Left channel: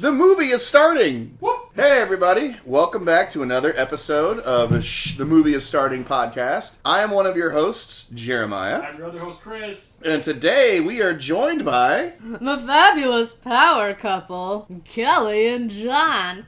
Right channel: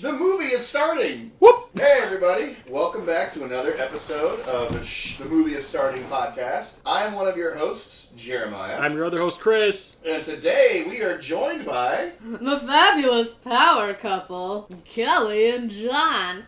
The movie is starting! Whoop! Hey everybody, welcome back to another episode of The Movie is Starting podcast. I am one of your hosts, Jeremiah. I'm your other host, Chris. And today we are joined by... the fabulous power couple, Kelly and Jon.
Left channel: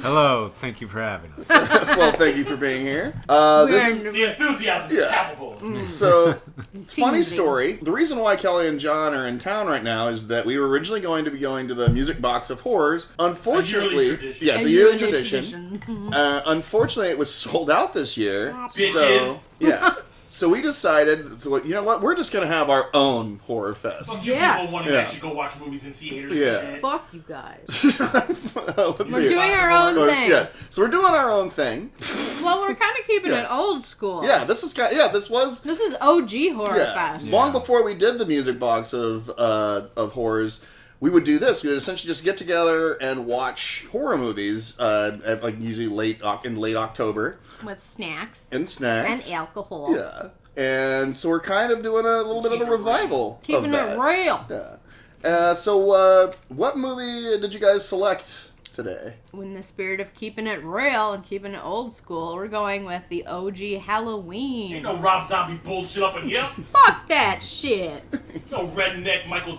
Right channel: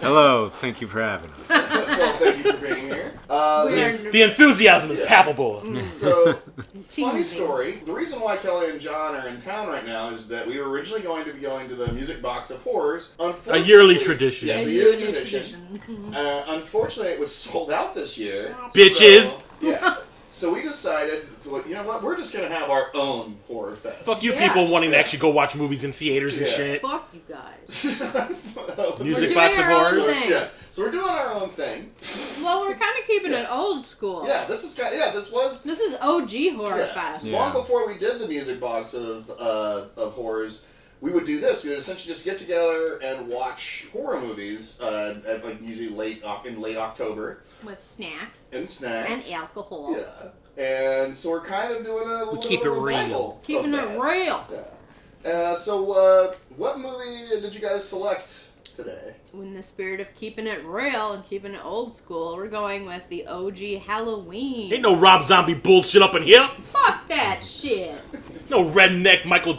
Hello, thank you for having us. Well, thank you for being here. The enthusiasm is palpable. So, funny story. The reason why Kelly and Jon are in town right now is that we were originally going to be going to the Music Box of Horrors. Unfortunately, a yearly tradition. Yeah, it's a yearly tradition. Unfortunately, it was sold out this year. Bitches! So, yeah. So we decided, you know what, we're just going to have our own horror fest. Fuck you people wanting to actually go watch movies in theaters and shit. Fuck you guys. We're doing our own thing. Yeah. So we're doing our own thing. Well, we're kind of keeping it old school. Yeah, this is OG horror fest. Long before we did the Music Box of horrors, we would do this. We would essentially just get together and watch horror movies at usually late October. With snacks. And snacks. And alcohol. Yeah. And so we're kind of doing a little bit of a revival. Keeping it real. Yeah. So what movie did you guys select today? In the spirit of keeping it real and keeping it old school, we're going with the OG Halloween. Ain't no Rob Zombie bullshit up in here. Fuck that shit. No redneck Michael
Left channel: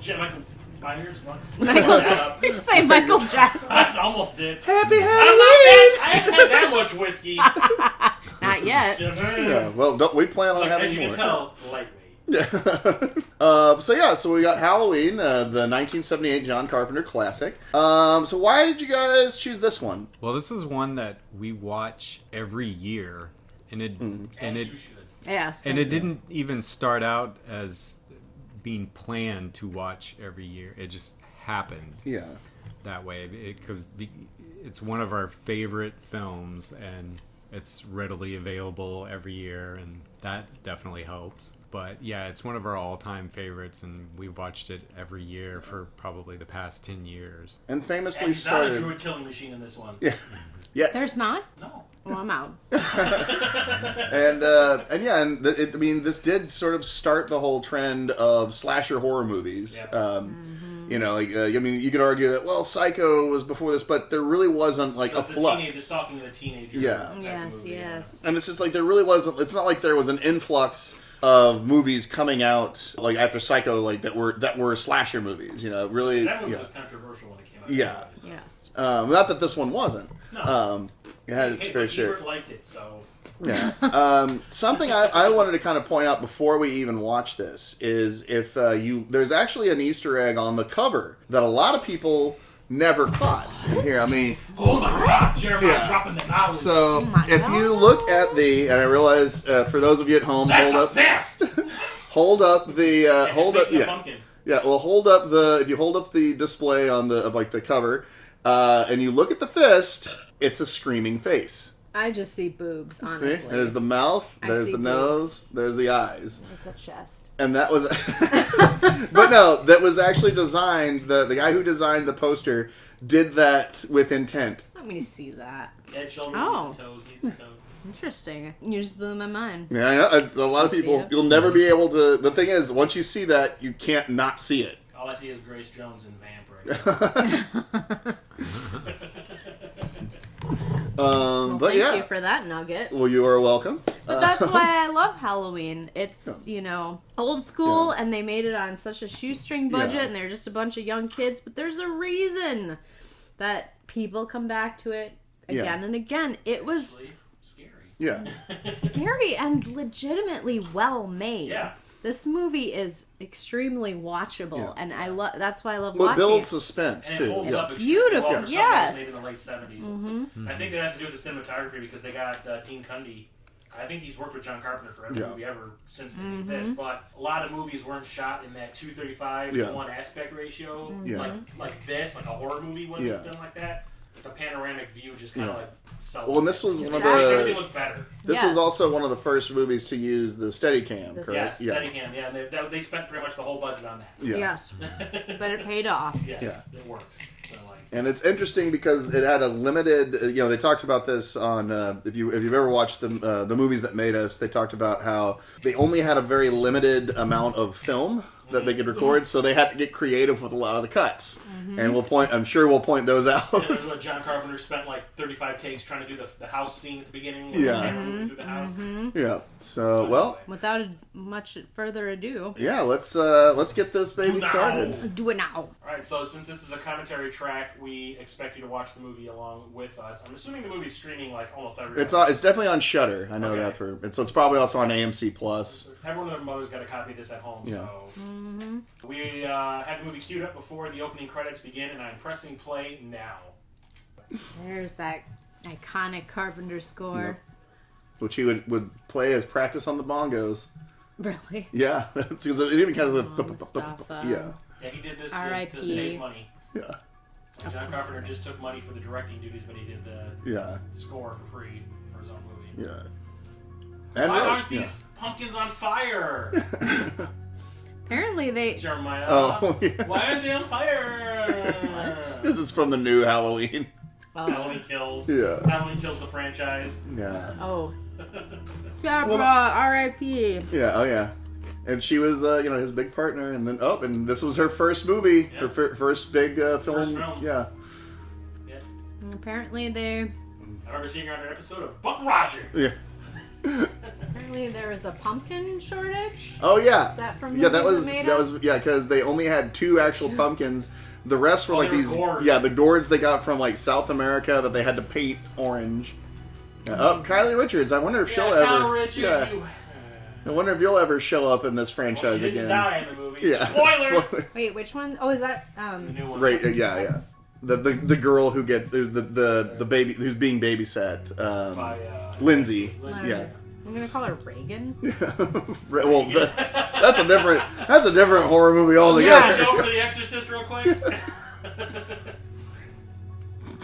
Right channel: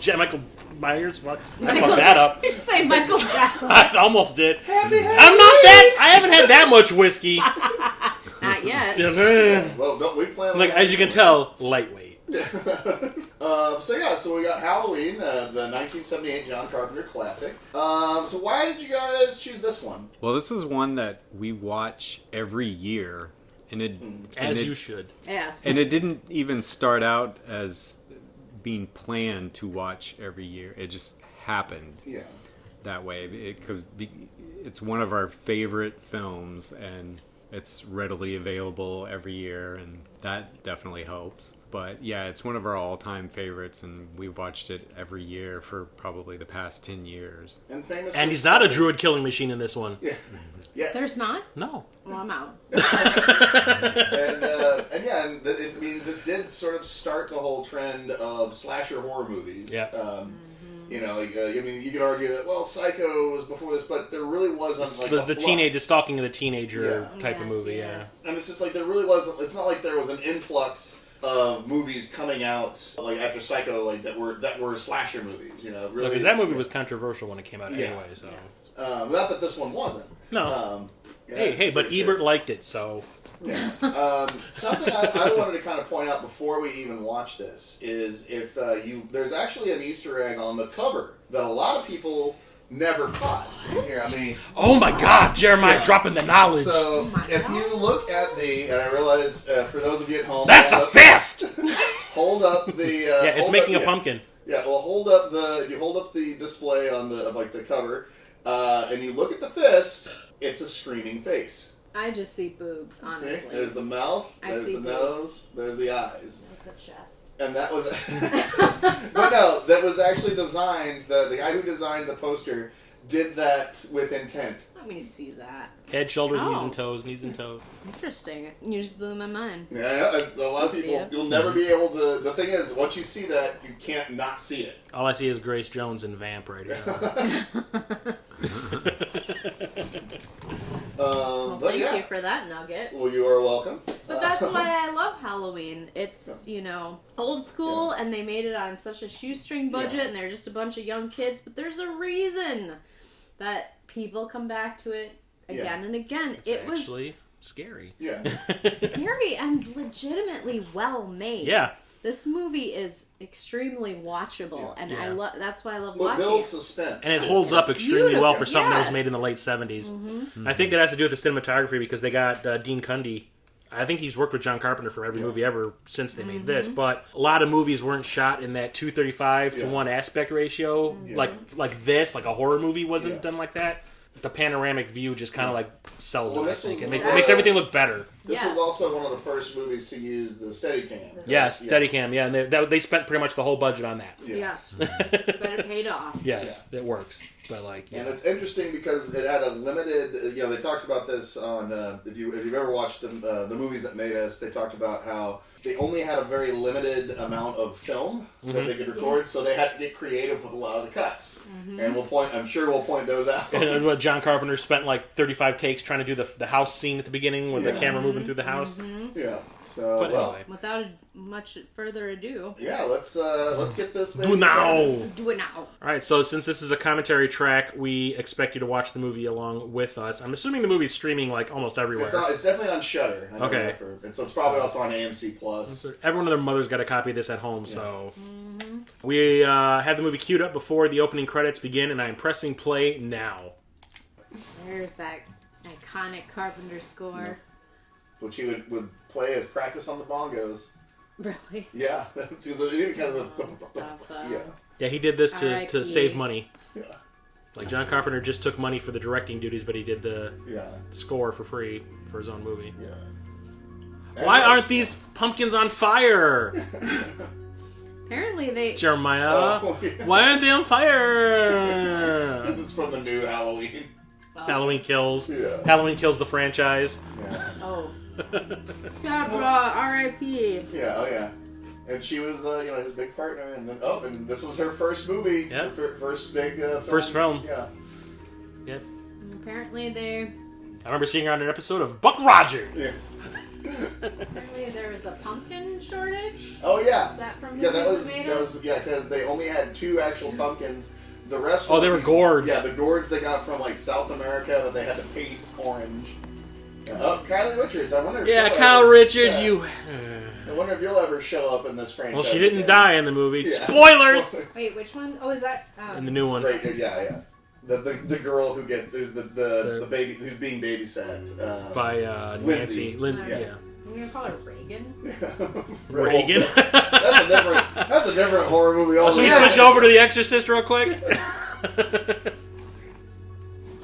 Myers. Michael. Did you say Michael Jackson? I almost did. Happy Halloween! I haven't had that much whiskey. Not yet. Yeah, well, don't we plan on as you can tell, lightweight. So we got Halloween, the 1978 John Carpenter classic. So why did you guys choose this one? Well, this is one that we watch every year. And you should. Yes. And it didn't even start out as being planned to watch every year. It just happened that way. Because it's one of our favorite films, and it's readily available every year, and that definitely helps. But yeah, it's one of our all-time favorites, and we've watched it every year for probably the past 10 years. And famously, and he's not a druid killing machine in this one. Yeah. Yeah. There's not? No. Well, I'm out. This did sort of start the whole trend of slasher horror movies. Yeah. You could argue that, Psycho was before this, but there really wasn't the teenager stalking of the teenager type of movie. Yes. And it's just like there really wasn't. It's not like there was an influx of movies coming out after Psycho that were slasher movies. Really. That movie was controversial when it came out. Yeah. Anyway, so. Yes. Not that this one wasn't. No. But Ebert liked it, so. Yeah. Something I wanted to kind of point out before we even watch this is there's actually an Easter egg on the cover that a lot of people never caught. Here, oh my God, Jeremiah dropping the knowledge. So if you look at and I realize for those of you at home, that's a fist. Hold up the. It's making a pumpkin. Yeah. Well, if you hold up the display on the cover, and you look at the fist, it's a screaming face. I just see boobs, honestly. See? There's the mouth, there's the nose, there's the eyes. It's a chest. And that was... But no, that was actually designed... The guy who designed the poster did that with intent. Let me see that. Head, shoulders, knees and toes. Interesting. You just blew my mind. Yeah, I know. A lot of people... You'll never be able to... The thing is, once you see that, you can't not see it. All I see is Grace Jones and Vamp right now. Thank you for that nugget. Well, you are welcome. But that's why I love Halloween. It's, old school, and they made it on such a shoestring budget, and they're just a bunch of young kids, but there's a reason that people come back to it again and again. It was scary. Yeah. Scary and legitimately well made. Yeah. This movie is extremely watchable, and that's why I love watching it. It watching builds suspense. And it holds up extremely well for something that was made in the late 70s. Mm-hmm. I think that has to do with the cinematography because they got Dean Cundey. I think he's worked with John Carpenter for every movie ever since they made this, but a lot of movies weren't shot in that 2:35 to 1 aspect ratio, like this, like a horror movie wasn't done like that. The panoramic view just kind of sells. Well, and this was it makes everything look better. This was also one of the first movies to use the Steadicam. Correct? Yes, Steadicam. Yeah, and they spent pretty much the whole budget on that. Yeah. Yes, but it paid off. Yes, it works. which I like. And it's interesting because it had a limited. They talked about this on if you've ever watched the movies that made us. They talked about how they only had a very limited amount of film that they could record, so they had to get creative with a lot of the cuts. And I'm sure we'll point those out. And what John Carpenter spent like 35 takes trying to do the house scene at the beginning with the camera moving through the house. Yeah. So well, without much further ado, let's get this baby started. Do it now. All right. So since this is a commentary track, we expect you to watch the movie along with us. I'm assuming the movie's streaming like almost everywhere. It's definitely on Shudder. I know that so it's probably also on AMC Plus. Everyone and their mother's got a copy of this at home, so we have the movie queued up before the opening credits begin, and I'm pressing play now. There's that iconic Carpenter score, which he would play as practice on the bongos. Really? Yeah, it even kind of yeah. He did this to save money. Yeah. Like John Carpenter just took money for the directing duties, but he did the score for free for his own movie. Yeah. Why aren't these pumpkins on fire? Apparently they... Jeremiah, why aren't they on fire? This is from the new Halloween. Halloween Kills. Yeah. Halloween Kills the franchise. Yeah. Oh. Barbara, R.I.P. Yeah, oh yeah. And she was, his big partner, and then, and this was her first movie. Yeah. Her first big film. First film. Yeah. And apparently they... I remember seeing her on an episode of Buck Rogers. Yeah. Apparently there was a pumpkin shortage. Oh yeah. Is that from that was because they only had 2 actual pumpkins. The rest were they were gourds. Yeah, the gourds they got from like South America that they had to paint orange. Kylie Richards. I wonder if she'll Kyle ever, Richards. Yeah. I wonder if you'll ever show up in this franchise. Well, she didn't again. die in the movie. Yeah. Spoilers. Wait, which one? Oh, is that in the new one? Right. Yeah. The girl who gets the baby who's being babysat by Lindsay. Yeah. I'm gonna call her Reagan. Reagan. Well, that's a different horror movie altogether. Can you switch over to The Exorcist real quick?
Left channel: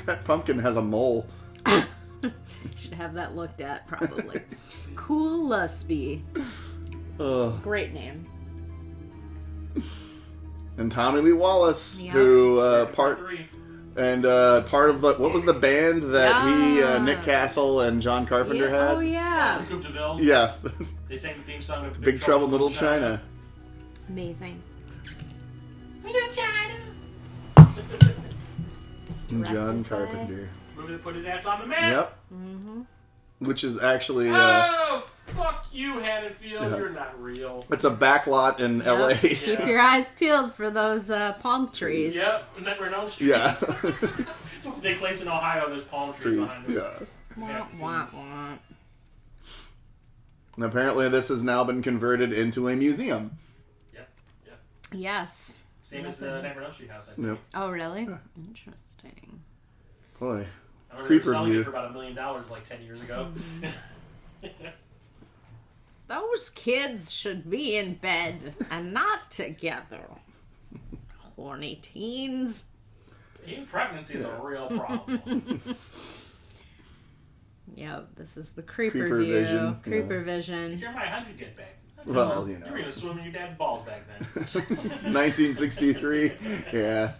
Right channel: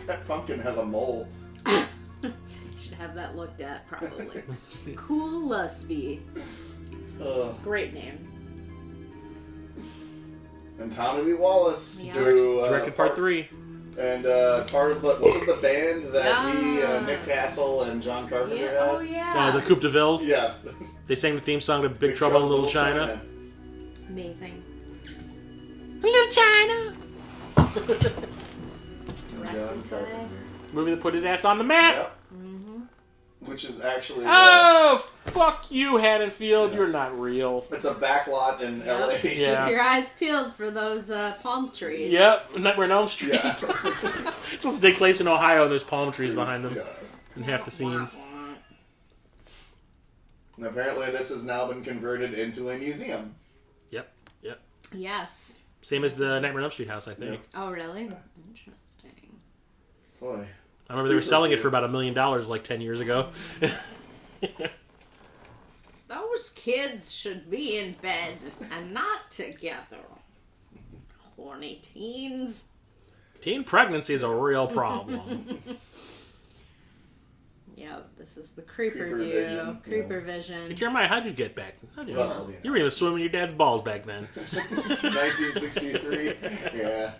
That pumpkin has a mole. Should have that looked at probably. Cool Lusby. Great name. And Tommy Lee Wallace, Yeah. who part 3. And part of what was the band that Nick Castle and John Carpenter had? Oh yeah. The Coupe de Villes. Yeah. They sang the theme song to Big Trouble in Little China. Amazing. Little China. John Carpenter. Movie that put his ass on the map. Yep. Mm-hmm. Which is actually... oh, fuck you, Haddonfield. You're not real. It's a backlot in LA. Yeah. Keep your eyes peeled for those palm trees. Yep, Nightmare on Elm Street. Yeah. It's supposed to take place in Ohio, and there's palm trees behind them. Yeah. In half the scenes. And apparently this has now been converted into a museum. Yep. Yes. Same as the Nightmare on Elm Street house, I think. Yep. Oh, really? Interesting. Boy. I remember they were selling it for about $1 million like 10 years ago. Those kids should be in bed and not together. Horny teens. Teen pregnancy is a real problem. Yep, this is the creeper Creeper view. vision, Creeper vision. Jeremiah, how'd you get back? Well, You were even swimming your dad's balls back then. 1963. Yeah.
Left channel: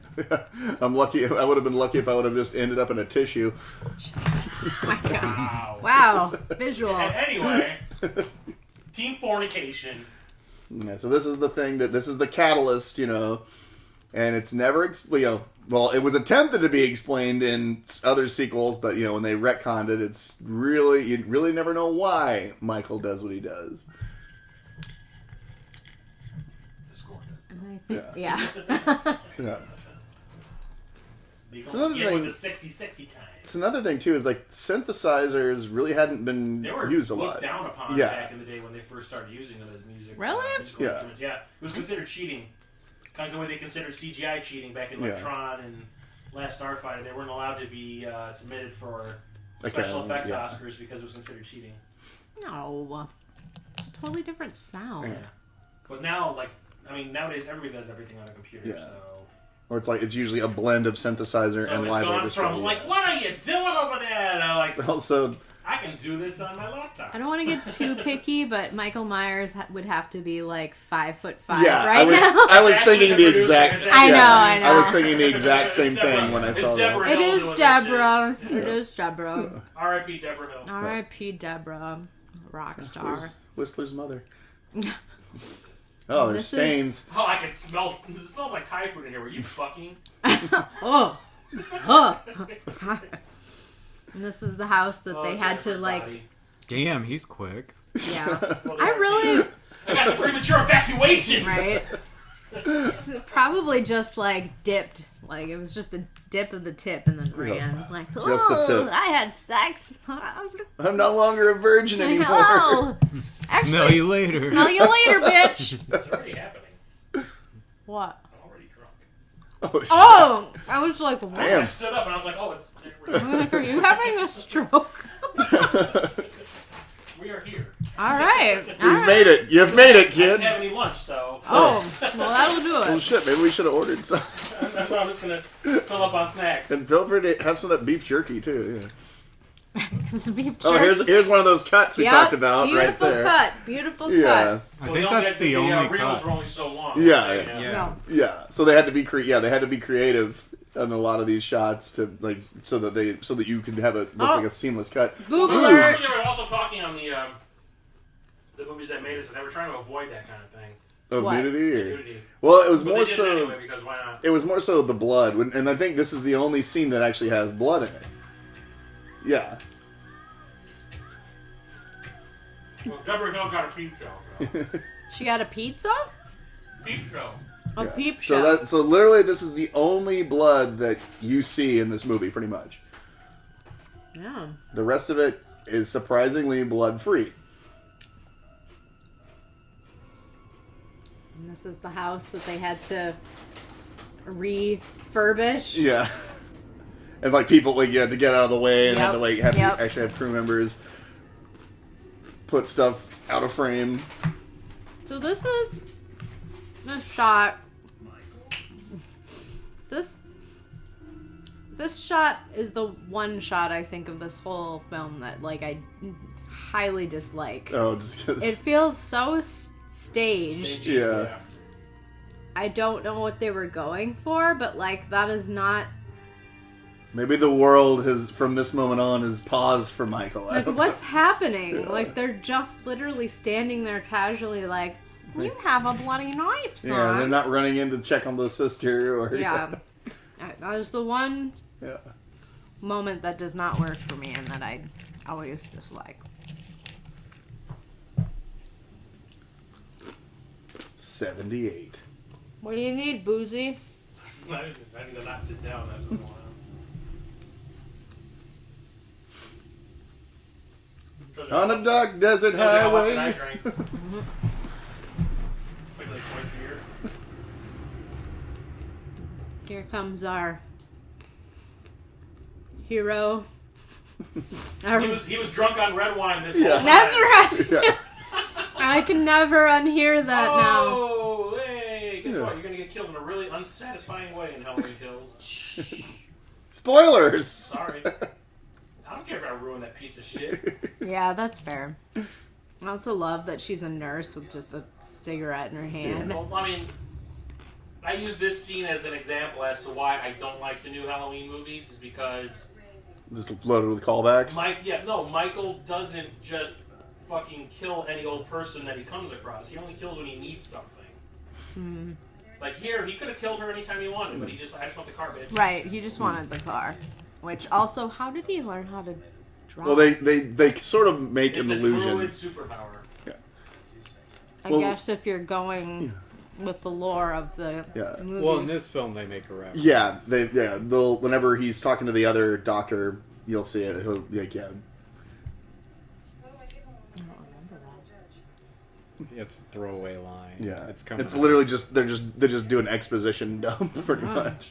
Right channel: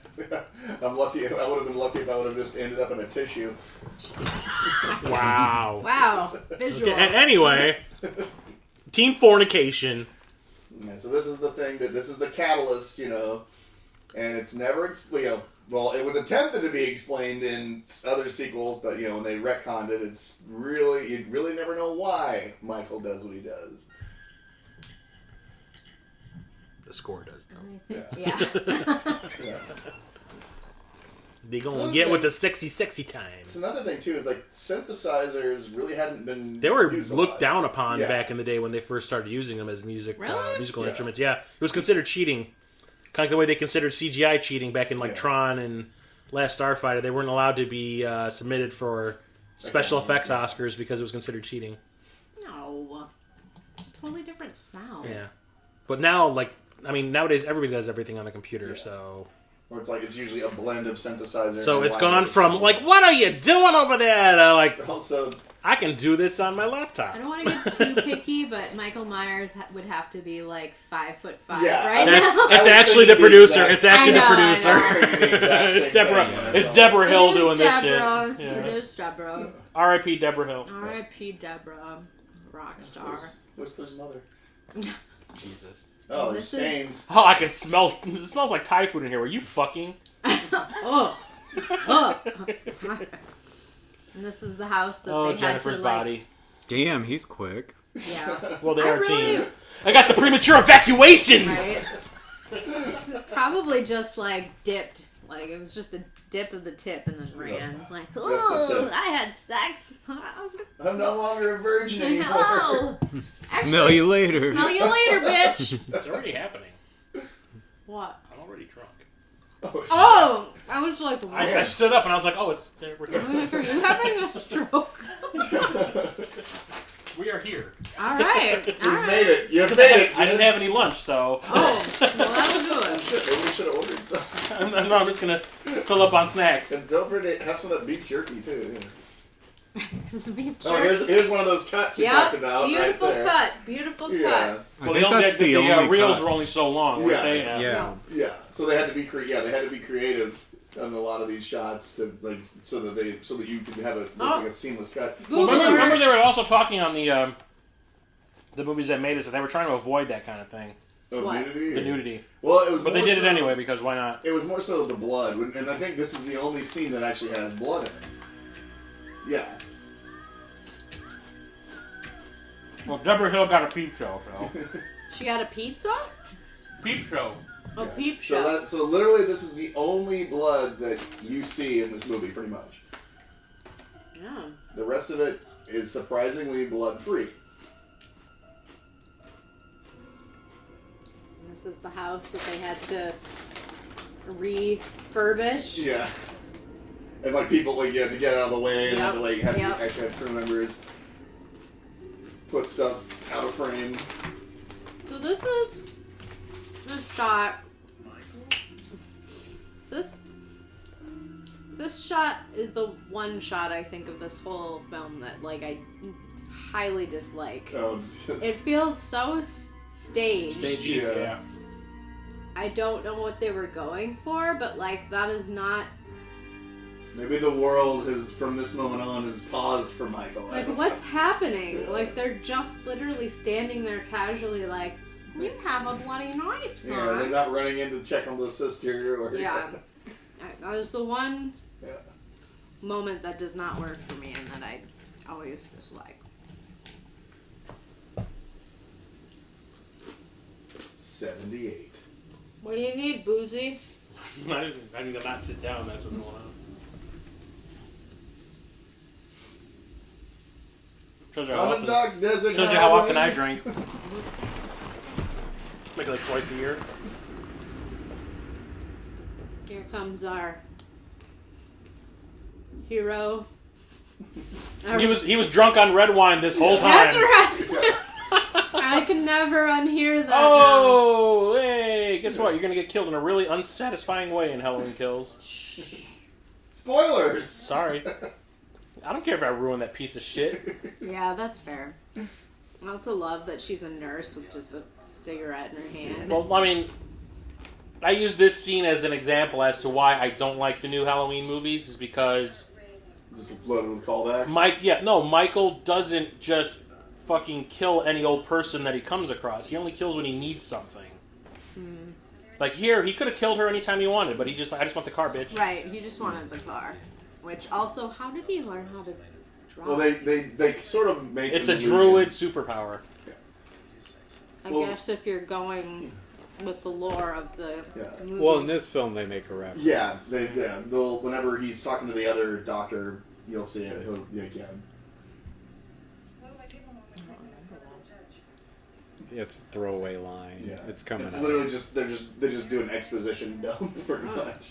I'm lucky. I would have been lucky if I would have just ended up in a tissue. Wow. Wow. Visual. And anyway, teen fornication. Yeah, so this is the thing this is the catalyst, and it's never, well, it was attempted to be explained in other sequels, but, when they retconned it, it's really, you really never know why Michael does what he does. The score does, though. I think, yeah. Yeah. They gonna get with the sexy time. It's another thing, too, is, synthesizers really hadn't been They were used a looked lot. down upon back in the day when they first started using them as musical Really? instruments. Yeah. It was considered cheating. Kind of the way they considered CGI cheating back in Tron and Last Starfighter. They weren't allowed to be submitted for special effects Oscars because it was considered cheating. No. It's a totally different sound. Yeah. But now, nowadays everybody does everything on the computer, so... Or it's usually a blend of synthesizer so and it's live gone from, orchestra. what are you doing over there? To, Also, I can do this on my laptop. I don't want to get too picky, but Michael Myers would have to be like 5'5" Yeah, right now. It's actually the producer. It's actually the producer. I was thinking the exact same thing when I saw It's Deborah Hill doing Deborah. this shit. It is Deborah. R.I.P. Deborah Hill. R.I.P. Deborah. Rock star. Whistler's mother. Jesus. Oh, there's stains. Oh, I can smell. It smells like Thai food in here. Were you fucking? Oh. And this is the house that they had to like. Body. Damn, he's quick. Yeah. Well, I got the premature evacuation. Right. It's probably just like dipped. Like it was just a dip of the tip and then ran. Like, oh, I had sex. I'm no longer a virgin anymore. Oh, Smell you later. Smell you later, bitch. It's already happening. What? I'm already drunk. Oh, I was like, what? I stood up and I was like, oh, it's. I'm like, are you having a stroke? We are here. All right. You've made it. You've made it, I kid. didn't have any lunch, so. Oh, well, that'll do Oh it. shit! Maybe we should have ordered some. No, I'm just gonna fill up on snacks. And feel free to have some of that beef jerky too. Yeah. Because beef Oh, jerky. here's one of those cuts we talked about Beautiful right there. cut. Beautiful Yeah. cut. I think that's the only reels cut. were only so long. Yeah. Yeah. So they had to be they had to be creative on a lot of these shots to like so that you can have it look like a seamless cut. Remember they were also talking on the movies that made us, and they were trying to avoid that kind of thing. Of What? nudity? The nudity. Well, it was But more they did so, it anyway, because why not? It was more so the blood, and I think this is the only scene that actually has blood in it. Yeah. Well, Deborah Hill got a peep show, so. She got a pizza? Peep show. A peep show. So literally, this is the only blood that you see in this movie, pretty much. Yeah. The rest of it is surprisingly blood-free. And this is the house that they had to refurbish. Yeah. And like people like you had to get out of the way and Yep. had to like actually have crew members put stuff out of frame. So this is a shot. This shot is the one shot I think of this whole film that like I highly dislike. Oh, just It feels so staged. Yeah. I don't know what they were going for, but like that is not Maybe the world has, from this moment on, has paused for Michael. like what's happening. Yeah. Like they're just literally standing there casually, like you have a bloody knife, son. Yeah, they're not running in to check on the sister or. Yeah, that is the one Yeah. moment that does not work for me, and that I always just like. 78. What do you need, Boozy? I need to not sit down. That's what's going on. On a dark desert Shows you how often I highway. drink. Like twice a year. Here comes our hero. He was drunk on red wine this whole time. That's right. Yeah. I can never unhear that Oh, hey! Guess what? You're gonna get killed in a really unsatisfying way in Halloween Kills. Spoilers. Sorry. I don't care if I ruin that piece of shit. now. Yeah, that's fair. I also love that she's a nurse with just a cigarette in her hand. Well, I mean, I use this scene as an example as to why I don't like the new Halloween movies, is because Just loaded with callbacks. Michael doesn't just fucking kill any old person that he comes across. He only kills when he needs something. Hmm. Like here, he could have killed her anytime he wanted, but I just want the car, bitch. Right, he just wanted the car. Which also, how did he learn how to drive? Well, they sort of make It's an a illusion. druid superpower. Yeah. I guess if you're going with the lore of the movie. Well, in this film, they make a reference. Yeah, they'll whenever he's talking to the other doctor, you'll see it. He'll like, yeah. It's a throwaway line. Yeah, It's coming. It's out. literally just they're just doing exposition dump pretty much.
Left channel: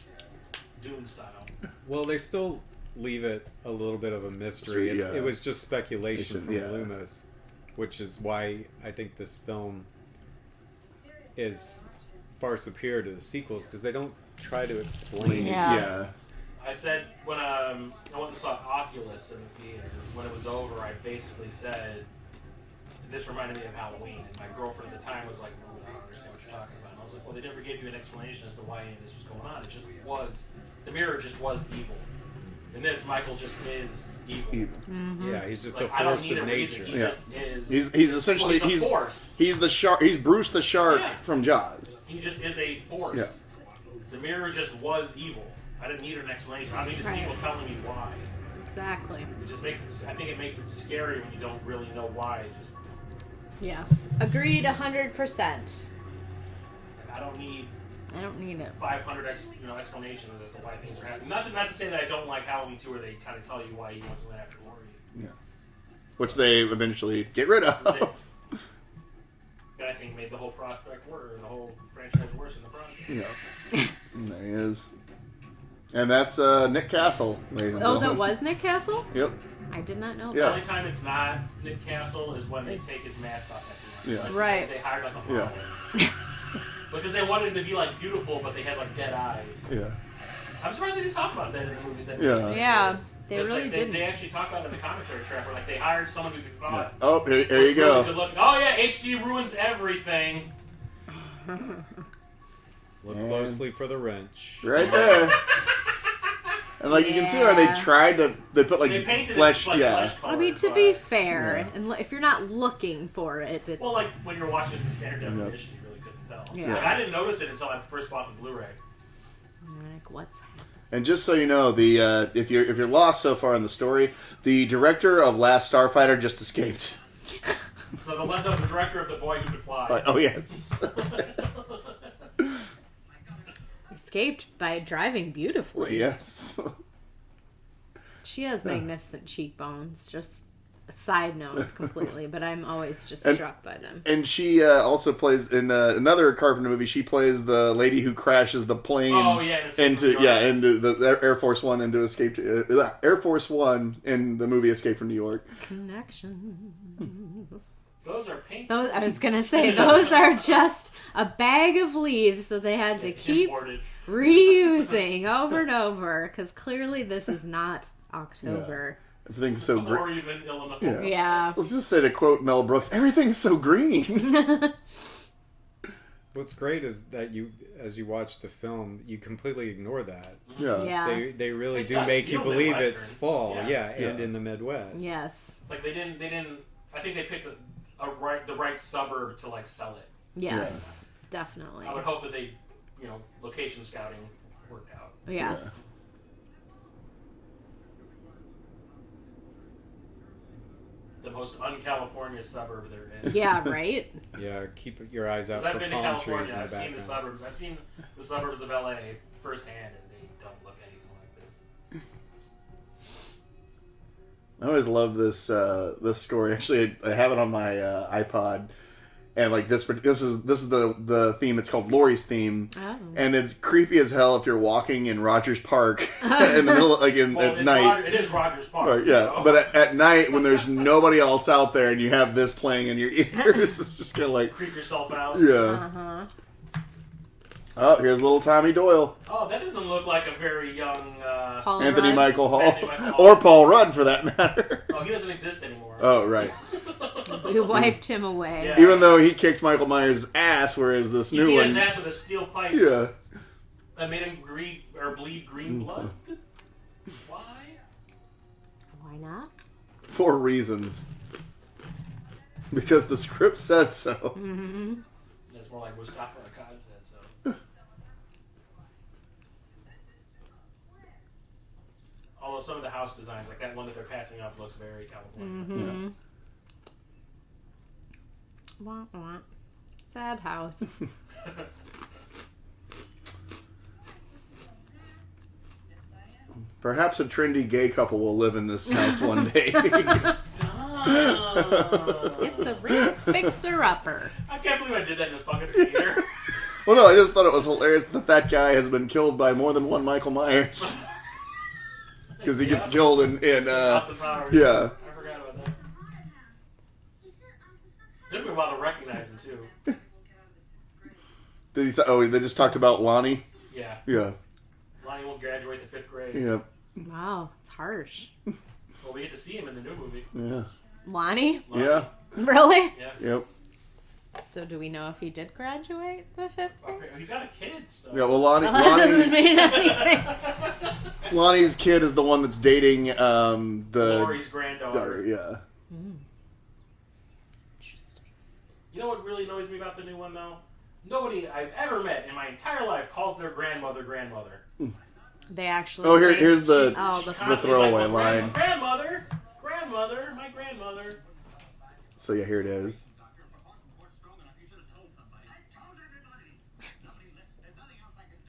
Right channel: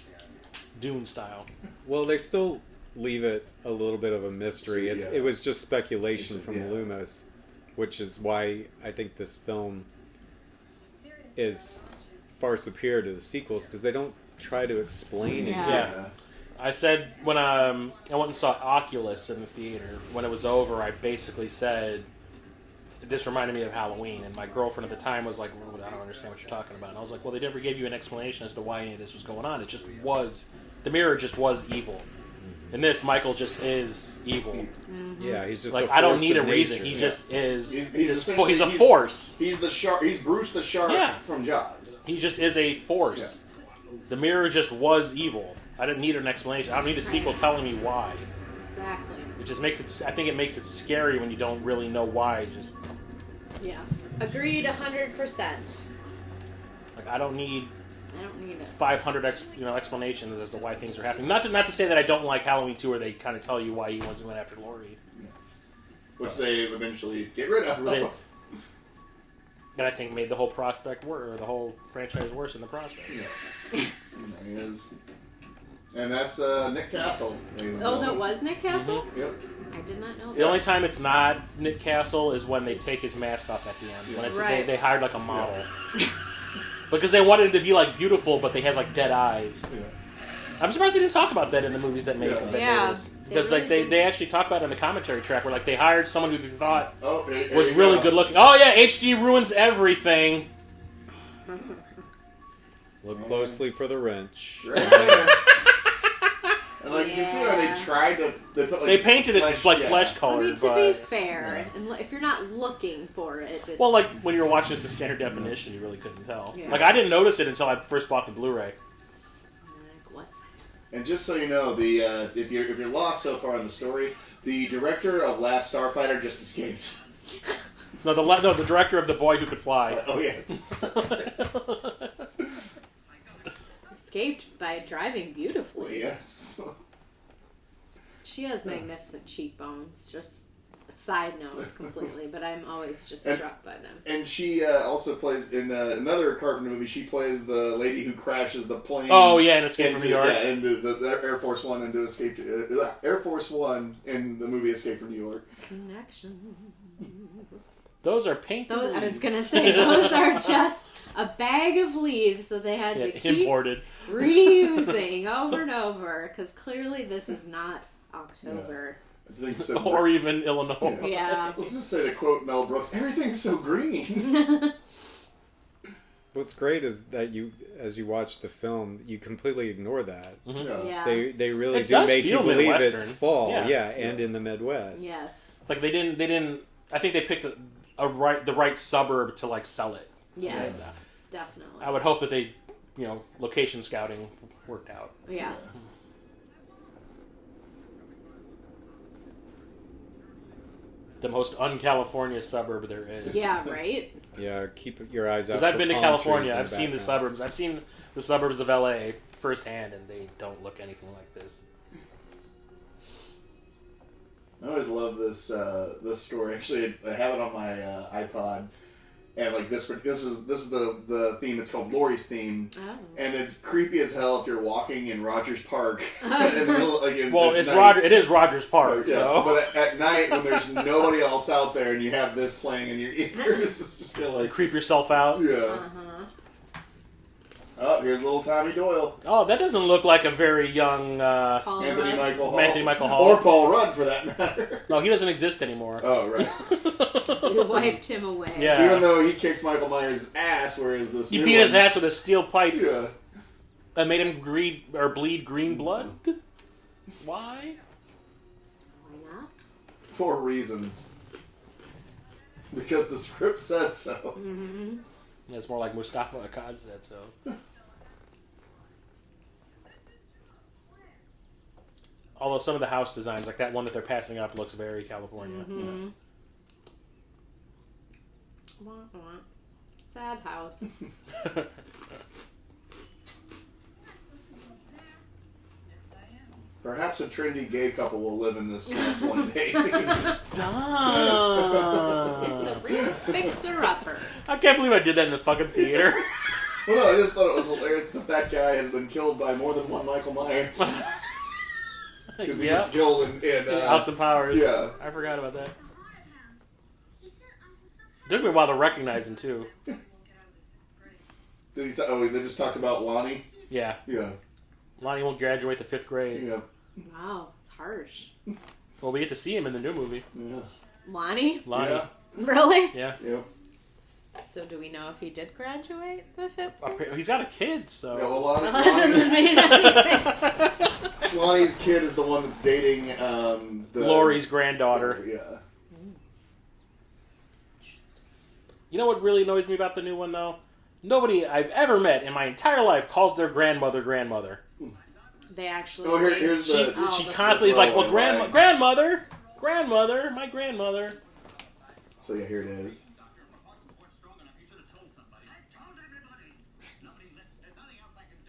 Dune style. Well, they still leave it a little bit of a mystery. Yeah. It was just speculation from Yeah. Loomis, which is why I think this film is far superior to the sequels, because they don't try to explain it. Yeah. Yeah. I said when I went and saw Oculus in the theater, when it was over, I basically said, this reminded me of Halloween. And my girlfriend at the time was like, I don't understand what you're talking about. And I was like, well, they never gave you an explanation as to why any of this was going on. It just was, the mirror just was evil. In this, Michael just is evil. Mm-hmm. Yeah, he's just like, a force I don't need of a reason. nature. He just is. He's essentially a force. He's the shark. He's Bruce the shark from Jaws. He just is a force. Yeah. The mirror just was evil. I didn't need an explanation. I don't need a sequel telling me why. Exactly. It just makes it. I think it makes it scary when you don't really know why. Just yes, agreed 100%. I don't need it. 500 explanations as to why things are happening. Not to say that I don't like Halloween 2, where they kind of tell you why he wants to go after Laurie. Yeah. Which they eventually get rid of. And I think made the whole prospect worse, or the whole franchise worse in the process. Yeah. And there he is. And that's Nick Castle, ladies and Oh, gentlemen. that was Nick Castle? Yep. I did not know The that. only time it's not Nick Castle is when they take his mask off at the end. Yeah. When Right. They hired like a model. Because they wanted him to be like beautiful, but they had like dead eyes. Yeah. I'm surprised they didn't talk about that in the movies that made it. Yeah, they Because really didn't. they actually talk about it in the commentary track, where like they hired someone who they thought Oh, here was you go. really good looking. Oh yeah, HD ruins everything. Look closely for the wrench. Right there. And like you can see where they tried to, they put like They painted flesh, it like yeah. flesh color. I mean, to but- be fair, and if you're not looking for it, it's... Well, like when you're watching this in standard definition, you really couldn't tell. Yeah. Like I didn't notice it until I first bought the Blu-ray. Like, what's And just so you know, the if you're lost so far in the story, the director of Last Starfighter just escaped. No, the director of The Boy Who Could Fly. Oh yes. escaped by driving beautifully. Yes. She has magnificent cheekbones. Just a side note completely, but I'm always just struck by them. And she also plays in another Carpenter movie. She plays the lady who crashes the plane. Oh yeah, and Escape from New York. into the Air Force One into Escape to, Air Force One in the movie Escape from New York. Connections. Those are paint. Those, I was gonna say those are just a bag of leaves that they had to keep imported. reusing over and over because clearly this is not October. Everything's so Or even Illinois. Yeah. Let's just say to quote Mel Brooks, everything's so green. What's great is that as you watch the film, you completely ignore that. Yeah. Yeah. They really It do does make you feel believe Midwestern. it's fall, Yeah. and in the Midwest. Yes. It's like they didn't. I think they picked the right suburb to like sell it. Yes. Definitely. I would hope that they, location scouting worked out. Yes. The most un-California suburb there is. Yeah. Right. Yeah, keep your eyes out Because for I've been to palm California, trees in I've seen the background. suburbs. I've seen the suburbs of LA firsthand, and they don't look anything like this. I always love this story. Actually, I have it on my iPod, and like this is the theme. It's called Laurie's theme, and it's creepy as hell if you're walking in Rogers Park in the middle, like at night. It is Rogers Park. Yeah, So. but at night when there's nobody else out there and you have this playing in your ears, it's just kind of like creep yourself out. Yeah. Oh, here's little Tommy Doyle. Oh, that doesn't look like a very young Anthony Michael Hall. Anthony Michael Hall. Or Paul Rudd, for that matter. No, he doesn't exist anymore. Oh, right. We wiped him away. Yeah. Even though he kicked Michael Myers' ass, whereas this He new beat one... his ass with a steel pipe. Yeah. That made him bleed green blood. Why? Why not? For reasons. Because the script said so. Mm-hmm. Yeah, it's more like Mustafa Akkad said so. Although some of the house designs, like that one that they're passing up, looks very California. Mm-hmm. Wah, wah. Sad house. Perhaps a trendy gay couple will live in this house one day. Stop! It's a real fixer-upper. I can't believe I did that in the fucking theater. Well, no, I just thought it was hilarious that guy has been killed by more than one Michael Myers. Because he gets killed in Austin Powers. Yeah. I forgot about that. Took me a while to recognize him too. Did he say, they just talked about Lonnie? Yeah. Yeah. Lonnie won't graduate the 5th grade. Yep. Wow, it's harsh. Well, we get to see him in the new movie. Yeah. Lonnie? Yeah. Really? Yeah. Yep. So do we know if he did graduate the 5th grade? He's got a kid, so... Yeah, well, Well, that doesn't mean anything. Lonnie's kid is the one that's dating Laurie's granddaughter. Yeah. Interesting. You know what really annoys me about the new one, though? Nobody I've ever met in my entire life calls their grandmother. They actually Oh, say... here's the... She constantly is like, well, throwaway line. grandmother, my grandmother. So yeah, here it is.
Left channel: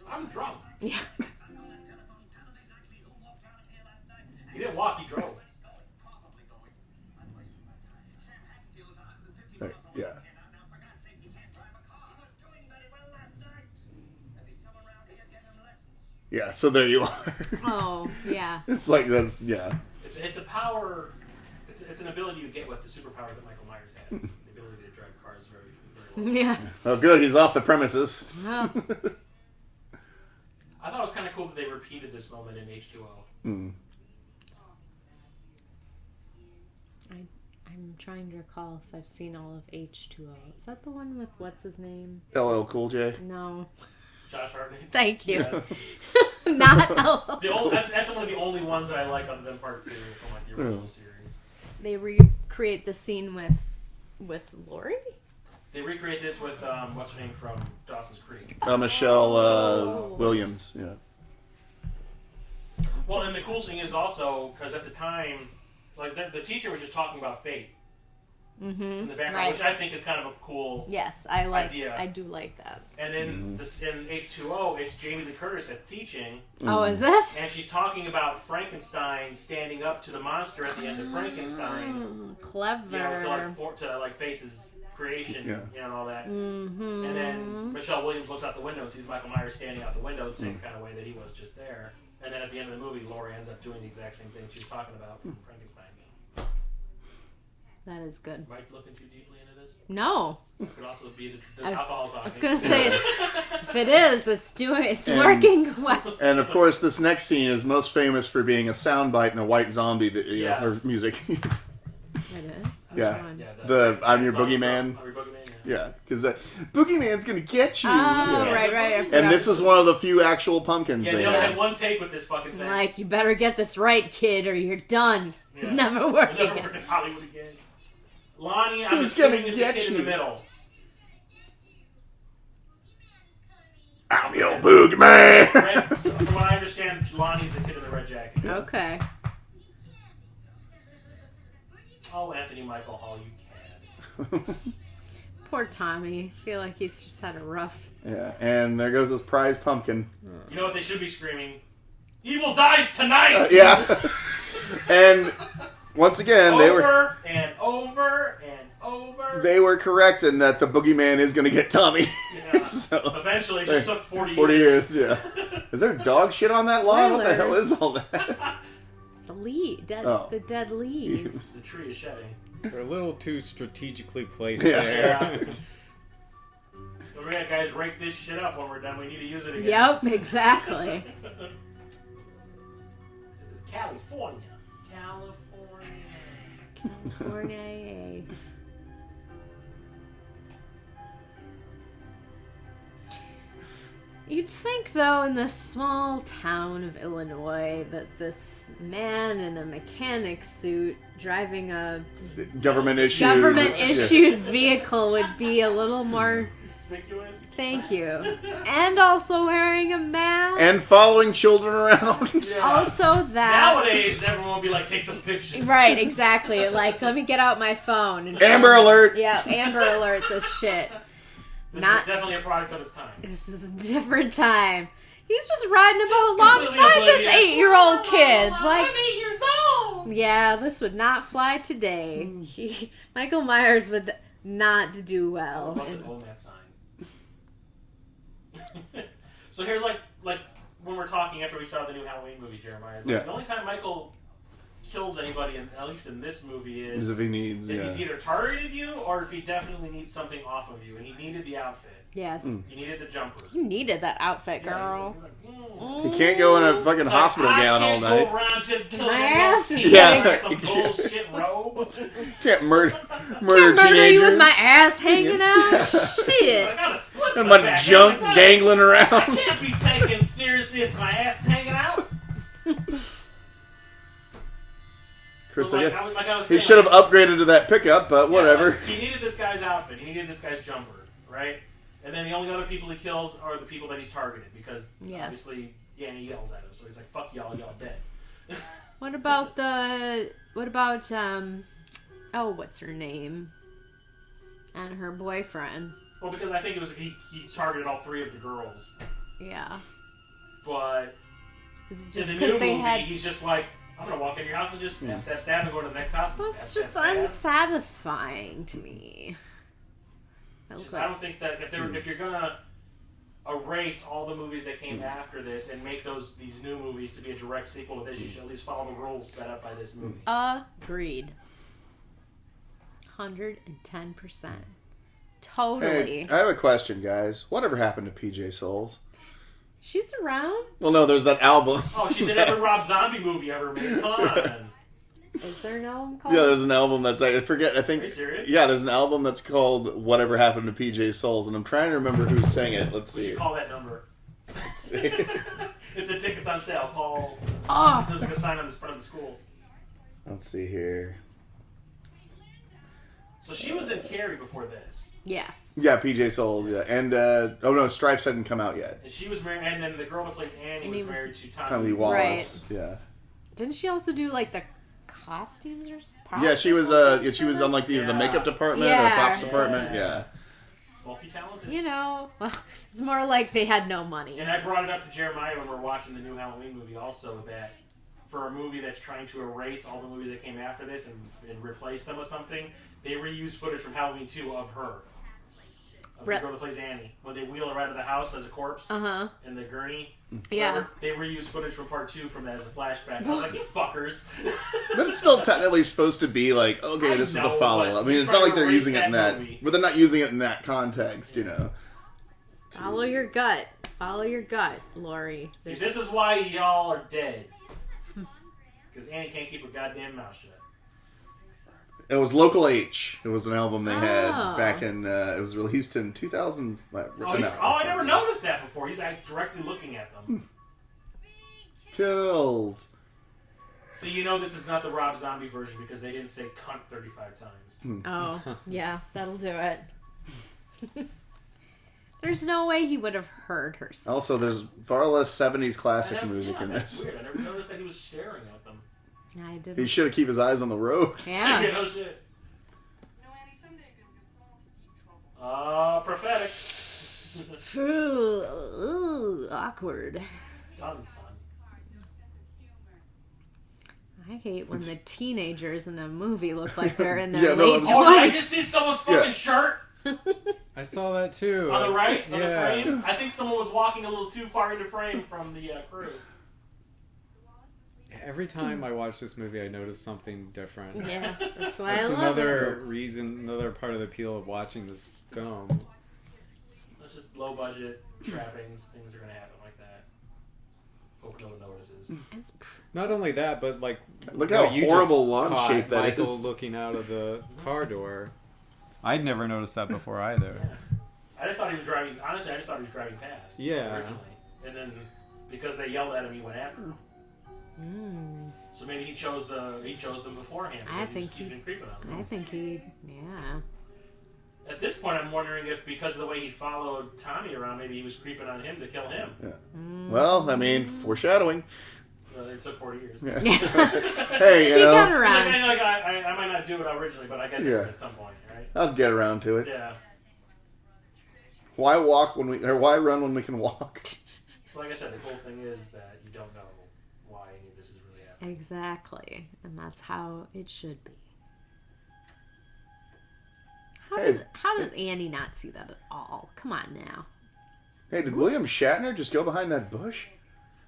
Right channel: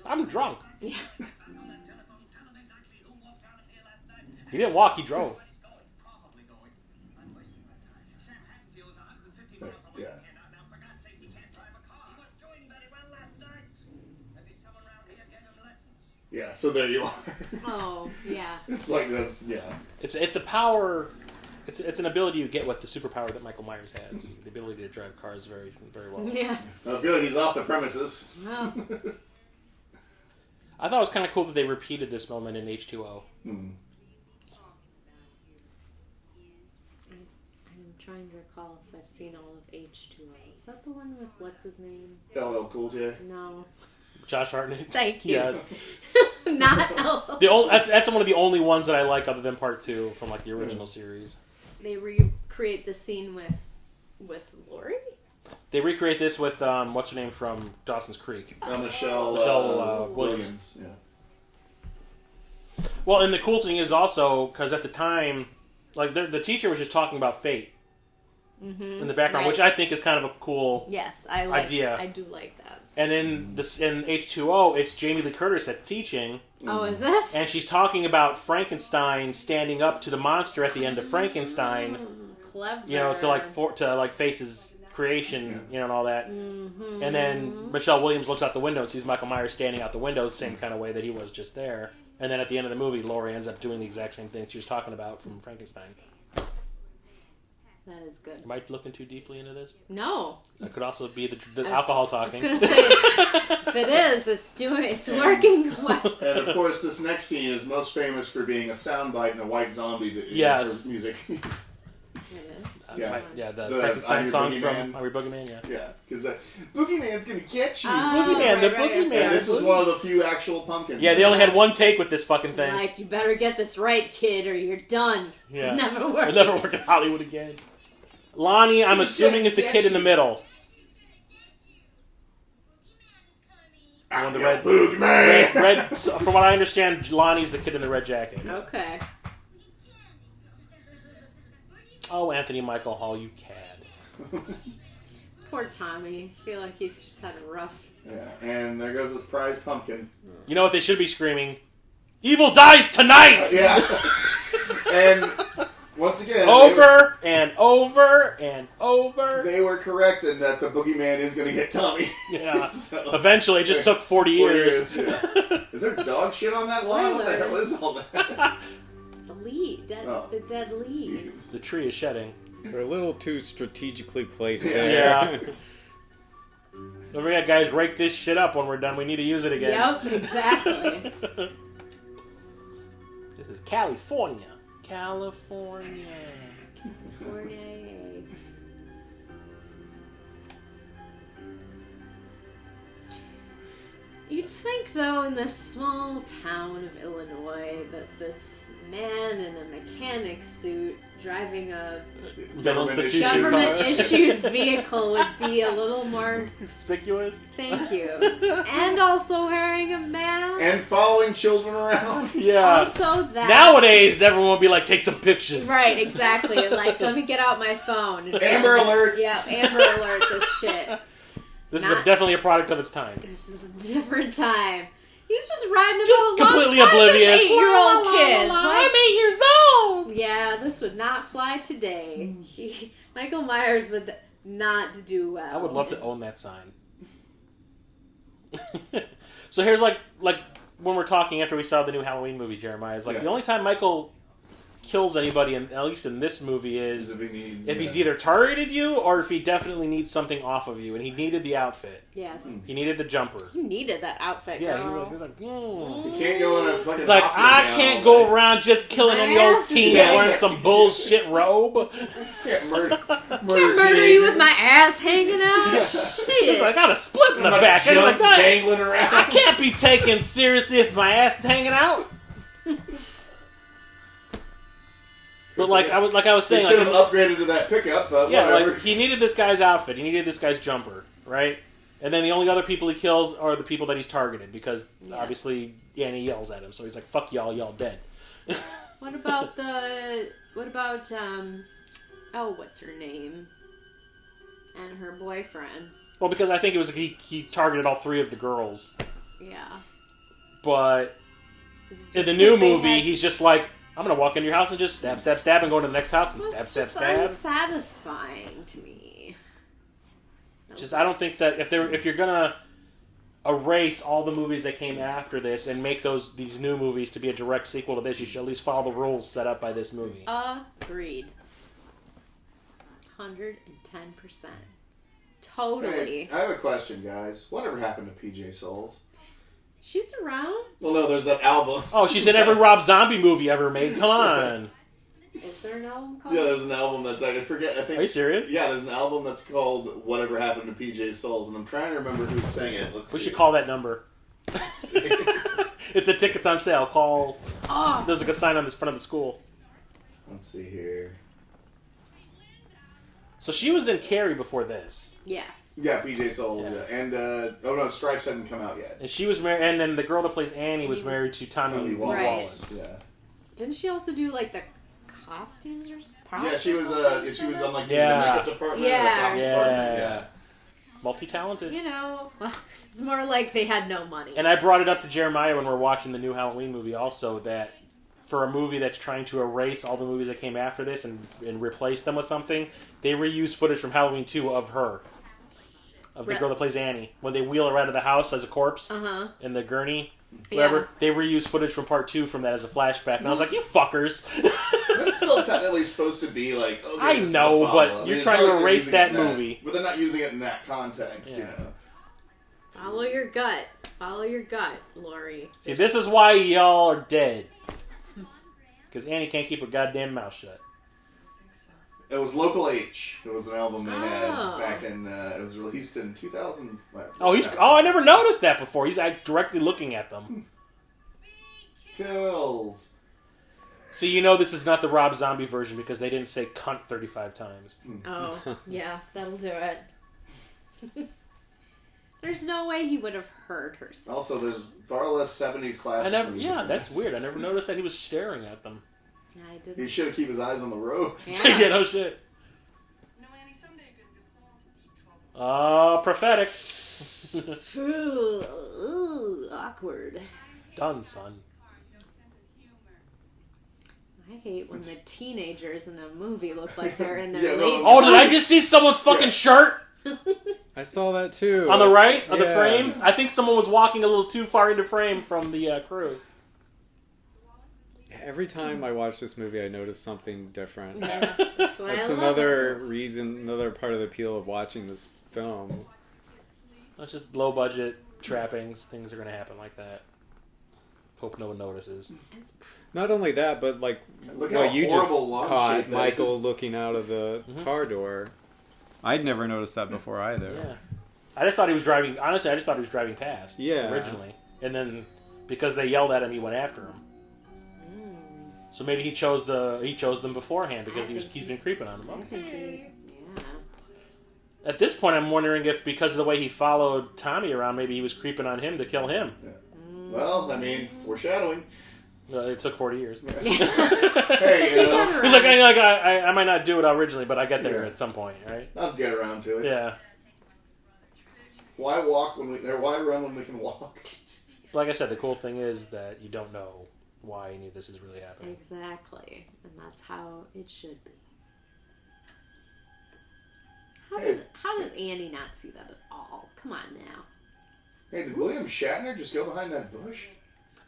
I'm drunk. Yeah. He didn't walk, he drove. Yeah. Yeah, so there you are. Oh, yeah. It's like that's It's a power. It's an ability you get with the superpower that Michael Myers has. The ability to drive cars very, very well. Yes. Oh, good. He's off the premises. Wow. I thought it was kind of cool that they repeated this moment in H2O. Mm. I'm trying to recall if I've seen all of H2O. Is that the one with what's his name? LL Cool J. No. Josh Hartnett. Thank you. Yes. Not LL. That's one of the only ones that I like other than part 2 from like the original series. They recreate the scene with Laurie? They recreate this with what's her name from Dawson's Creek. Michelle Williams. Yeah. Well, and the cool thing is also because at the time, like the teacher was just talking about fate in the background, which I think is kind of a cool idea. I do like that. And in H2O, it's Jamie Lee Curtis that's teaching. Oh, is it? And she's talking about Frankenstein standing up to the monster at the end of Frankenstein. Clever. You know, to face his creation, you know, and all that. Mm-hmm. And then Michelle Williams looks out the window and sees Michael Myers standing out the window the same kind of way that he was just there. And then at the end of the movie, Laurie ends up doing the exact same thing she was talking about from Frankenstein. That is good. Am I looking too deeply into this? No. It could also be the alcohol talking. I was going to say, if it is, it's working well. And of course, this next scene is most famous for being a soundbite in a White Zombie video or music. It is? Yeah. The I'm Your Boogeyman. I'm Your Boogeyman, Yeah, because Boogeyman's going to get you. Right. And this is one of the few actual pumpkins. Yeah, they only had one take with this fucking thing. Like, you better get this right, kid, or you're done. Yeah. Never work It'll never work in Hollywood again. Lonnie, I'm assuming, is the kid in the middle. I'm your Boogeyman. So from what I understand, Lonnie's the kid in the red jacket. Okay. Oh, Anthony Michael Hall, you cad. Poor Tommy. I feel like he's just had a rough... Yeah, and there goes his prize pumpkin. You know what they should be screaming? Evil dies tonight! Yeah. And once again... over and over. They were correct in that the Boogeyman is going to get Tommy. Yeah. So, eventually, it just took 40 years. Yeah. Is there dog shit on that lawn? What the hell is all that? It's a leaf. The dead leaves. The tree is shedding. They're a little too strategically placed Yeah. there. Yeah. Don't forget, guys, rake this shit up when we're done. We need to use it again. Yep, exactly. This is California. California. You'd think, though, in this small town of Illinois, that this man in a mechanic suit driving a government-issued vehicle would be a little more conspicuous. Thank you. And also wearing a mask. And following children around. Yeah. Also that. Nowadays, everyone would be like, take some pictures. Right, exactly. Like, let me get out my phone. And Amber Alert. Yeah, Amber Alert this shit. This is definitely a product of its time. This is a different time. He's just riding about completely alongside this oblivious. 8-year-old kid. I'm 8 years old! Yeah, this would not fly today. Michael Myers would not do well. I would love to own that sign. So here's like when we're talking after we saw the new Halloween movie, Jeremiah, is like the only time Michael kills anybody, at least in this movie, is if he needs, he's either targeted you or if he definitely needs something off of you, and he needed the outfit. Yes. He needed the jumper. He needed that outfit, girl. He's like, He can't go in a fucking hospital gown all night. I can't go around just killing your team wearing some bullshit robe. Can't murder you with my ass hanging out. Shit. It's like, I got a split in the back. Junk dangling around. I can't be taken seriously if my ass is hanging out. But like I was saying, he should have upgraded to that pickup, but whatever. Like, he needed this guy's outfit. He needed this guy's jumper, right? And then the only other people he kills are the people that he's targeted because obviously Annie yells at him. So he's like, "Fuck y'all, y'all dead." What about what's her name? And her boyfriend. Well, because I think it was he targeted all three of the girls. Yeah. But in the new movie, he's just like, I'm gonna walk into your house and just stab, stab, stab, and go to the next house and That's stab, just stab, stab. unsatisfying to me. I don't think that if you're gonna erase all the movies that came after this and make these new movies to be a direct sequel to this, you should at least follow the rules set up by this movie. Agreed. 110%. Totally. Hey, I have a question, guys. Whatever happened to PJ Souls? She's around. Well, no, there's that album. Oh, she's in every Rob Zombie movie ever made. Come on. Is there an album called? Yeah, there's an album that's I think. Are you serious? Yeah, there's an album that's called "Whatever Happened to PJ Souls," and I'm trying to remember who sang it. Let's see. We should call that number. It's a tickets on sale. Call. There's like a sign on the front of the school. Let's see here. So she was in Carrie before this. Yes. Yeah, PJ Souls. Yeah, and Stripes hadn't come out yet. And she was married, and then the girl that plays Annie was married to Tommy Lee Wallace. Right. Yeah. Didn't she also do like the costumes or props? Yeah, she was. She was on like the makeup department or props department. Yeah. Multi-talented. You know, well, it's more like they had no money. And I brought it up to Jeremiah when we were watching the new Halloween movie also, that for a movie that's trying to erase all the movies that came after this and replace them with something, they reused footage from Halloween 2 of her. Of the girl that plays Annie. When they wheel her out of the house as a corpse in the gurney. Whatever, they reused footage from part 2 from that as a flashback. And I was like, you fuckers! But it's still technically supposed to be like, okay, this is the follow-up. I mean, it's not like they're using it in that movie. But they're not using it in that context, you know. Follow your gut. Follow your gut, Lori. See, this is why y'all are dead. Because Annie can't keep her goddamn mouth shut. It was Local H. It was an album they had back in. It was released in 2000. I never noticed that before. He's directly looking at them. Kills. So you know this is not the Rob Zombie version because they didn't say cunt 35 times. Oh, yeah, that'll do it. There's no way he would have heard her say Also, there's far less 70s classic music. Yeah, that's weird. I never noticed that he was staring at them. I didn't. He should have kept his eyes on the road. Yeah. Yeah, no shit. Oh, prophetic. Ooh, awkward. Done, son. I hate when the teenagers in a movie look like they're in their late 20s. Oh, did I just see someone's fucking shirt? I saw that too. On the right? On the frame? I think someone was walking a little too far into frame from the crew. Every time I watch this movie, I notice something different. Yeah, that's why that's I love another reason, another part of the appeal of watching this film. It's just low budget trappings. Things are going to happen like that. Hope no one notices. Not only that, but like look how you horrible just caught that Michael is. looking out of the car door. I'd never noticed that before either. Yeah. I just thought he was driving. Honestly, I just thought he was driving past. Yeah. Originally, and then because they yelled at him, he went after him. So maybe he chose them beforehand because he's been creeping on them. I think yeah. At this point, I'm wondering if because of the way he followed Tommy around, maybe he was creeping on him to kill him. Yeah. Well, I mean, foreshadowing. It took 40 years. Yeah. Hey, he got around. He's like I might not do it originally, but I got there at some point, right? I'll get around to it. Yeah. Why why run when we can walk? So like I said, the cool thing is that you don't know why any of this is really happening. Exactly. And that's how it should be. How does Annie not see that at all? Come on now. Hey, did William Shatner just go behind that bush?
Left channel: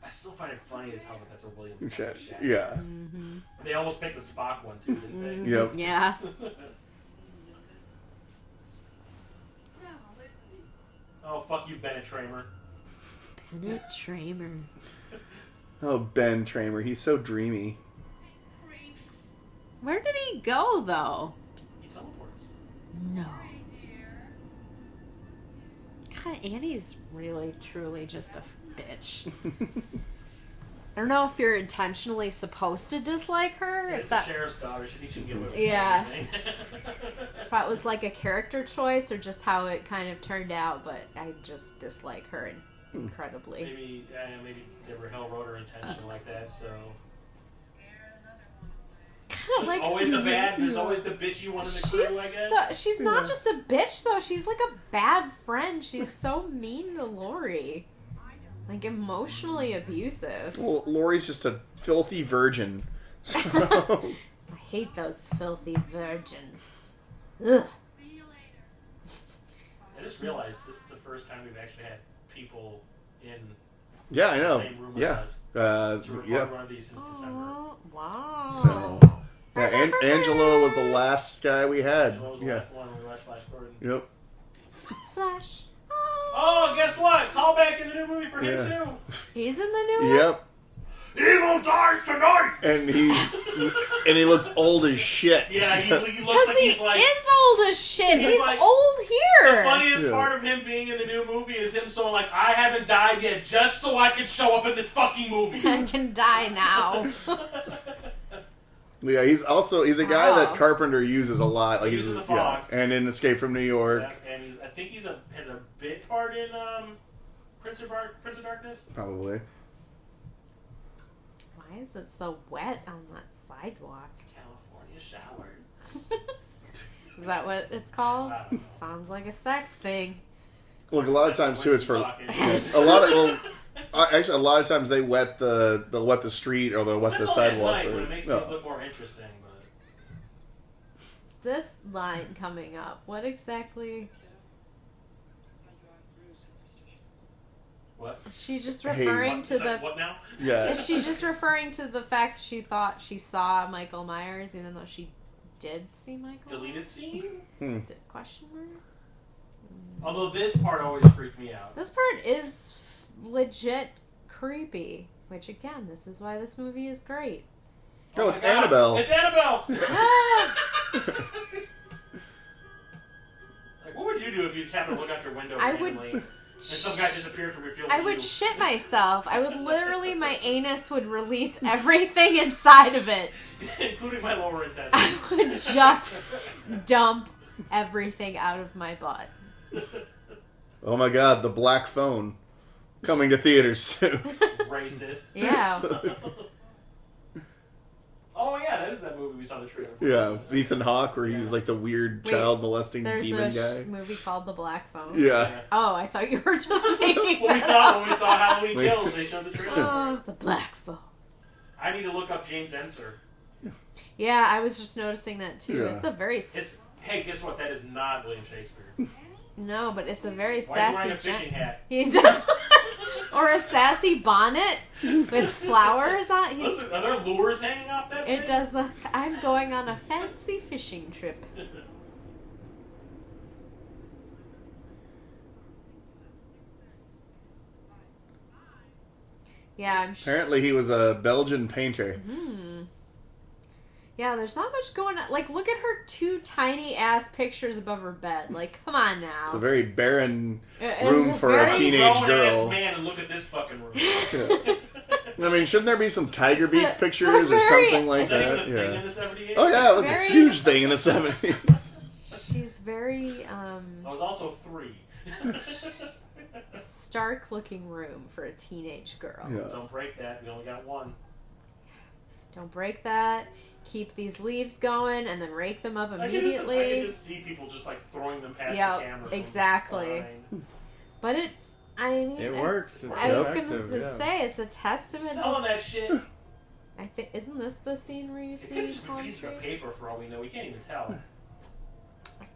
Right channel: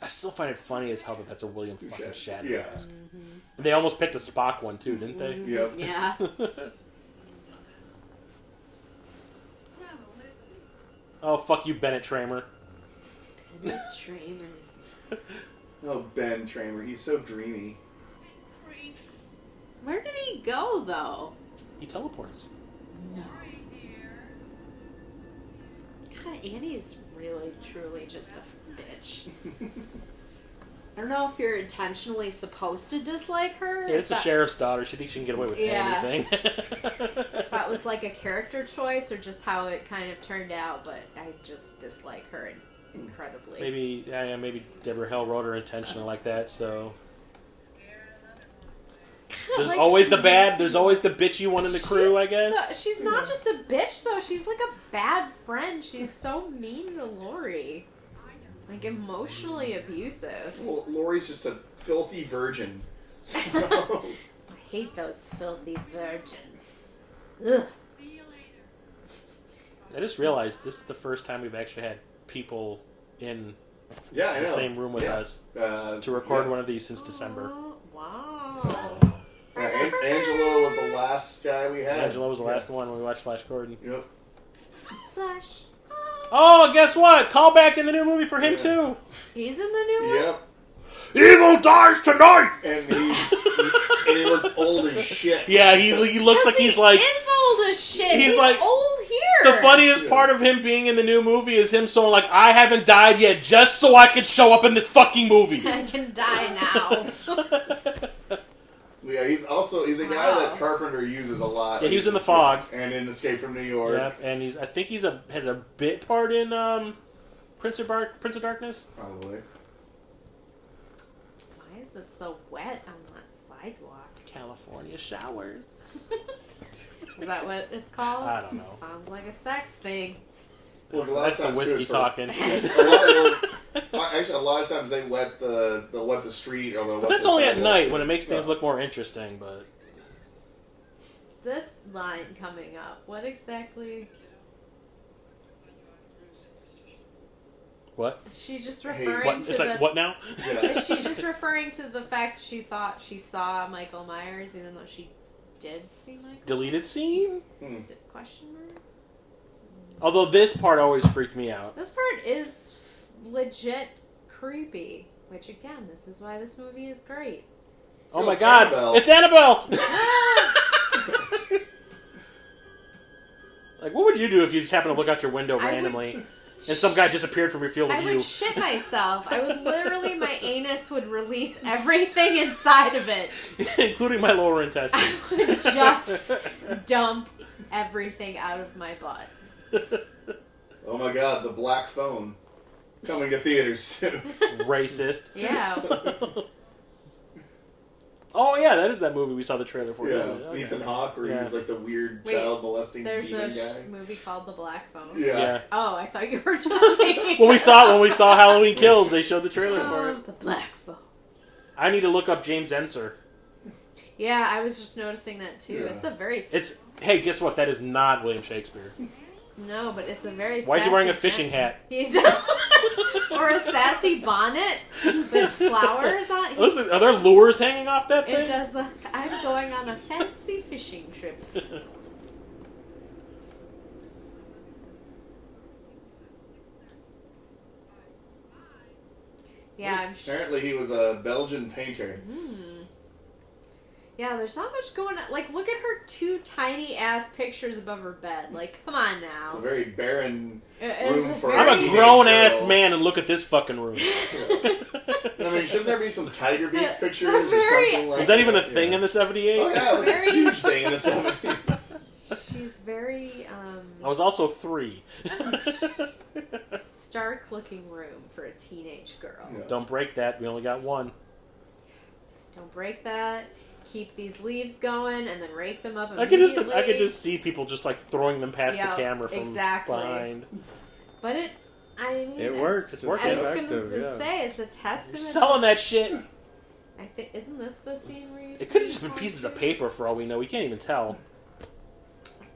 I still find it funny as hell that that's a William fucking Shatner. Yeah. Mm-hmm. They almost picked a Spock one too, didn't they? Mm-hmm. Yep. Yeah. Oh, fuck you, Bennett Tramer. Bennett Tramer. Oh, Ben Tramer. He's so dreamy. Where did he go, though? He teleports. No. God, Annie's really, truly just a bitch. I don't know if you're intentionally supposed to dislike her. Yeah, it's a sheriff's daughter. She thinks she can get away with anything. If that was like a character choice or just how it kind of turned out, but I just dislike her incredibly. Maybe Deborah Hill wrote her intentional like that, so... There's Like, always the bad, there's always the bitchy one in the crew, I guess. She's not just a bitch, though. She's like a bad friend. She's so mean to Lori. Like, emotionally abusive. Well, Lori's just a filthy virgin. So... I hate those filthy virgins. Ugh. I just realized this is the first time we've actually had people in Yeah, I know. the same room with us to record one of these since December. Wow. So, yeah, Angelo was the last guy we had. Angelo was the last one when we watched Flash Gordon. Yep. Flash. Oh, guess what? Call back in the new movie for him too. He's in the new one? Yep. Evil dies tonight! And he looks old as shit. Yeah, he looks like he's like... He is old as shit. He's like, old here. The funniest part of him being in the new movie is him saying like, I haven't died yet just so I could show up in this fucking movie. I can die now. Yeah, he's a guy that Carpenter uses a lot. Yeah, he was in The Fog. Yeah, and in Escape from New York. Yeah, and I think has a bit part in Prince of Darkness. Probably. Why is it so wet on that sidewalk? California showers. Is that what it's called? I don't know. Sounds like a sex thing. Look, a lot of times too, it's for talking. Actually, a lot of times they wet the street or they wet That's the only sidewalk. at night when it makes things look more interesting. But This line coming up, what exactly? what? Is she just referring to the... what now? Yeah. Is she just referring to the fact she thought she saw Michael Myers even though she did see Michael Deleted scene? Question mark? Although this part always freaked me out. This part is legit creepy. Which, again, this is why this movie is great. Oh my it's god! Annabelle. It's Annabelle! Ah! Like, what would you do if you just happened to look out your window randomly and some guy disappeared from your field of I view? would shit myself. I would literally, my anus would release everything inside of it. Including my lower intestine. I would just dump everything out of my butt. Oh my god, the Black Phone. Coming to theaters soon. Racist. Yeah. Oh yeah, that is that movie we saw the trailer for. Yeah, Okay. Ethan Hawke, where he's like the weird child molesting There's demon a guy. movie called The Black Phone. Yeah. Oh, I thought you were just making when we saw Halloween Kills, they showed the trailer for Oh, it. The Black Phone. I need to look up James Ensor. Yeah, I was just noticing that too. Yeah. It's a very... Hey, guess what? That is not William Shakespeare. No, but it's a very Why is he wearing a fishing hat? He does. Or a sassy bonnet with flowers on. Listen, are there lures hanging off that thing? It does look... I'm going on a fancy fishing trip. Yeah, I'm sure. Apparently he was a Belgian painter. Yeah, there's not much going on. Like, look at her two tiny ass pictures above her bed. Like, come on now. It's a very barren It's room a for very- a I'm a teenage grown girl. ass man and look at this fucking room. I mean, shouldn't there be some Tiger It's a- Beats it's a pictures or very- something like Is that? that even a thing in the 78? Oh yeah, it was Very- a huge thing in the 70s. She's very, I was also 3. stark looking room for a teenage girl. Yeah. Don't break that. We only got one. Don't break that. Keep these leaves going and then rake them up I immediately. can just see people just like throwing them past Yeah, the camera from exactly. behind. But it's, I mean... It works. It's It's working. I was going effective. to Yeah. say, it's a testament Selling to... that shit. I think, isn't this the scene where you see... It could have just been Tom pieces of Cruise? paper for all we know. We can't even tell.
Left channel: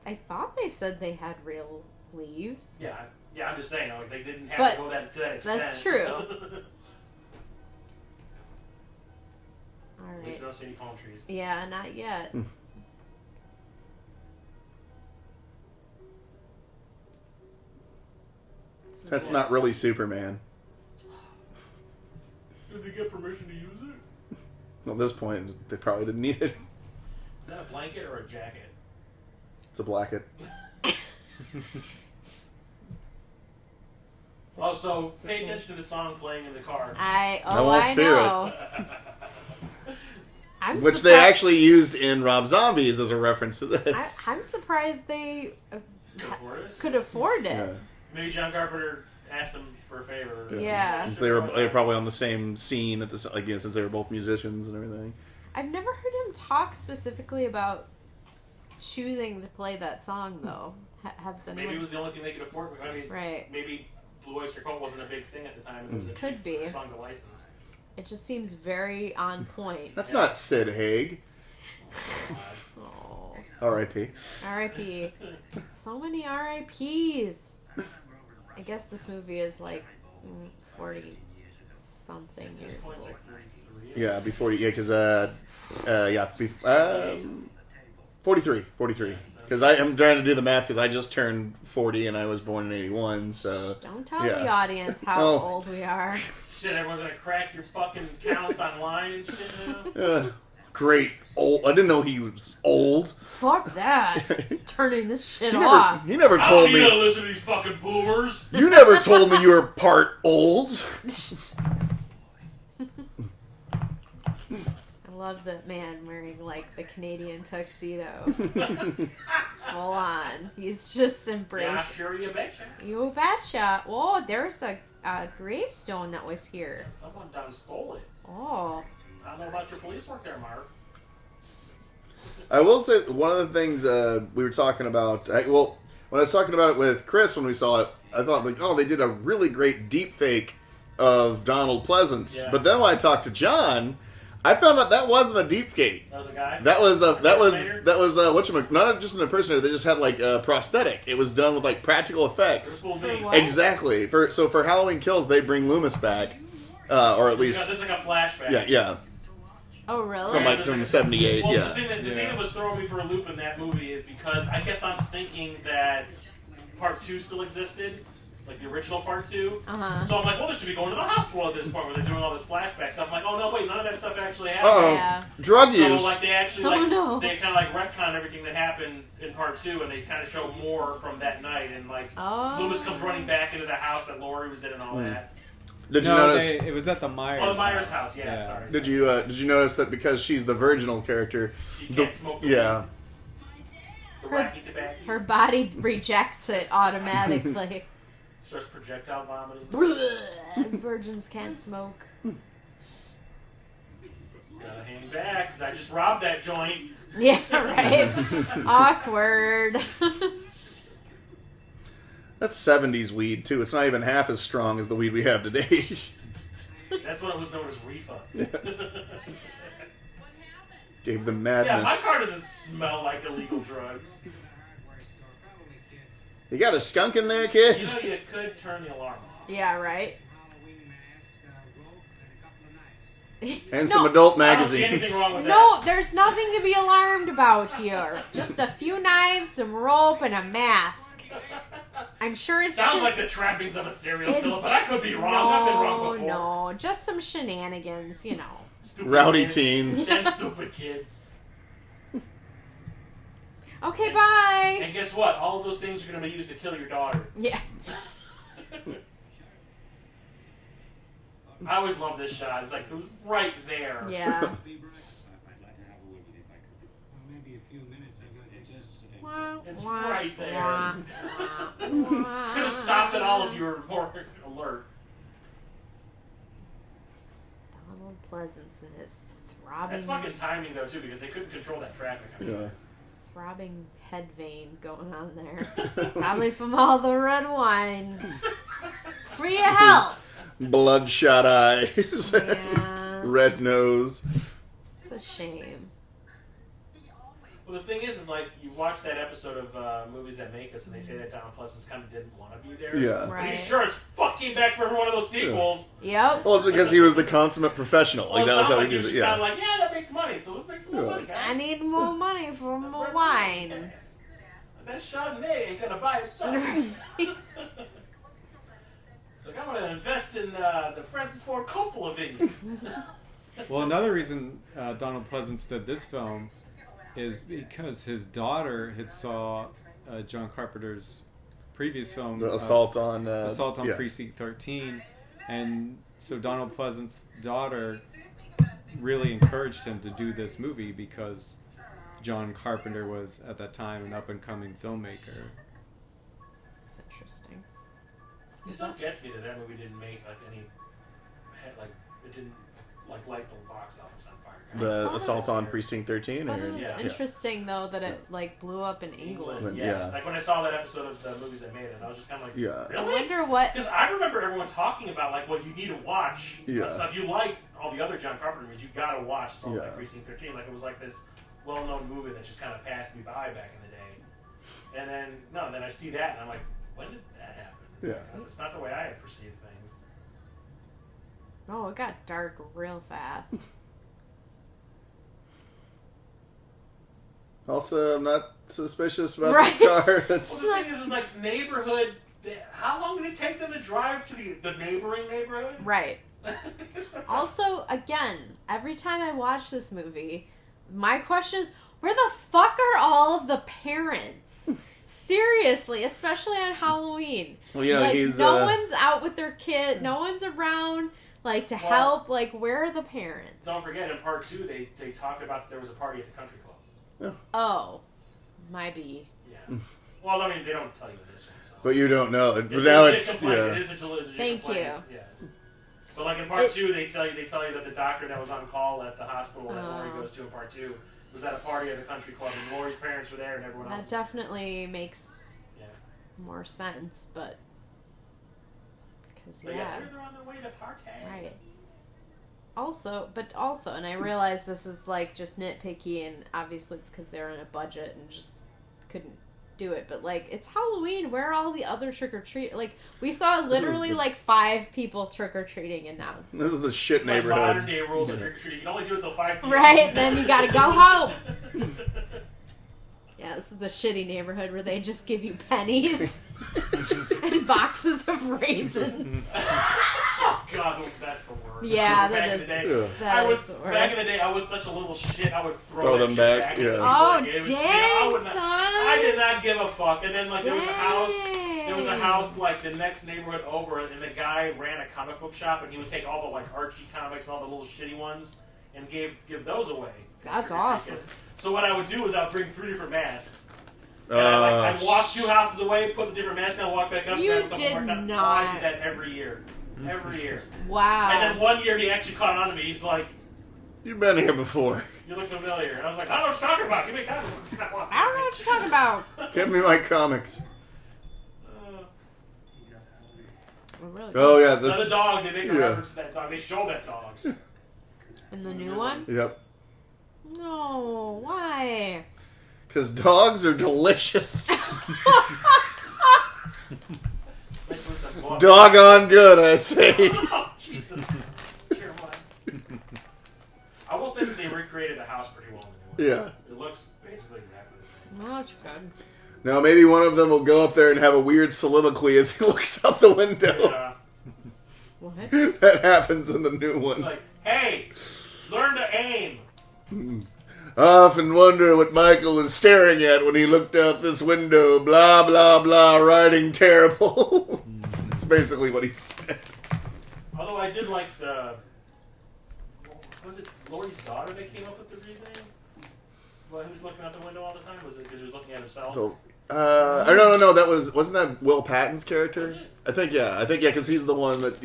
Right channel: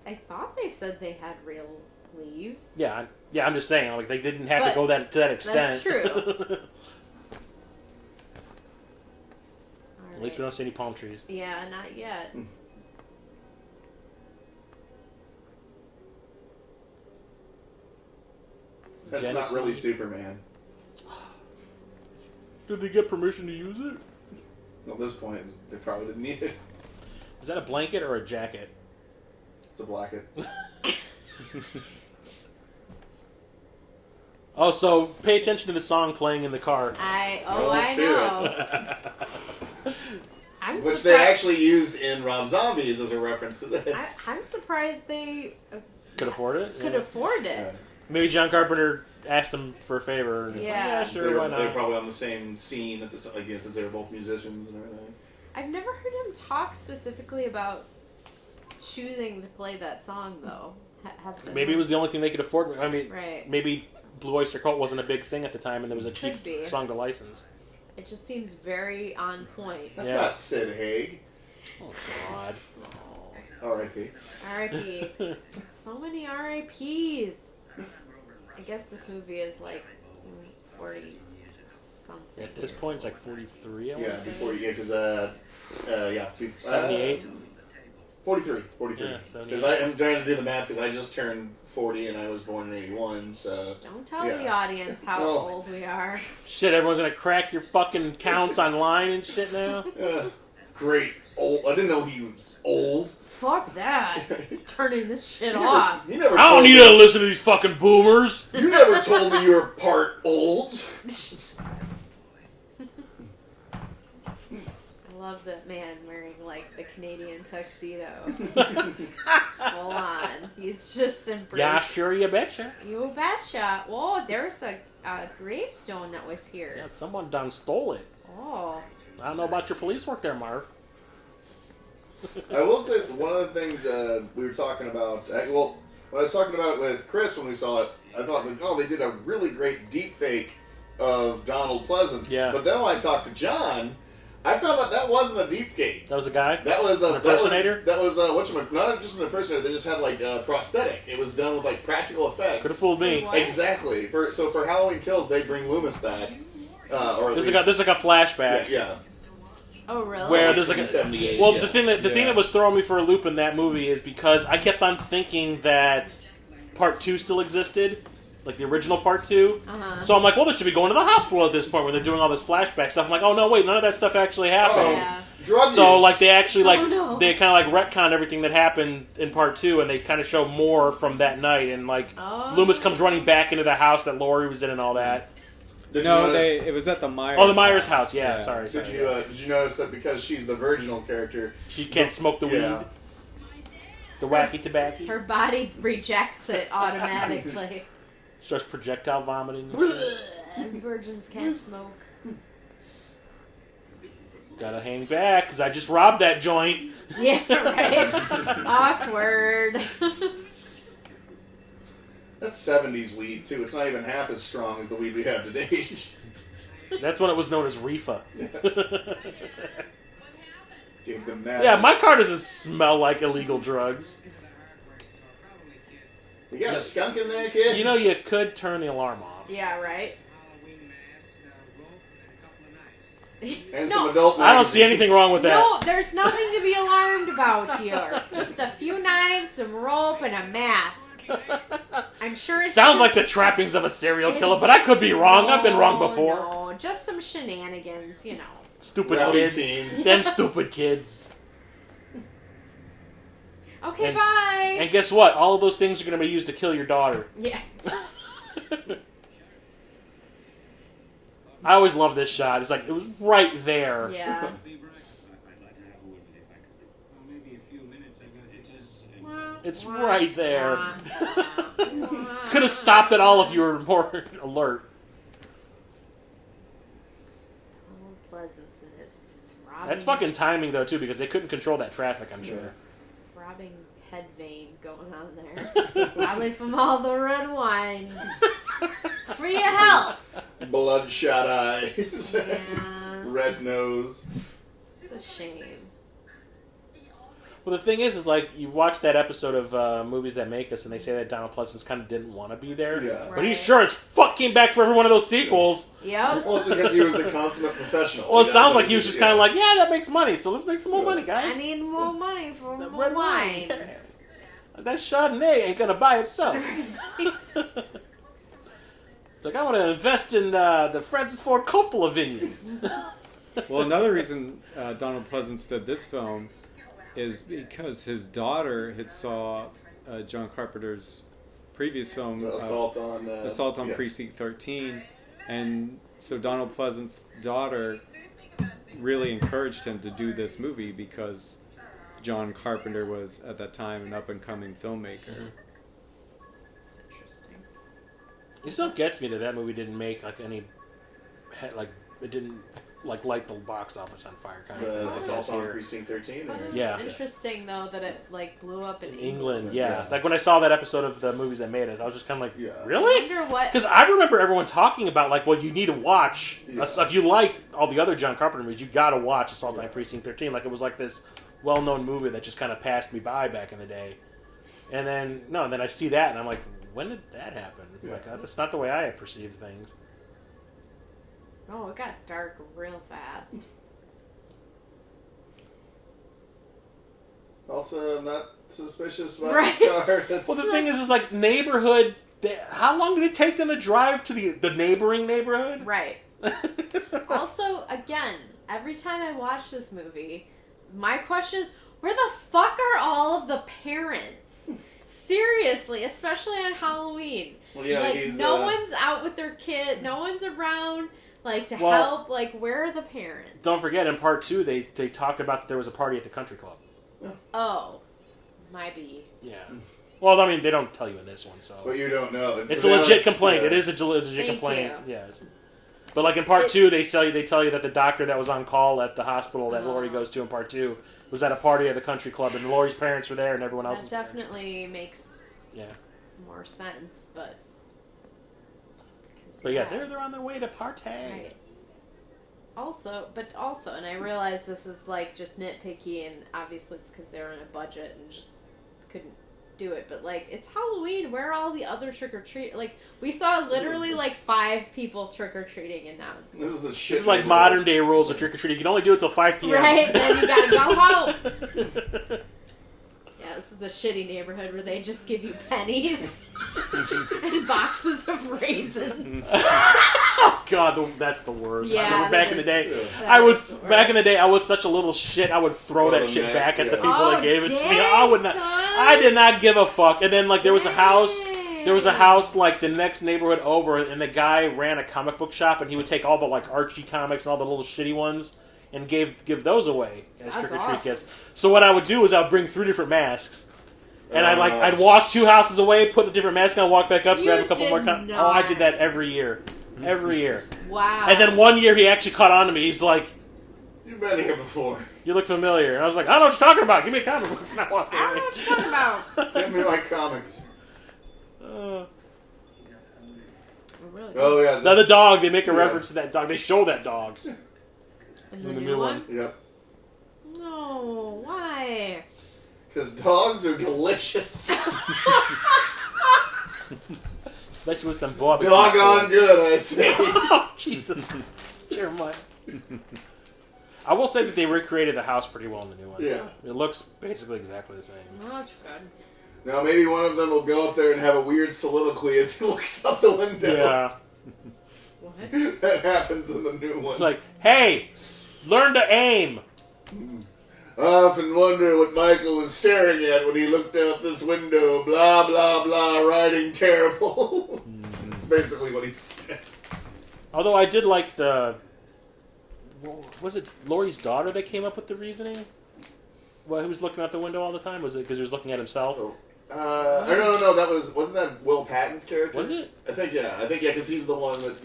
I thought they said they had real leaves. Yeah, I'm just saying. Like they didn't have But to go to that extent. that's true. right. At least we don't see any palm trees. Yeah, not yet. That's not really Superman. Did they get permission to use it? Well, at this point, they probably didn't need it. Is that a blanket or a jacket? It's a blanket. Oh, so pay attention to the song playing in the car. I won't fear know. Which they actually used in Rob Zombies as a reference to this. I'm surprised they Could afford it? could afford it. Yeah. Maybe John Carpenter asked them for a favor. Yeah. Since Sure, they're probably on the same scene at this, since they were both musicians and everything. I've never heard him talk specifically about choosing to play that song, though. Maybe it was the only thing they could afford. I mean, right. Maybe Blue Oyster Cult wasn't a big thing at the time, and there was a cheap song to license. It just seems very on point. That's not Sid Haig. Oh, God. Oh. R.I.P. R.I.P. So many R.I.P.s. I guess this movie is like 40 something. At this point, it's like 43. Yeah, before because 78. 43. Yeah, Because I'm trying to do the math because I just turned 40 and I was born in 81. So don't tell the audience how old we are. Shit, everyone's gonna crack your fucking counts online and shit now. Great. Old. I didn't know he was old. Fuck that. Turning this shit off. He never I told don't need me. to listen to these fucking boomers. You never told me you were part old. I love that man wearing like the Canadian tuxedo. Full on. He's just embraced. Yeah, sure, you betcha. You betcha. Oh, there's a gravestone that was here. Yeah, someone done stole it. Oh. I don't know about your police work there, Marv. I will say one of the things we were talking about. When I was talking about it with Chris when we saw it, I thought like, oh, they did a really great deep fake of Donald Pleasence. Yeah. But then when I talked to John, I found out that wasn't a deep fake. That was a guy. That was Impersonator? not just an impersonator. They just had like a prosthetic. It was done with like practical Could have effects. fooled me. What? Exactly. For Halloween Kills, they bring Loomis back, or at least There's like a flashback. yeah. Oh, really? Where Like there's from like a, 78. Well, yeah. the thing that was throwing me for a loop in that movie is because I kept on thinking that Part 2 still existed, like the original Part 2. Uh-huh. So I'm like, well, they should be going to the hospital at this point where they're doing all this flashback stuff. I'm like, oh no, wait, none of that stuff actually happened. Yeah. Drug So use. like they actually they kind of like retcon everything that happened in Part 2, and they kind of show more from that night. And like Loomis comes running back into the house that Laurie was in and all that. Did you notice, it was at the Myers. Oh, the Myers house. Yeah, sorry. Did you notice that because she's the virginal character, She can't smoke the weed. yeah. The wacky tobacco. Her body rejects it automatically. Starts projectile vomiting. Virgins can't smoke. Gotta hang back, because I just robbed that joint. Yeah, right? Awkward. That's 70s weed, too. It's not even half as strong as the weed we have today. That's when it was known as Reefa. Gave them madness. Yeah, my car doesn't smell like illegal drugs. You got a skunk in there, kids? You know, you could turn the alarm off. Yeah, right? And some adult magazines. I don't see anything wrong with that. No, there's nothing to be alarmed about here. Just a few knives, some rope, and a mask. I'm sure it's Sounds just, like the trappings of a serial killer, but I could be wrong. I've been wrong before. No, just some shenanigans, you know. Stupid Rowdy kids. teens. Them stupid kids. Okay, bye. And guess what? All of those things are going to be used to kill your daughter. Yeah. I always love this shot. It's like, it was right there. Yeah. It's right there. Could Could have stopped it all if you were more alert. Donald Pleasence and his throbbing... That's fucking timing, though, too, because they couldn't control that traffic, I'm sure. Yeah. throbbing head vein going on there. Probably from all the red wine. For your health. Bloodshot eyes. Yeah. Red nose. It's a shame. Well, the thing is like you watch that episode of Movies That Make Us, and they say that Donald Pleasence kind of didn't want to be there. Yeah, but he sure as fuck came back for every one of those sequels. Yep. Well, it's because he was the consummate professional. Well, it sounds like he was just kind of like, yeah, that makes money, so let's make some more money, guys. I need more money for more wine. That Chardonnay ain't gonna buy itself. Like, I want to invest in the Francis Ford Coppola vineyard. Well, another reason Donald Pleasence did this film is because his daughter had saw John Carpenter's previous film, The Assault on Precinct 13, and so Donald Pleasence's daughter really encouraged him to do this movie because John Carpenter was at that time an up-and-coming filmmaker. That's interesting. It still gets me that movie didn't make it didn't light the box office on fire. The Assault on Precinct 13. But it was interesting though that it blew up in England. Yeah. Like when I saw that episode of the Movies That Made Us, I was just kind of like, really? I wonder what. Because I remember everyone talking about well, you need to watch. If you like all the other John Carpenter movies, you got to watch Assault on Precinct 13. Like it was like this well-known movie that just kind of passed me by back in the day. And then I see that and I'm like, when did that happen? Yeah. That's not the way I had perceived things. Oh, it got dark real fast. Also, I'm not suspicious about this car. Well, the thing is like neighborhood. How long did it take them to drive to the neighboring neighborhood? Right. Also, again, every time I watch this movie, my question is, where the fuck are all of the parents? Seriously, especially on Halloween. Well, yeah, like, no one's out with their kid. No one's around, help. Like, where are the parents? Don't forget, in part 2, they talked about that there was a party at the country club. Yeah. Oh. Might be. Yeah. Well, I mean, they don't tell you in this one, so. But you don't know. It's a legit complaint. Yeah. It is a legit Thank complaint. You. Yes. But like in part 2, they tell you that the doctor that was on call at the hospital that Laurie goes to in part 2 was at a party at the country club, and Laurie's parents were there, and everyone else. That definitely makes more sense, but. But they're on their way to party. Right. Also, and I realize this is just nitpicky, and obviously it's because they're on a budget and just couldn't do it. But it's Halloween. Where are all the other trick or treat? We saw literally 5 people trick or treating, and now this is the shit. This is like modern day rules of trick or treating. You can only do it till 5 p.m. Right, then you gotta go home. Yeah, this is the shitty neighborhood where they just give you pennies and boxes of raisins. Oh God, that's the worst. Yeah, back in the day, I was such a little shit. I would throw that shit back at the people that gave it to me. I did not give a fuck. And then there was a house. There was a house the next neighborhood over, and the guy ran a comic book shop, and he would take all the Archie comics and all the little shitty ones and give those away. That's awesome. So what I would do is I would bring 3 different masks. And I'd walk 2 houses away, put a different mask on, walk back up, grab a couple more comics. Oh, I did that every year. Every year. Wow. And then one year he actually caught on to me. He's like, "You've been here before. You look familiar." And I was like, "I don't know what you're talking about. Give me a comic." I don't know what you're talking about. Give me my comics. Really oh yeah. Now the dog. They make a reference to that dog. They show that dog. In the new one? Yep. No, why? Because dogs are delicious. Especially with some blood. Doggone good, I say. Oh, Jesus Christ. Jeremiah. I will say that they recreated the house pretty well in the new one. Yeah. It looks basically exactly the same. Well, that's good. Now, maybe one of them will go up there and have a weird soliloquy as he looks out the window. Yeah. What? That happens in the new one. It's like, hey, learn to aim. I often wonder what Michael was staring at when he looked out this window. Blah, blah, blah, writing terrible. That's basically what he said. Although I did like the... Was it Laurie's daughter that came up with the reasoning? Well, he was looking out the window all the time? Was it because he was looking at himself? So, no. Wasn't that Will Patton's character? Was it? I think, because he's the one that,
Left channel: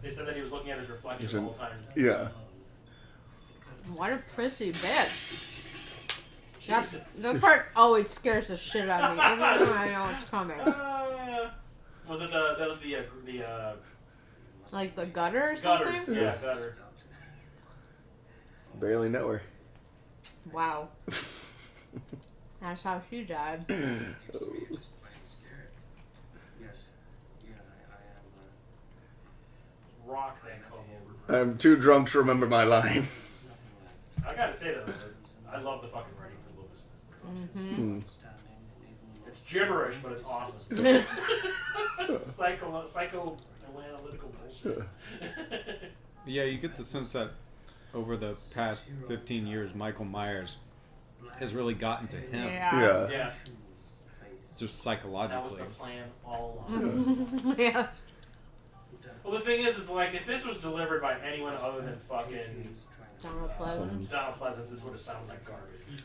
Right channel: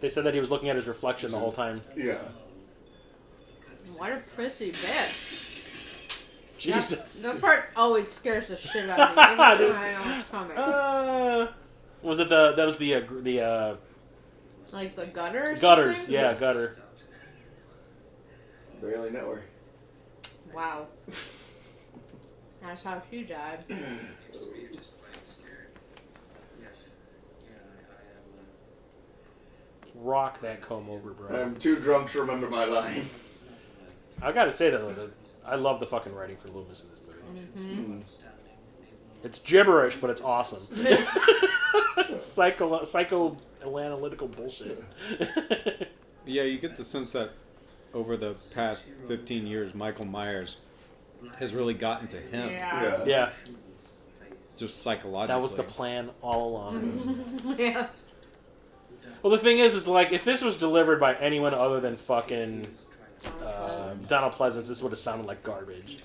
They said that he was looking at his reflection the whole time. Yeah. What a prissy bitch. Jesus. That part always scares the shit out of me. Even though I know it's coming. Was it that was the like the gutter or gutters, something? yeah, gutter. Barely know her. Wow. That's how she died. Rock that comb over, bro. I'm too drunk to remember my line. I gotta say though, I love the fucking writing for Loomis in this movie. It's gibberish, but it's awesome. It's psychoanalytical bullshit. Yeah, you get the sense that over the past 15 years, Michael Myers has really gotten to him. Yeah. Just psychologically. That was the plan all along. Yeah. Well, the thing is like, if this was delivered by anyone other than fucking Donald Pleasence, this would have sounded like garbage.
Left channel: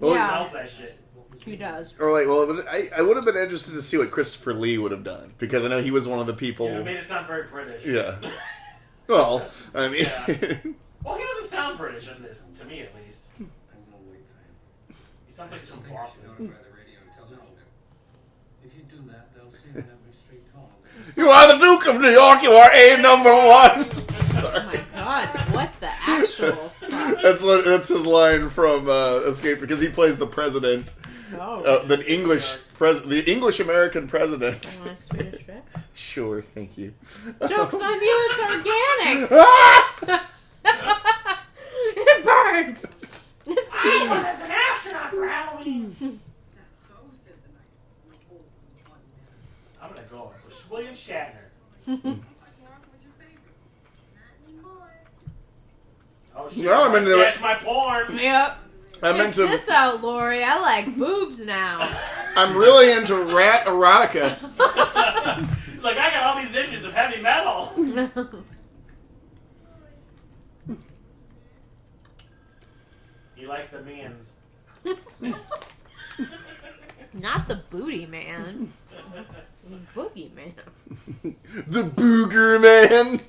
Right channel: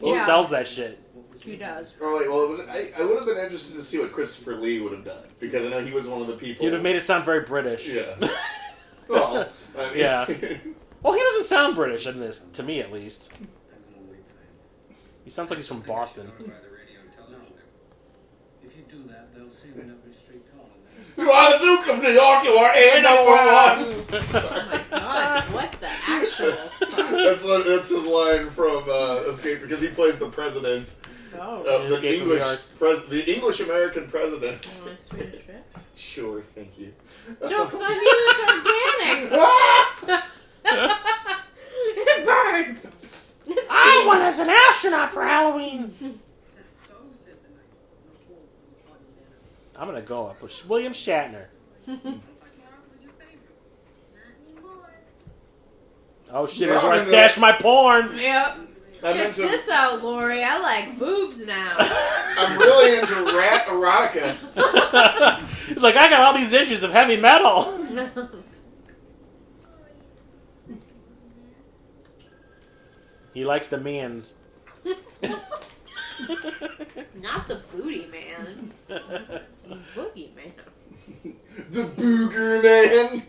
Who sells that shit? He does. Or like, well, I would have been interested to see what Christopher Lee would have done, because I know he was one of the people. You'd have made it sound very British. Yeah. Well, I mean, yeah. Well, he doesn't sound British in this, to me at least. He sounds like he's from Boston. You are the Duke of New York. You are a number one. Oh my god! What the actual? That's his line from Escape, because he plays the president. Oh. The English American president. You want a Swedish fish? Sure, thank you. Joke's on you. It's organic. It burns. I went as an astronaut for Halloween. I'm gonna go up with William Shatner. Oh shit! That's where I stashed my porn. Yep. Check this out, Lori. I like boobs now. I'm really into rat erotica. He's like, I got all these inches of heavy metal. He likes the mans. Not the booty man. Boogie man. The booger man.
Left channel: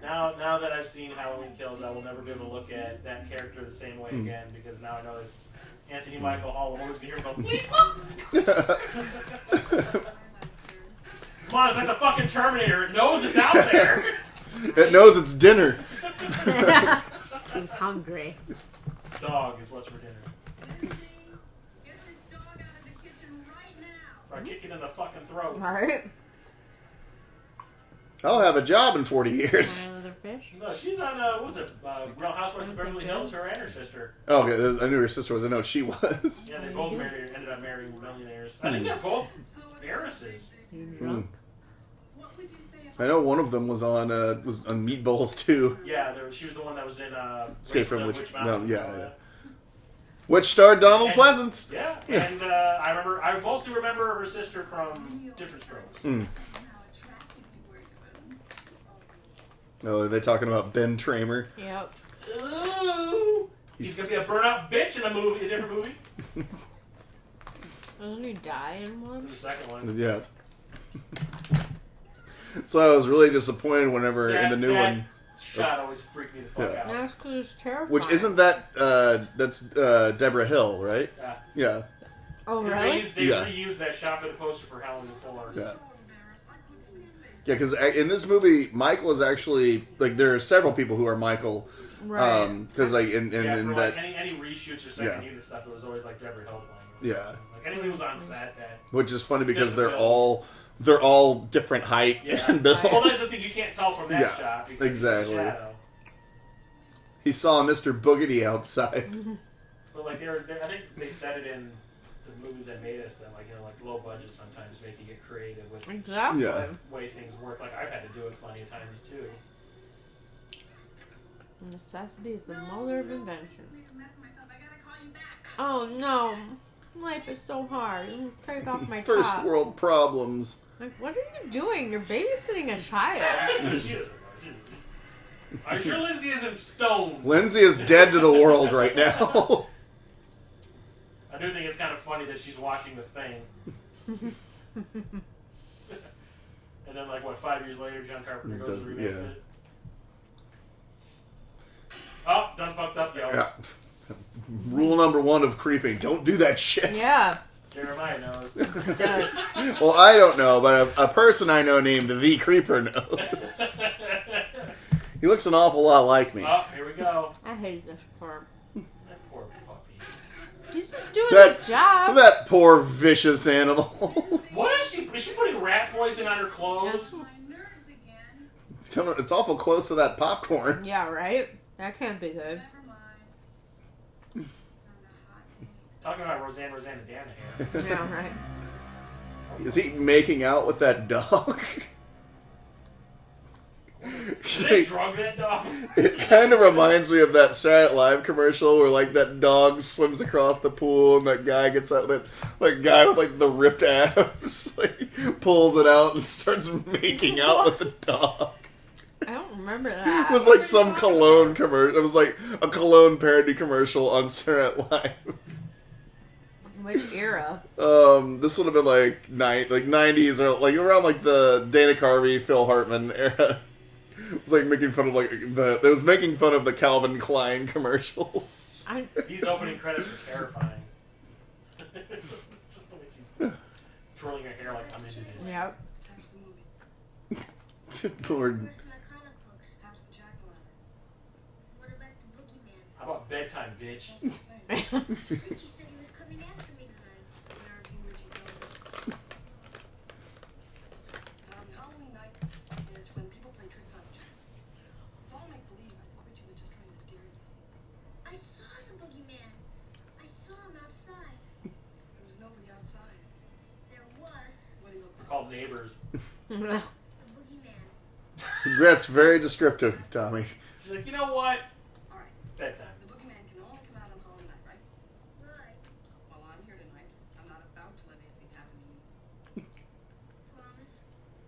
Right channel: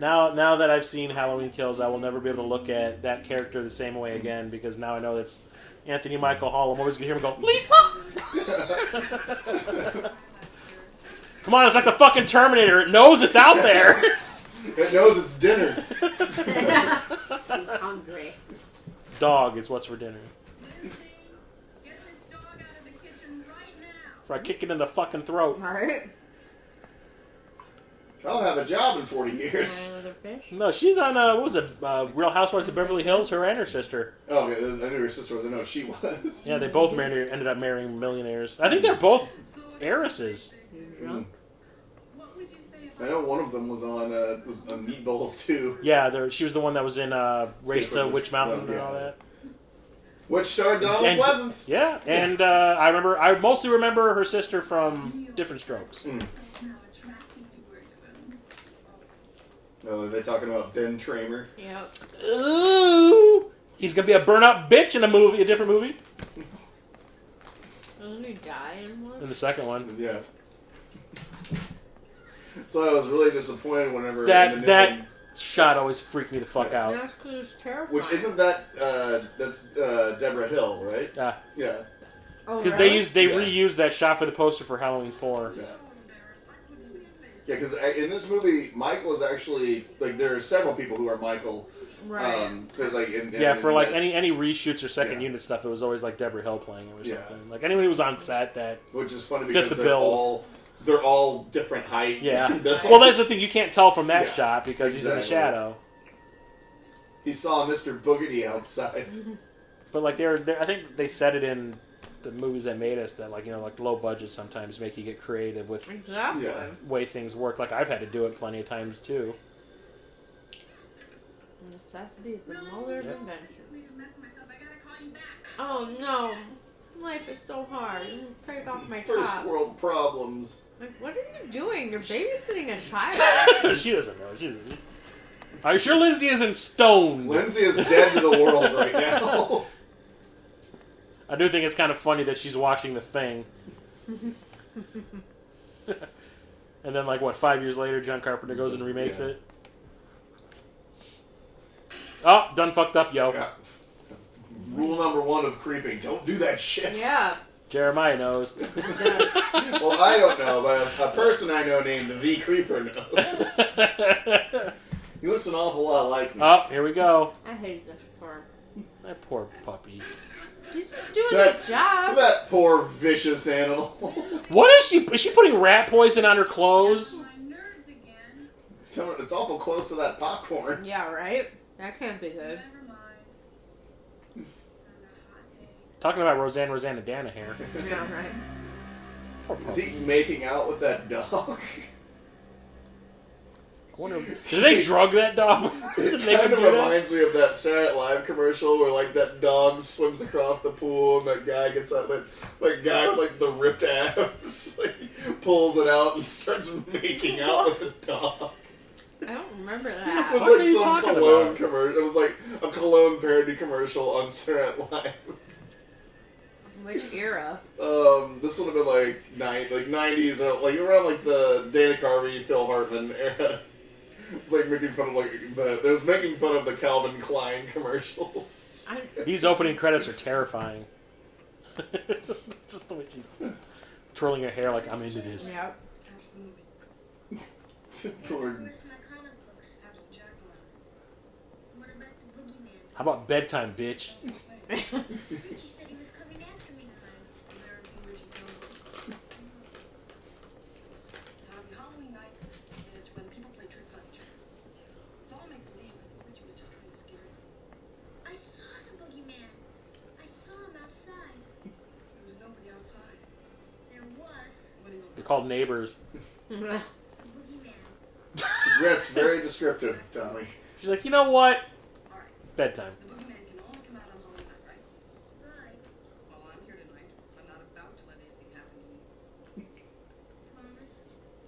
Now that I've seen Halloween Kills, I will never be able to look at that character the same way again, because now I know it's Anthony Michael Hall. I'm always going to hear him go, Lisa! Come on, it's like the fucking Terminator. It knows it's out there. It knows it's dinner. He's hungry. Dog is what's for dinner. Before I kick it in the fucking throat. Right. I'll have a job in 40 years. Another fish? No, she's on, what was it, Real Housewives of Beverly Hills, her and her sister. Oh, okay. I knew her sister was. I know she was. Yeah, they both ended up marrying millionaires. I think they're both heiresses. You drunk? I know one of them was on Meatballs too. Yeah, she was the one that was in Race to Witch Mountain and all that. Which starred Donald Pleasence. Yeah, and I mostly remember her sister from Different Strokes. Oh, are they talking about Ben Tramer? Yep. Ooh! He's gonna be a burn-up bitch in a different movie. Doesn't he die in one? In the second one. Yeah. So I was really disappointed whenever in the new one. Shot always freaked me the fuck out. That's because it's terrifying. Which isn't that, that's Deborah Hill, right? Yeah. Oh, really? They reused that shot for the poster for Halloween 4. Yeah. Yeah, because in this movie, Michael is actually, like, there are several people who are Michael. Right. Because, like, any reshoots or second unit stuff, it was always, like, Deborah Hill playing or something. Like, anyone who was on set that... Which is funny because they're all different height. Yeah. Well, that's the thing. You can't tell from that shot because he's in the shadow. He saw Mr. Boogedy outside. But, like, I think they said it in the movies that made us that, like, you know, like, low budget sometimes make you get creative with the way things work. Like, I've had to do it plenty of times, too. Necessity is the mother of invention. Oh, no. Life is so hard. Take off my top. First world problems. Like, what are you doing? You're babysitting a child. She doesn't know. Are you sure Lindsay isn't stoned? Lindsay is dead to the world right now. I do think it's kind of funny that she's watching The Thing. And then, like, 5 years later, John Carpenter goes and remakes it. Oh, done fucked up, yo. Yeah. Rule number 1 of creeping. Don't do that shit. Yeah. Jeremiah knows. He does. Well, I don't know, but a person I know named The Creeper knows. He looks an awful lot like me. Oh, here we go. I hate this farm. That poor puppy. He's just doing his job. That poor vicious animal. What is she? Is she putting rat poison on her clothes? It's awful close to that popcorn. Yeah, right? That can't be good. Talking about Roseanne Dana here. Yeah, right. Is he making out with that dog? Did they drug that dog? It kind of reminds me of that Saturday Night Live commercial where like that dog swims across the pool and that guy gets out, that like guy with like the ripped abs, like, pulls it out and starts making out with the dog. I don't remember that. It was like some cologne commercial. It was like a cologne parody commercial on Saturday Night Live. Which era? This would have been like 90s or like around like the Dana Carvey, Phil Hartman era. It was like making fun of it was making fun of the Calvin Klein commercials. These opening credits are terrifying. Just the way she's twirling her hair like I'm into this. Yep. Lord. How about bedtime, bitch? They're called neighbors. That's very descriptive, Tommy. She's like, you know what? Bedtime. The boogeyman can only come out on Halloween night, right? Right. Well, I'm here tonight. I'm not about to let anything happen to you. Promise?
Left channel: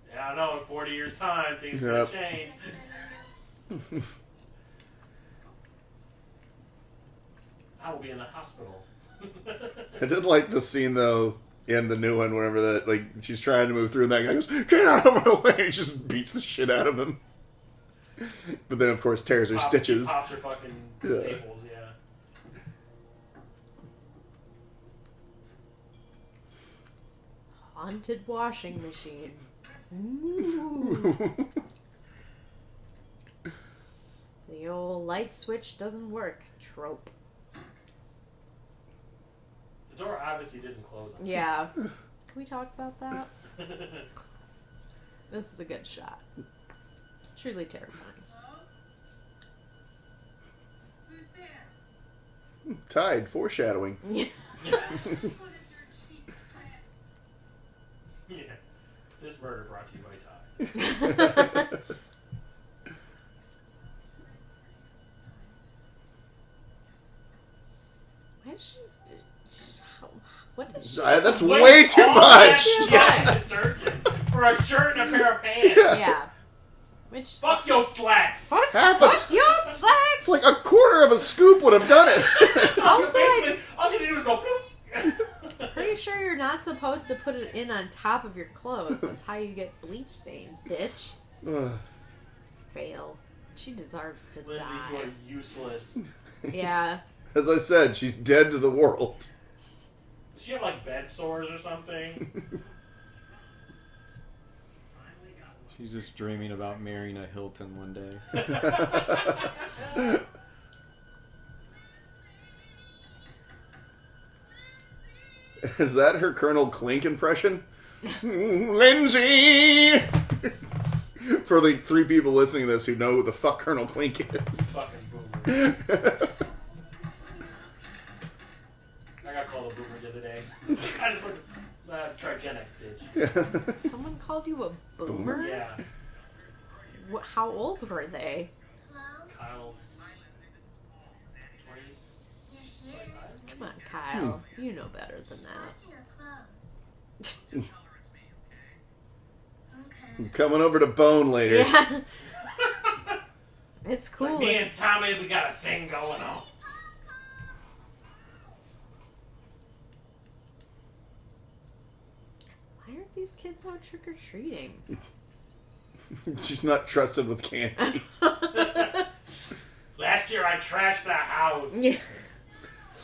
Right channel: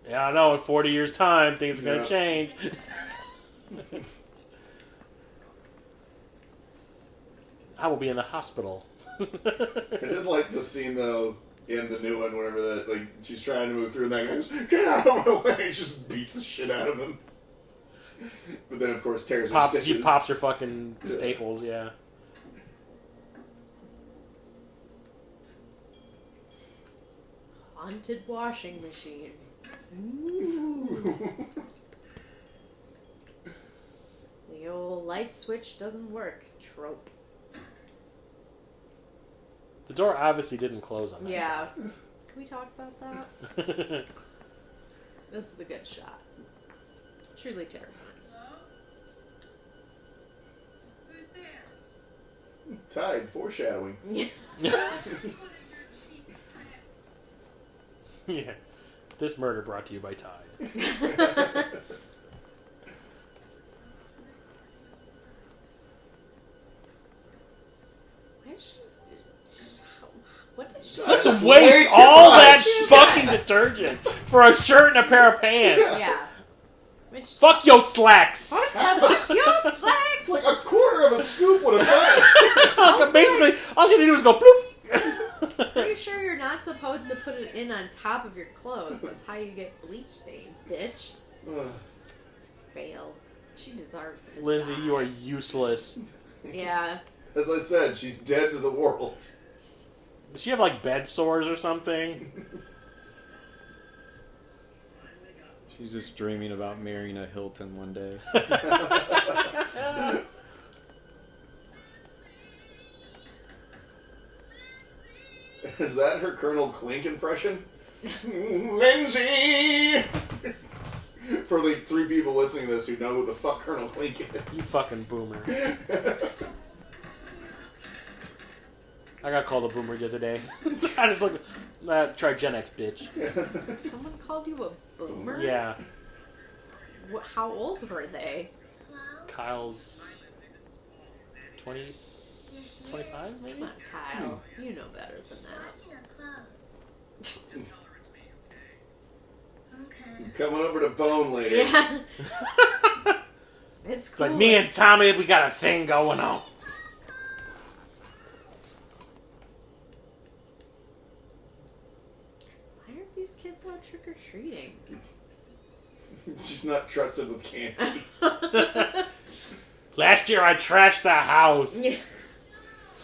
Yeah, I know. In 40 years' time, things are going to change. I will be in the hospital. I did like the scene, though, in the new one, whenever that, like, she's trying to move through, and that guy goes, "Get out of my way!" He just beats the shit out of him. But then, of course, tears her stitches. She pops her fucking staples, yeah. Haunted washing machine. Ooh. The old light switch doesn't work trope. The door obviously didn't close on us. Yeah. Can we talk about that? This is a good shot. Truly terrifying. Who's there? Tide, foreshadowing. Yeah. Yeah. This murder brought to you by Tide. Why did she... What did she... That's Just way waste too all that much. fucking detergent for a shirt and a pair of pants. Yeah. Which... Fuck your slacks. Fuck Half your a- slacks! It's like a quarter of a scoop would have done it. Also, Basically, all you need to do is go bloop. pretty sure you're not supposed to put it in on top of your clothes. That's how you get bleach stains, bitch. Fail. She deserves to Lindsay, die. you are useless. Yeah. As I said, she's dead to the world. Does she have like bed sores or something? She's just dreaming about marrying a Hilton one day. Is that her Colonel Clink impression? Lindsay! For the 3 people listening to this who know who the fuck Colonel Clink You is. fucking boomer. I got called a boomer the other day. I just looked. Try Gen X, bitch. Someone called you a boomer? Yeah. How old were they? Kyle's 20, 25, maybe? Come on, Kyle. You know better than that. Coming over to Bone later. Yeah. It's cool. But me and Tommy, we got a thing going on. Why aren't these kids out trick-or-treating? She's not trusted with candy. Last year I trashed the house. Yeah.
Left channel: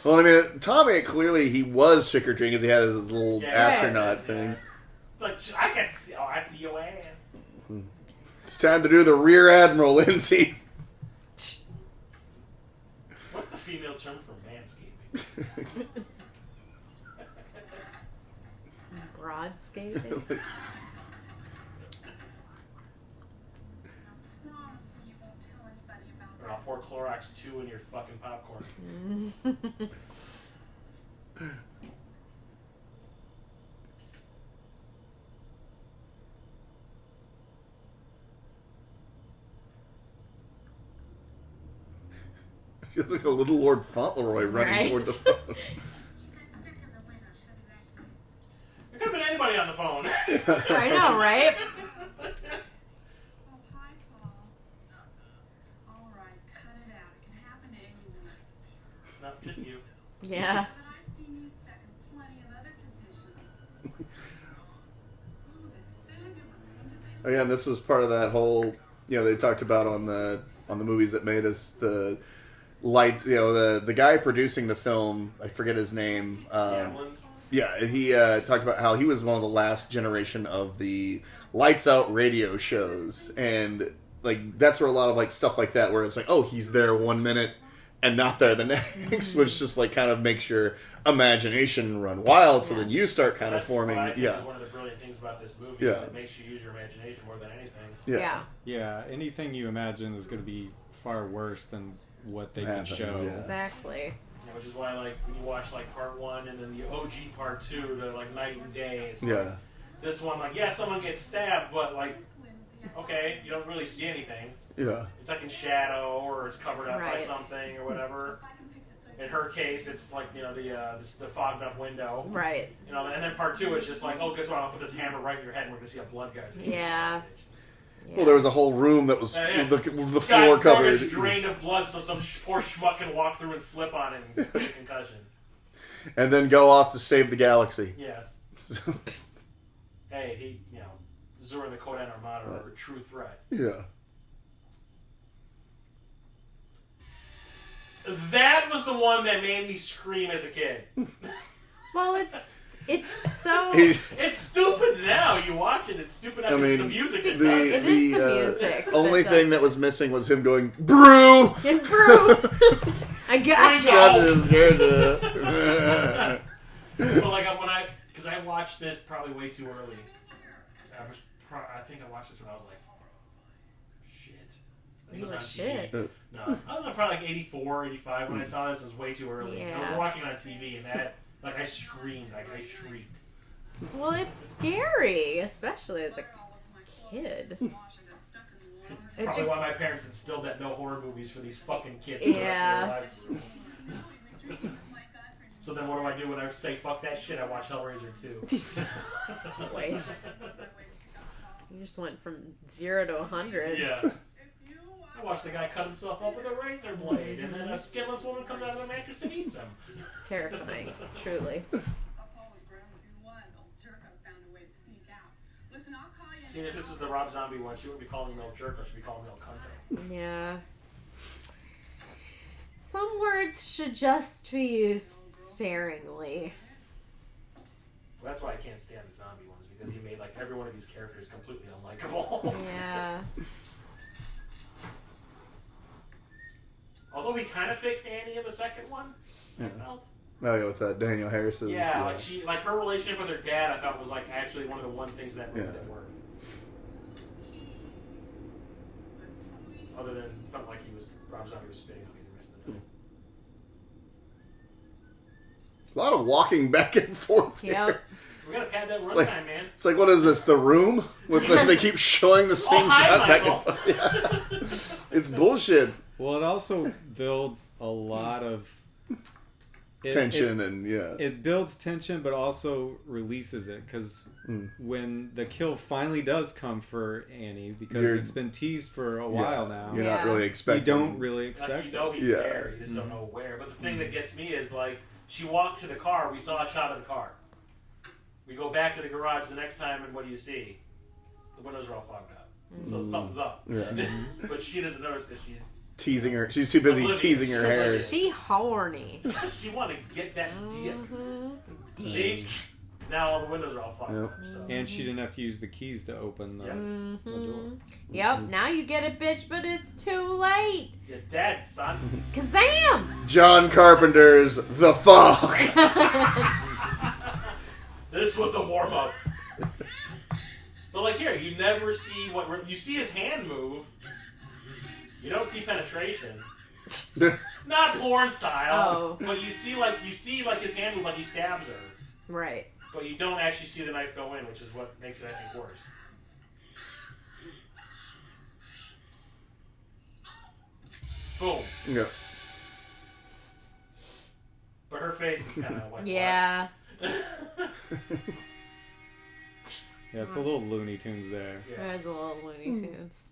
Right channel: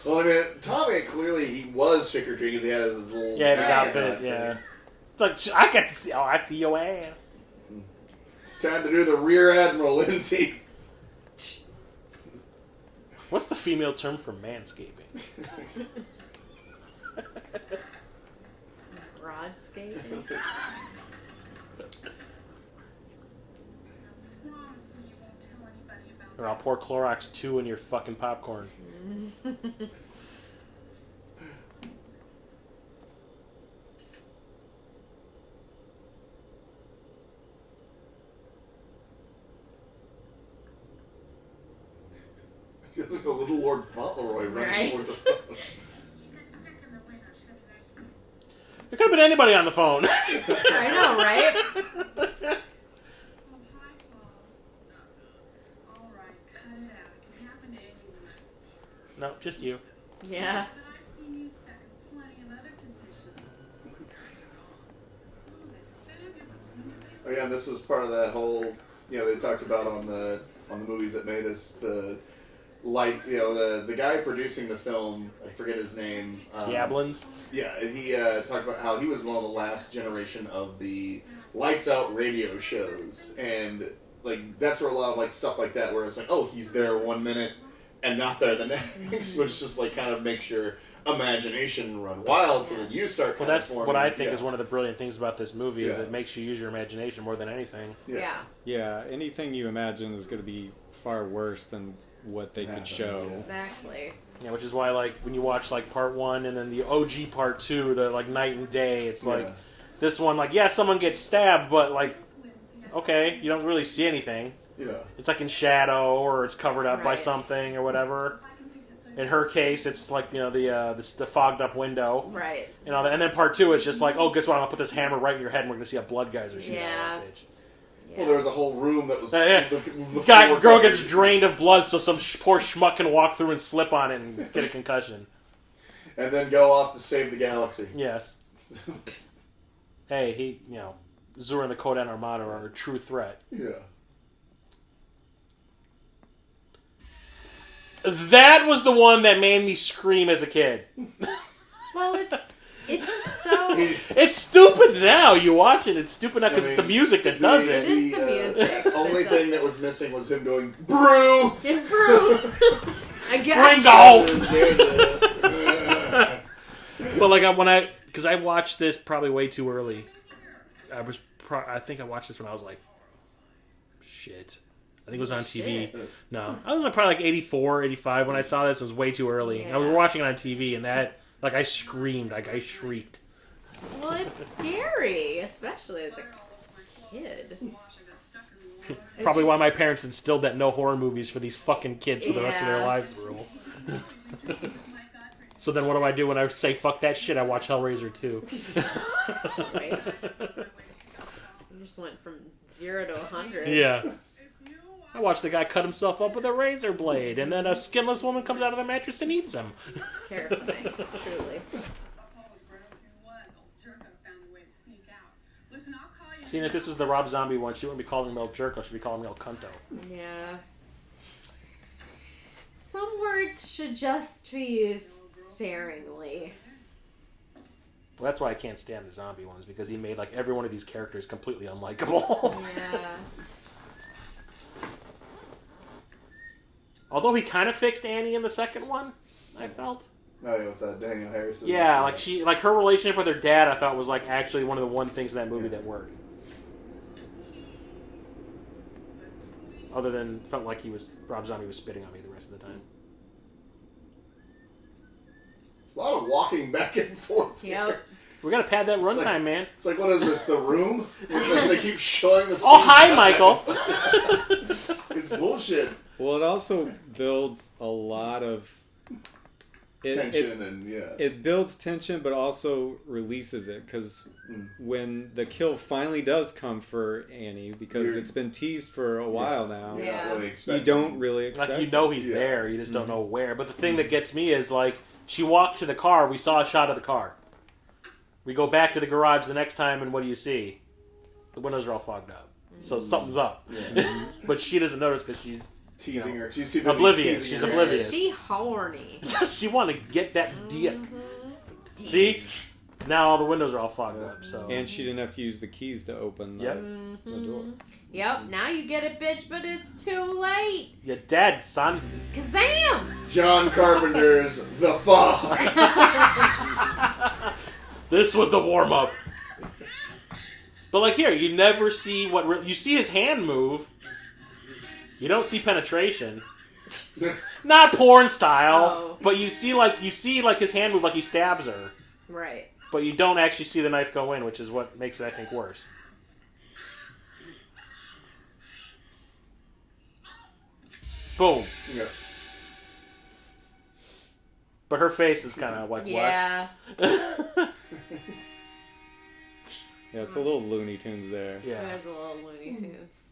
Well, I mean, Tommy, clearly he was trick-or-treating because he had his little Yeah, astronaut yeah. thing. It's like, I got to see, I see your ass. It's time to do the Rear Admiral, Lindsay. What's the female term for manscaping? Broadscaping? Or I'll pour Clorox 2 in your fucking popcorn. You look like a little Lord Fauntleroy running Right. toward the phone. It could have been anybody on the phone. I know, right? No, just you. Yeah. But I've seen you stuck in plenty of other positions. Oh, that's fabulous. Oh, yeah, and this is part of that whole, they talked about on the movies that made us the lights, the guy producing the film, I forget his name. Yablins? Yeah, he talked about how he was one of the last generation of the lights out radio shows, and like that's where a lot of like stuff like that, where it's like, oh, he's there 1 minute and not there the next, which just like kind of makes your imagination run wild. So then you start kind of That's forming. what I think is one of the brilliant things about this movie is Yeah. it makes you use your imagination more than anything. Yeah. Yeah, anything you imagine is going to be far worse than what they could Happens, show. yeah. Exactly. Yeah, which is why like when you watch like part 1 and then the OG part 2, they're like night and day. It's like this one, like someone gets stabbed, but like okay, you don't really see anything. Yeah. It's like in shadow or it's covered up by Right. something or whatever. In her case, it's like the fogged up window. Right. And then part 2 is just like, oh, guess what? I'm gonna put this hammer right in your head, and we're gonna see a blood geyser. Yeah. Well, there was a whole room that was Yeah. the Guy, floor girl covered. gets drained of blood, so some poor schmuck can walk through and slip on it and get a concussion. And then go off to save the galaxy. Yes. Hey, Zura and the Kodan Armada are a true threat. Yeah. That was the one that made me scream as a kid. Well, it's so... It's stupid now. You watch it, it's stupid now because it's the mean, music that does It it. is the music that Only does thing it. that was missing was him going, brew! And brew. I got Bring you. But like because I watched this probably way too early. I think I watched this when I was like, shit. I think it was on TV. Shit. No, I was like probably like 84, 85 when I saw this. It was way too early. And we were Yeah. watching it on TV, and that like I screamed, like I shrieked. Well, it's scary, especially as a kid. It's probably why my parents instilled that no horror movies for these fucking kids for the rest of their lives rule. So then what do when I say fuck that shit? I watch Hellraiser 2. Wait. You just went from 0 to 100. Yeah. I watched the guy cut himself up with a razor blade, and then a skinless woman comes out of the mattress and eats him. Terrifying, truly. See, if this was the Rob Zombie one, she wouldn't be calling him El Jerko, she'd be calling him El Cunto. Yeah. Some words should just be used sparingly. Well, that's why I can't stand the zombie ones, because he made like every one of these characters completely unlikable. Yeah. Although he kind of fixed Annie in the second one, I felt. Oh, yeah, with that Daniel Harris. Yeah, like her relationship with her dad, I thought was like actually one of the one things in that movie that worked. Other than felt like Rob Zombie was spitting on me the rest of the time. A lot of walking back and forth. Yep. Here. We gotta pad that runtime, man. It's like, what is this, The Room? They keep showing the same Oh, hi, shot back Michael. and forth. Yeah. It's bullshit. Well, it also builds a lot of Tension and, yeah. It builds tension, but also releases it, because when the kill finally does come for Annie, because it's been teased for a while now, You're not really expecting. you don't really expect Like, you know he's there, you just don't know where. But the thing that gets me is, like, she walked to the car, we saw a shot of the car. We go back to the garage the next time, and what do you see? The windows are all fogged up. So something's up. Yeah. But she doesn't notice because she's teasing her. She's too busy oblivious. teasing She's her. oblivious. She horny. she wanted to get that dick. Mm-hmm. See? now all the windows are all fogged up. So. And she didn't have to use the keys to open the door. Yep, now you get it, bitch, but it's too late. You're dead, son. Kazam! John Carpenter's The Fog. This was the warm-up. But like here, you never see you see his hand move. You don't see penetration. Not porn style, but you see his hand move like he stabs her. Right. But you don't actually see the knife go in, which is what makes it, I think, worse. Boom. Yeah. But her face is kind of like, yeah. what? Yeah, it's a little Looney Tunes there. Yeah. There's a little Looney Tunes.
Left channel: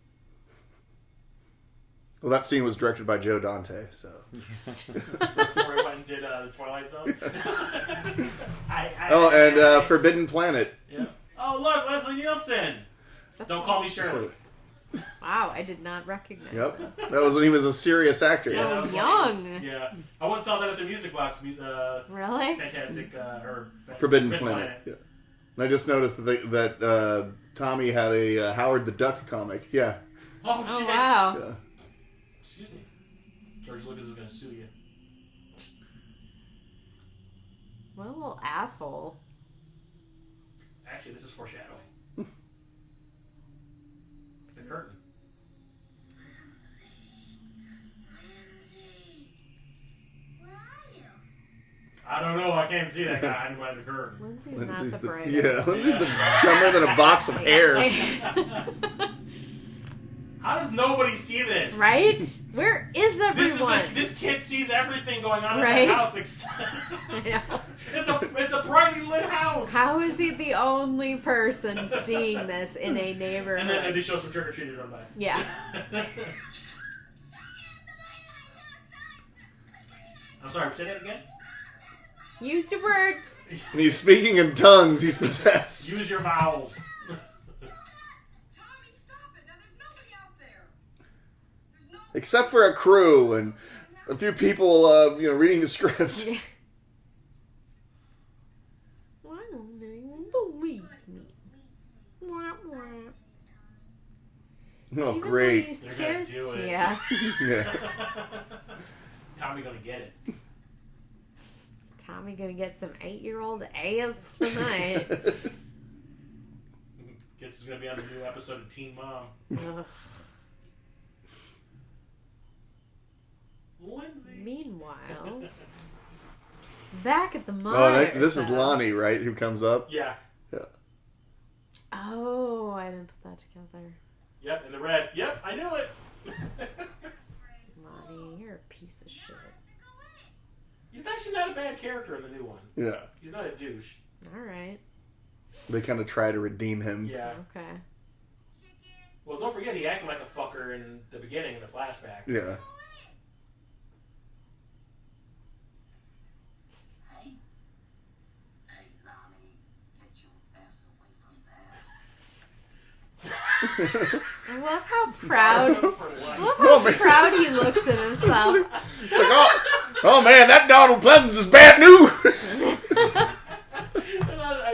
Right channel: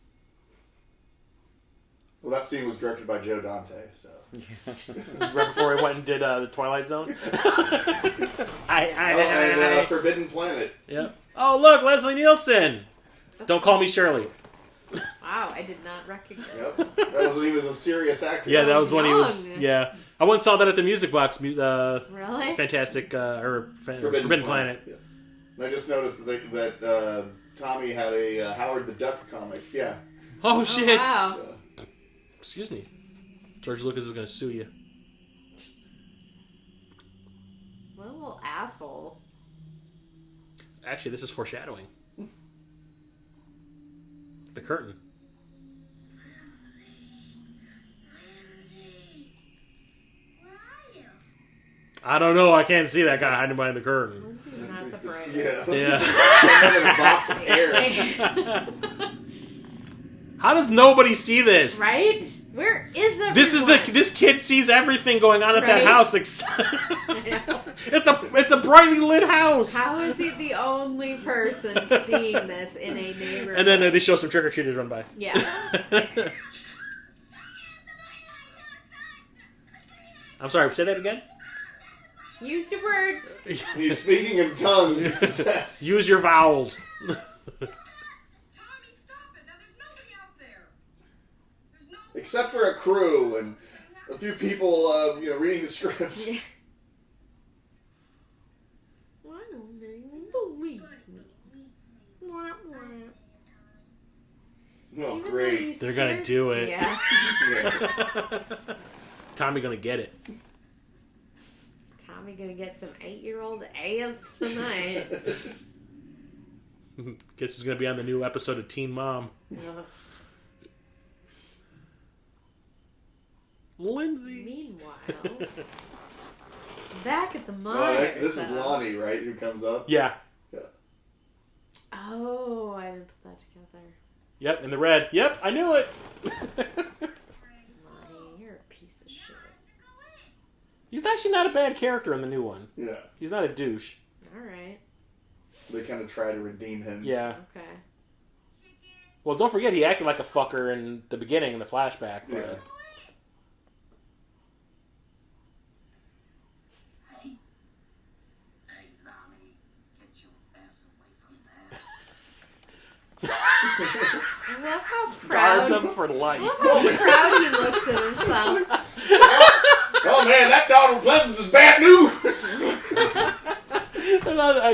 Well, that scene was directed by Joe Dante, so. Right before he went and did the Twilight Zone. Forbidden Planet. Yeah. Oh, look, Leslie Nielsen. Don't call me Shirley. Wow, I did not recognize him. That was when he was a serious actor. Yeah, that was when he was. young. Yeah, I once saw that at the Music Box. Really? Fantastic Forbidden Planet. Yeah. And I just noticed that Tommy had a Howard the Duck comic. Yeah. Oh shit! Wow. Yeah. Excuse me. George Lucas is going to sue you. What a little asshole. Actually, this is foreshadowing. The curtain. Where are you? I don't know. I can't see that guy hiding behind the curtain. Lindsay's not the Yeah, brightest. Lindsay's the than a box of hair. How does nobody see this? Right? Where is everyone? This kid sees everything going on at Right? that house. I know. It's a brightly lit house. How is he the only person seeing this in a neighborhood? And then they show some trick or treaters run by. Yeah. I'm sorry. Say that again. Use your words. And he's speaking in tongues. He's possessed. Use your vowels. Tommy, stop it. Now there's nobody out there. There's no... Except for a crew and a few people, reading the script. Yeah. I don't even believe me. Wah, wah. Oh, Even though great. you They're gonna scared- do it. Yeah. Yeah. Tommy gonna get it. Tommy gonna get some 8-year-old ass tonight. Guess he's gonna be on the new episode of Teen Mom. Ugh. Lindsay. Meanwhile, back at the Oh, Myers this is house. Lonnie, right? Who comes up? Yeah. Yeah. Oh, I didn't put that together. Yep. In the red. Yep. I knew it. Lonnie, you're a piece of shit. He's actually not a bad character in the new one. Yeah. He's not a douche. All right. They kind of try to redeem him. Yeah. Okay. Well, don't forget he acted like a fucker in the beginning in the flashback. Yeah. Hey, Lonnie, get your ass away from there. I love how Scarred proud. him for life. I love how proud he looks at himself. Oh man, that dog in Pleasence is bad news!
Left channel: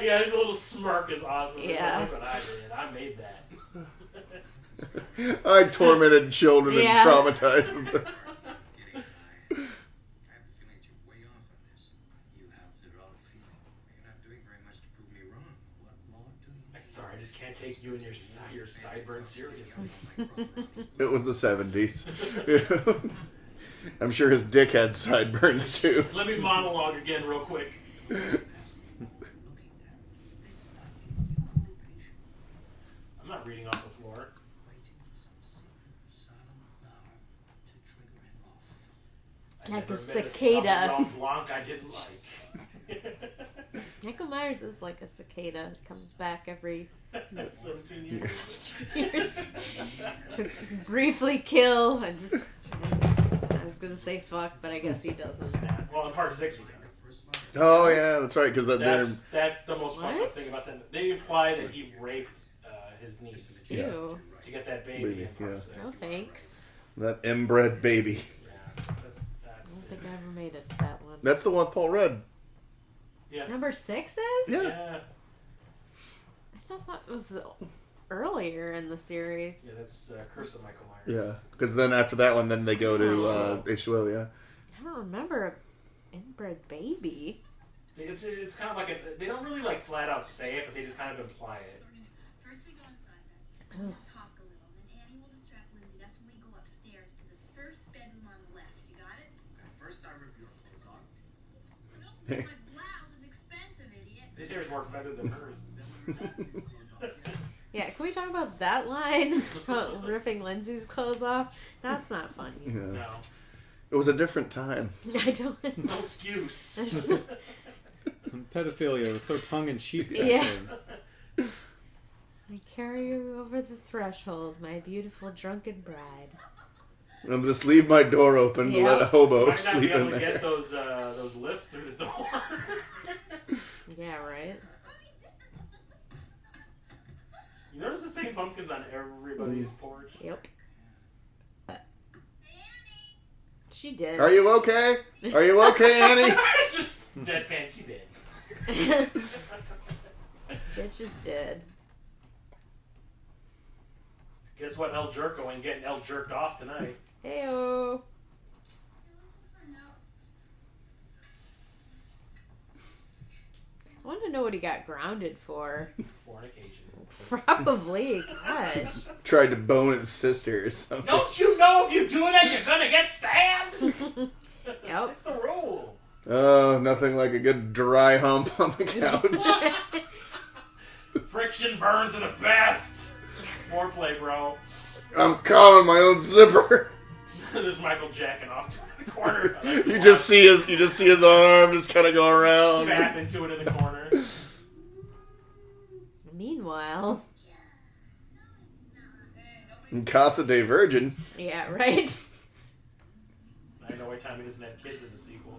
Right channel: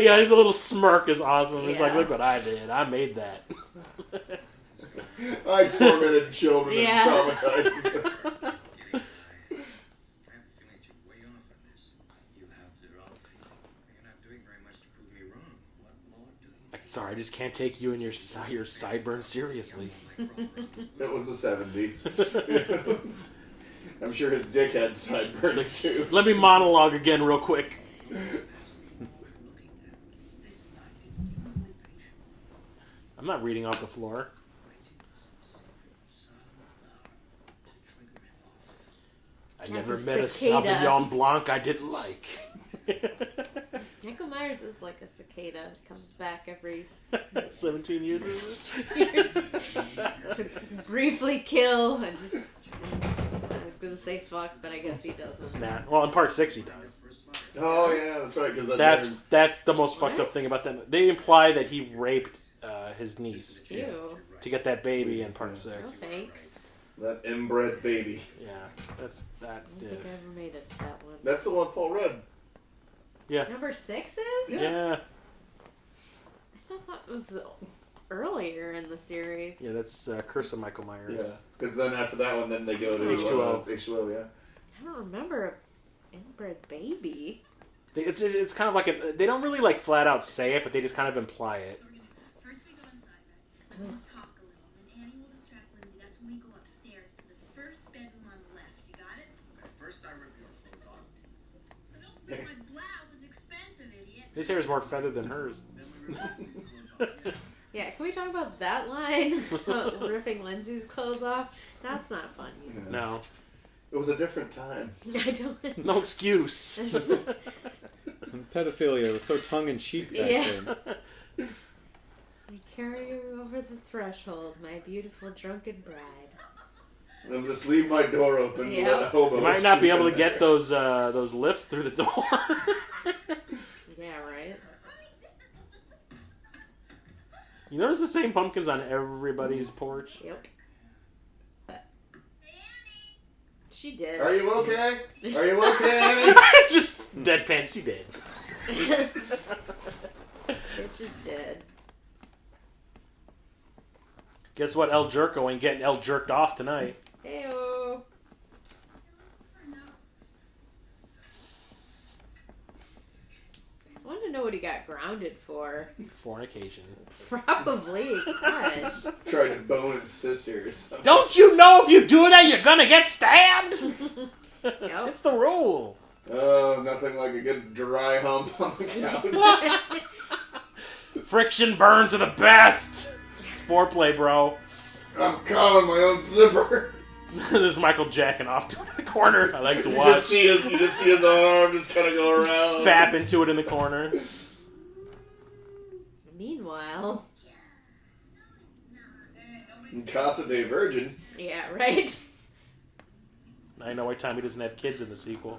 Yeah, his little smirk is awesome. He's Yeah. like, look what I did. I made that. I tormented children Yes. and traumatized them. I have a feeling that you're way off on this. You have the wrong feeling. You're not doing very much to prove me wrong. What more do you Sorry, I just can't take you and your sideburns seriously. It was the 70s. I'm sure his dick had sideburns too. Let me monologue again real quick. I'm not reading off the floor. I Like never a met a cicada. Sauvignon Blanc I didn't like. Michael Myers is like a cicada. Comes back every 17 years. years to briefly kill. And I was gonna say fuck, but I guess he doesn't. Nah. Well, in part 6 he does. Oh yeah, that's right. Because That's the most fucked up What? thing about them. They imply that he raped his niece Ew. to get that baby in part Yeah. 6. No thanks. that inbred baby. Yeah, that's that. I don't think I ever made it to that one. That's the one with Paul Rudd. Yeah. Number 6 is? Yeah. I thought that was earlier in the series. Yeah, that's Curse of Michael Myers. Yeah, because then after that one, then they go to H2O. Yeah. I don't remember an inbred baby. It's kind of like they don't really like flat out say it, but they just kind of imply it. First we go inside, right? We'll just talk a little. Then Annie will distract Lindsay. That's when we go upstairs to the first bedroom on the left. You got it? Okay, first I rip your clothes off. But don't forget my blouse. It's expensive, idiot. His hair is more feathered than hers. Then we rip your clothes off. Yeah, can we talk about that line about ripping Lindsay's clothes off? That's not funny. Yeah. No. It was a different time. I don't. No excuse. Pedophilia was so tongue-in-cheek back Yeah. then. I carry you over the threshold, my beautiful drunken bride. I'm just leave my door open to Yep. let a hobo Might not be sleep able in to there. get those lifts through the door. Yeah, right? You notice the same pumpkins on everybody's porch? Yep. She did. Are you okay? Are you okay, Annie? Just deadpan. She did. Bitch is dead. Guess what? El Jerko ain't getting El jerked off tonight. Heyo. I want to know what he got grounded for. Fornication. Probably. Gosh. Tried to bone his sister or something. Don't you know if you do that, you're gonna get stabbed? Yep. It's the rule. Oh, nothing like a good dry hump on the couch. Friction burns are the best. It's foreplay, bro. I'm caught on my own zipper. This is Michael jacking off to it in the corner. I like to You watch. just see his arm just kind of go around. Fap into it in the corner. Meanwhile. In Casa de Virgin. Yeah, right? I know why Tommy doesn't have kids in the sequel.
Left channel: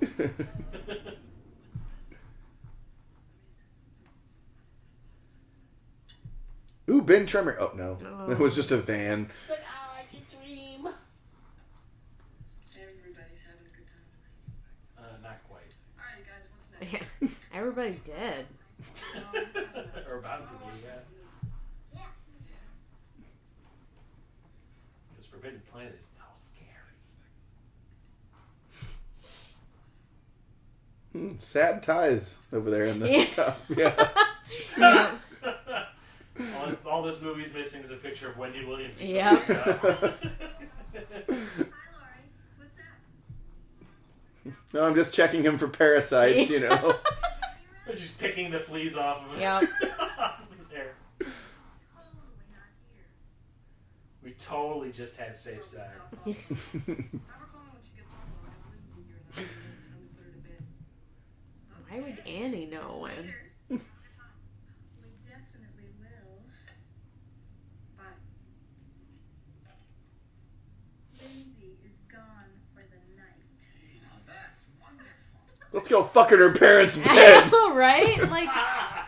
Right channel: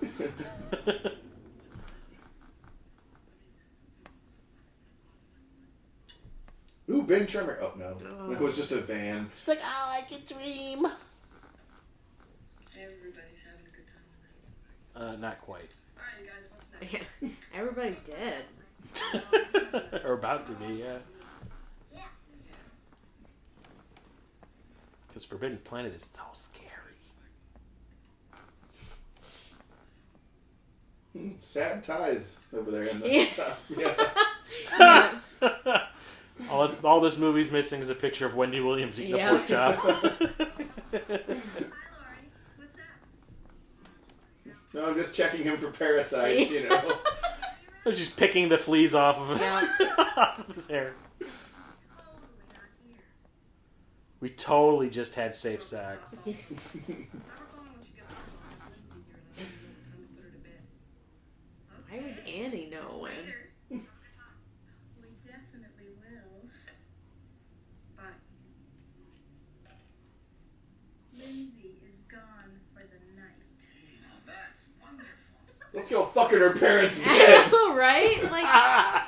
Ooh, big trimmer. Oh, no. Oh. It was just a van. It's like, I like to dream. Everybody's having a good time tonight. Not quite. Alright, you guys, what's next? Yeah. Everybody dead. Or about to be, yeah. Because Forbidden Planet is so scary. Sad ties over there in the Yeah. top. Yeah. Yeah. All this movie's missing is a picture of Wendy Williams eating Yep. a pork chop. Hi, Lori. What's that? No, I'm just checking him for parasites, you know. She's picking the fleas off of, Yep. off of his hair. Totally not here. We totally just had safe sex. Have her call me when she gets home. I'll have Lindsay here and I'll time to put her to bed. Why would Annie know when? Later. We definitely will. Bye. Lindsay is gone for the night. Now that's wonderful. Let's go fuck in her parents' I bed. know, right? Like,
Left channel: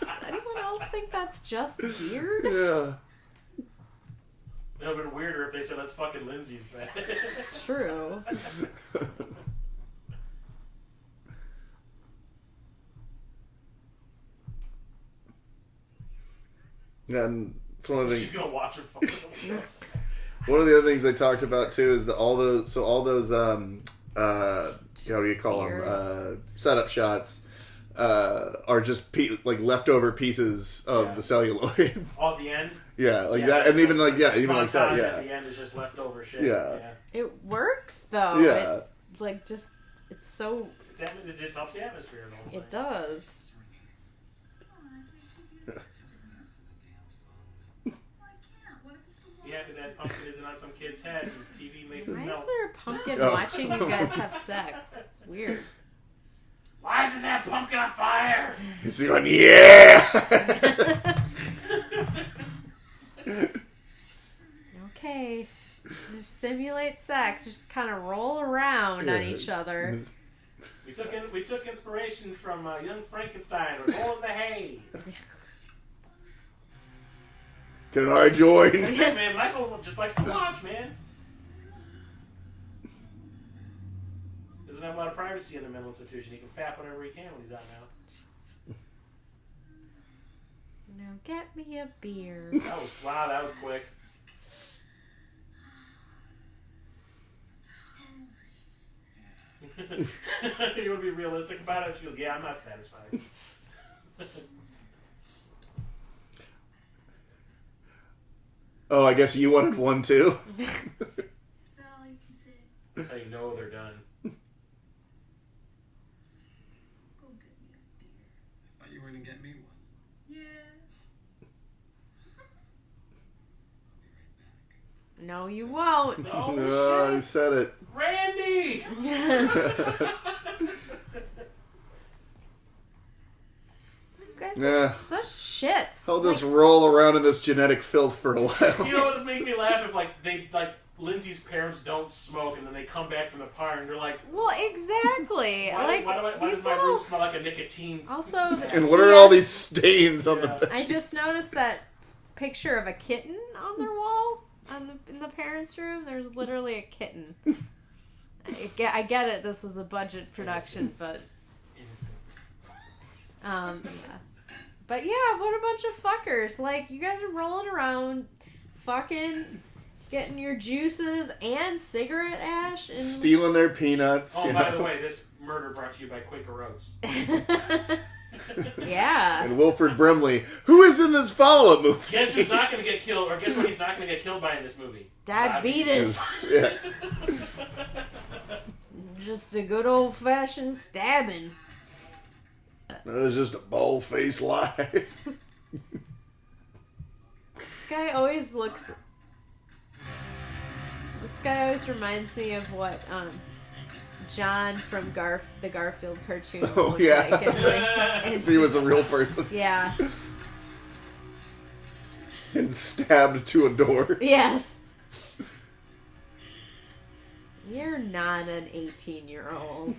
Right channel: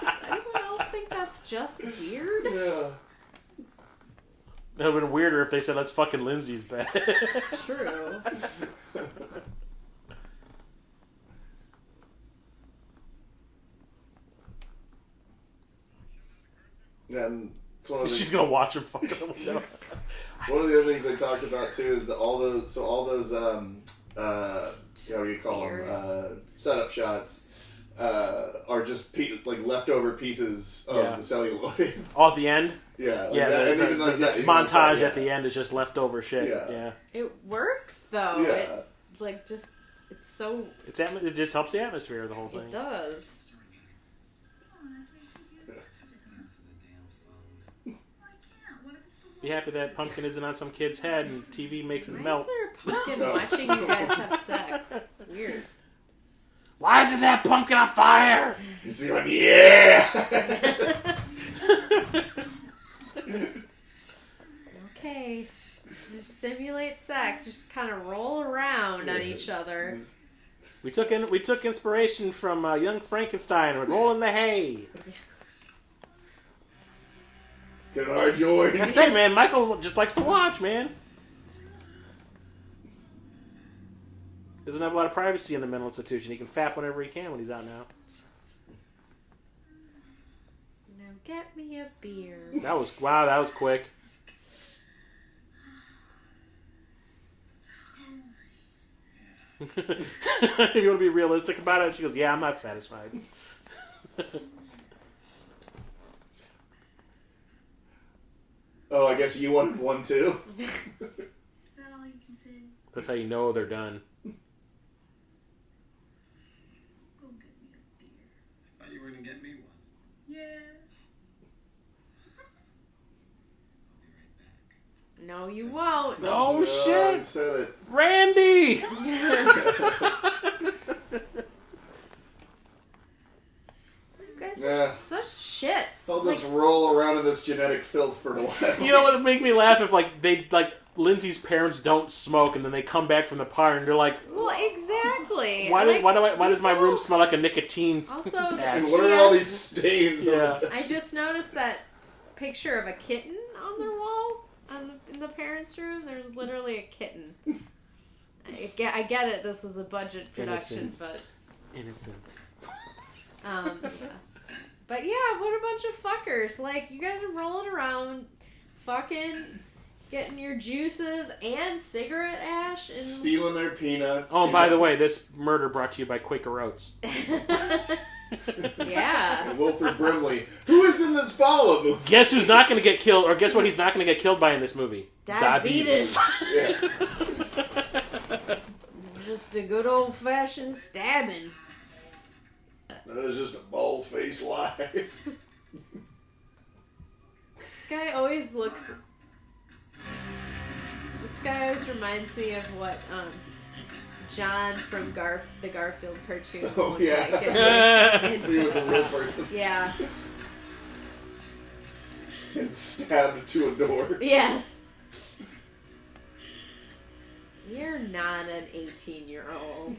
does anyone else think that's just weird? Yeah. That would have been weirder if they said, let's fucking Lindsay's bed. True. And it's one of the She's gonna watch him fucking him. one of the other things they talked about too is that all those what do you call them setup shots are just like leftover pieces of the celluloid. Oh, at the end? Yeah, like Yeah, that, the- and even like the even like montage that, at the end is just leftover shit. Yeah. Yeah. It works, though. Yeah. It's, like, just, it's so, It just helps the atmosphere of the whole thing. it does. Be happy that pumpkin isn't on some kid's head and TV makes us Why is melt. there a pumpkin Oh. watching you guys have sex? It's weird. Why isn't that pumpkin on fire? He's going, yeah. Okay, just simulate sex. Just kind of roll around on Yeah. each other. We took inspiration from Young Frankenstein. We're rolling the hay. Can I join? That's it, man. Michael just likes to watch, man. Doesn't have a lot of privacy in the mental institution. He can fap whenever he can when he's out now. get me a beer. That was quick. You want to be realistic about it? She goes, yeah, I'm not satisfied. Oh, I guess you wanted one too? Is that all you can say? That's how you know they're done. Go get me a beer. I thought you were going to get me one. Yeah. No, you won't. No I shit! said it. Randy! You guys Yeah. are such shits. I'll just roll around in this genetic filth for a while. You know what would make me laugh if Lindsay's parents don't smoke and then they come back from the party and they're like, Well, exactly. why does my room smell like a nicotine? Also, And what are all these stains on the bed? I just noticed that picture of a kitten on their wall in the parents' room. There's literally a kitten. I get it. This was a budget production, but Innocence. yeah. But yeah, what a bunch of fuckers! Like, you guys are rolling around, fucking getting your juices and cigarette ash and Stealing their peanuts. Oh, by the way, this murder brought to you by Quaker Oats. Yeah. And Wilford Brimley, who is in this follow-up movie. Guess who's not going to get killed, or guess what he's not going to get killed by in this movie? Diabetes. Yeah. Just a good old-fashioned stabbing. That was just a bald-faced lie. This guy always looks... This guy always reminds me of what John from the Garfield cartoon Oh, looked yeah. like. If he was a real person. Yeah. And stabbed to a door. Yes. You're not an 18-year-old.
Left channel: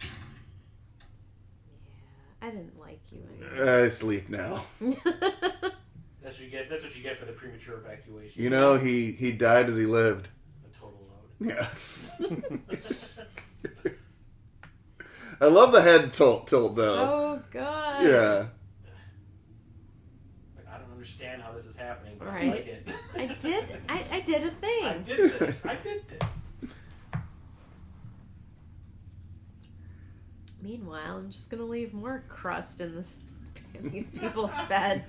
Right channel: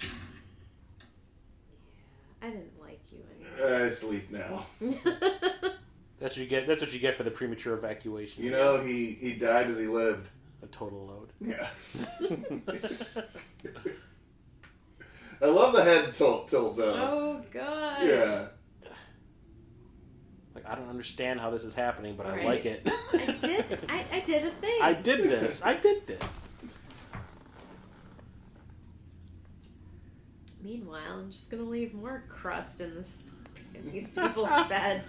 Yeah, I didn't like you anymore. I sleep now. That's what you get. That's what you get for the premature evacuation. You know, he died as he lived. A total load. Yeah. I love the head tilt though. So good. Yeah. Like, I don't understand how this is happening, but Right. I like it. I did a thing. I did this. Meanwhile, I'm just gonna leave more crust in these people's bed.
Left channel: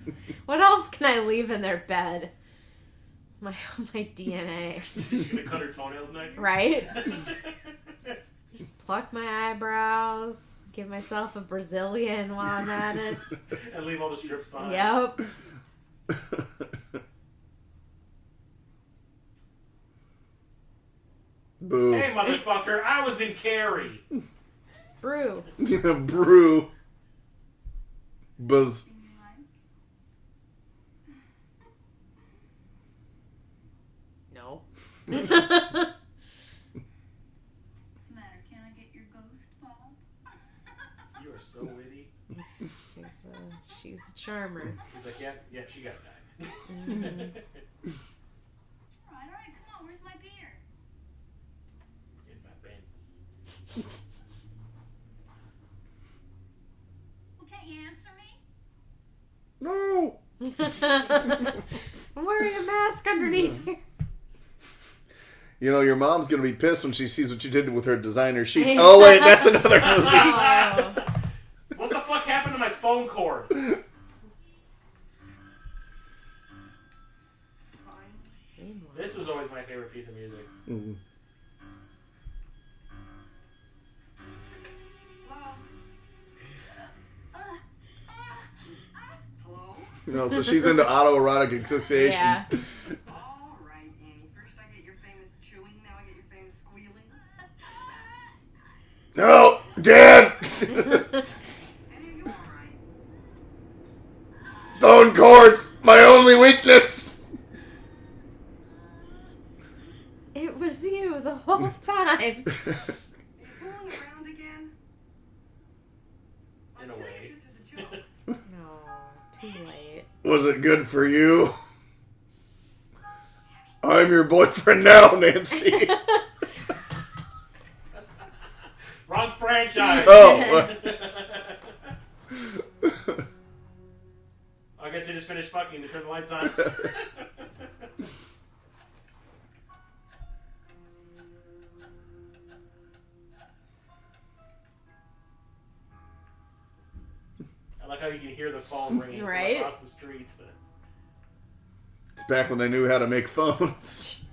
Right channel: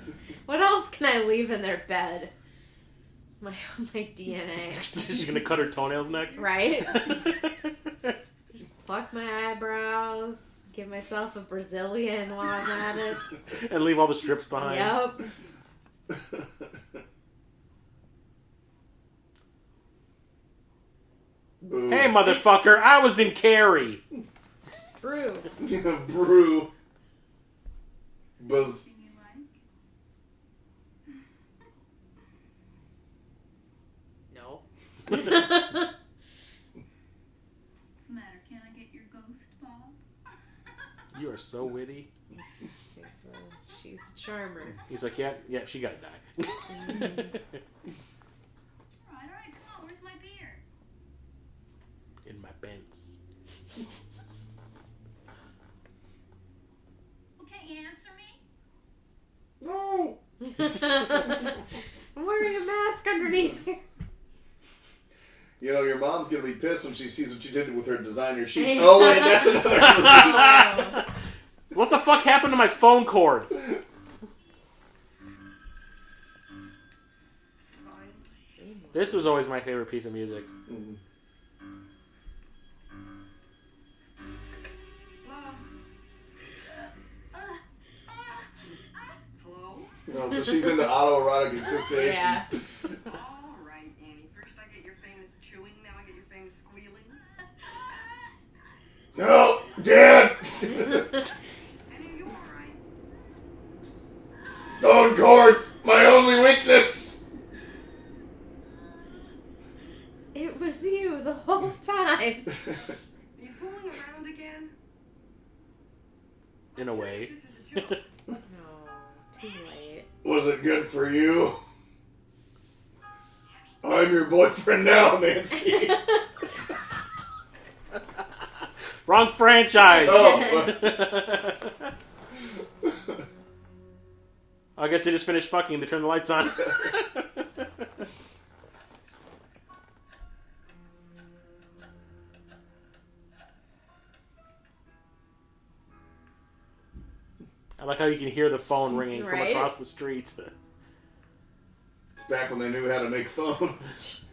What else can I leave in their bed? My DNA. She's gonna cut her toenails next. Right? Just pluck my eyebrows, give myself a Brazilian while I'm at it. And leave all the strips behind. Yep. Boo. Hey, motherfucker! I was in Carrie. Brew. Yeah, brew. Buzz. You like? No. What's the matter? Can I get your ghost, Bob? You are so witty. She's a charmer. He's like, yeah, she gotta die. All right, come on. Where's my beer? In my pants. Well, can't you answer me? No. I'm wearing a mask underneath here. You know, your mom's gonna be pissed when she sees what you did with her designer sheets. Oh wait, that's another movie. Oh. What the fuck happened to my phone cord? This was always my favorite piece of music. Mm. Hello? You know, so she's into autoerotic asphyxiation. Yeah. All right, Annie. First I get your famous chewing, now I get your famous squealing. No, Dad. Annie, are you all right? Phone cords, my only weakness. It was you the whole time. Are you fooling around again? In a way. This is a joke. No, too late. Was it good for you? I'm your boyfriend now, Nancy. Wrong franchise. Oh. I guess they just finished fucking. They turned the lights on. I like how you can hear the phone ringing from across the street. It's back when they knew how to make phones.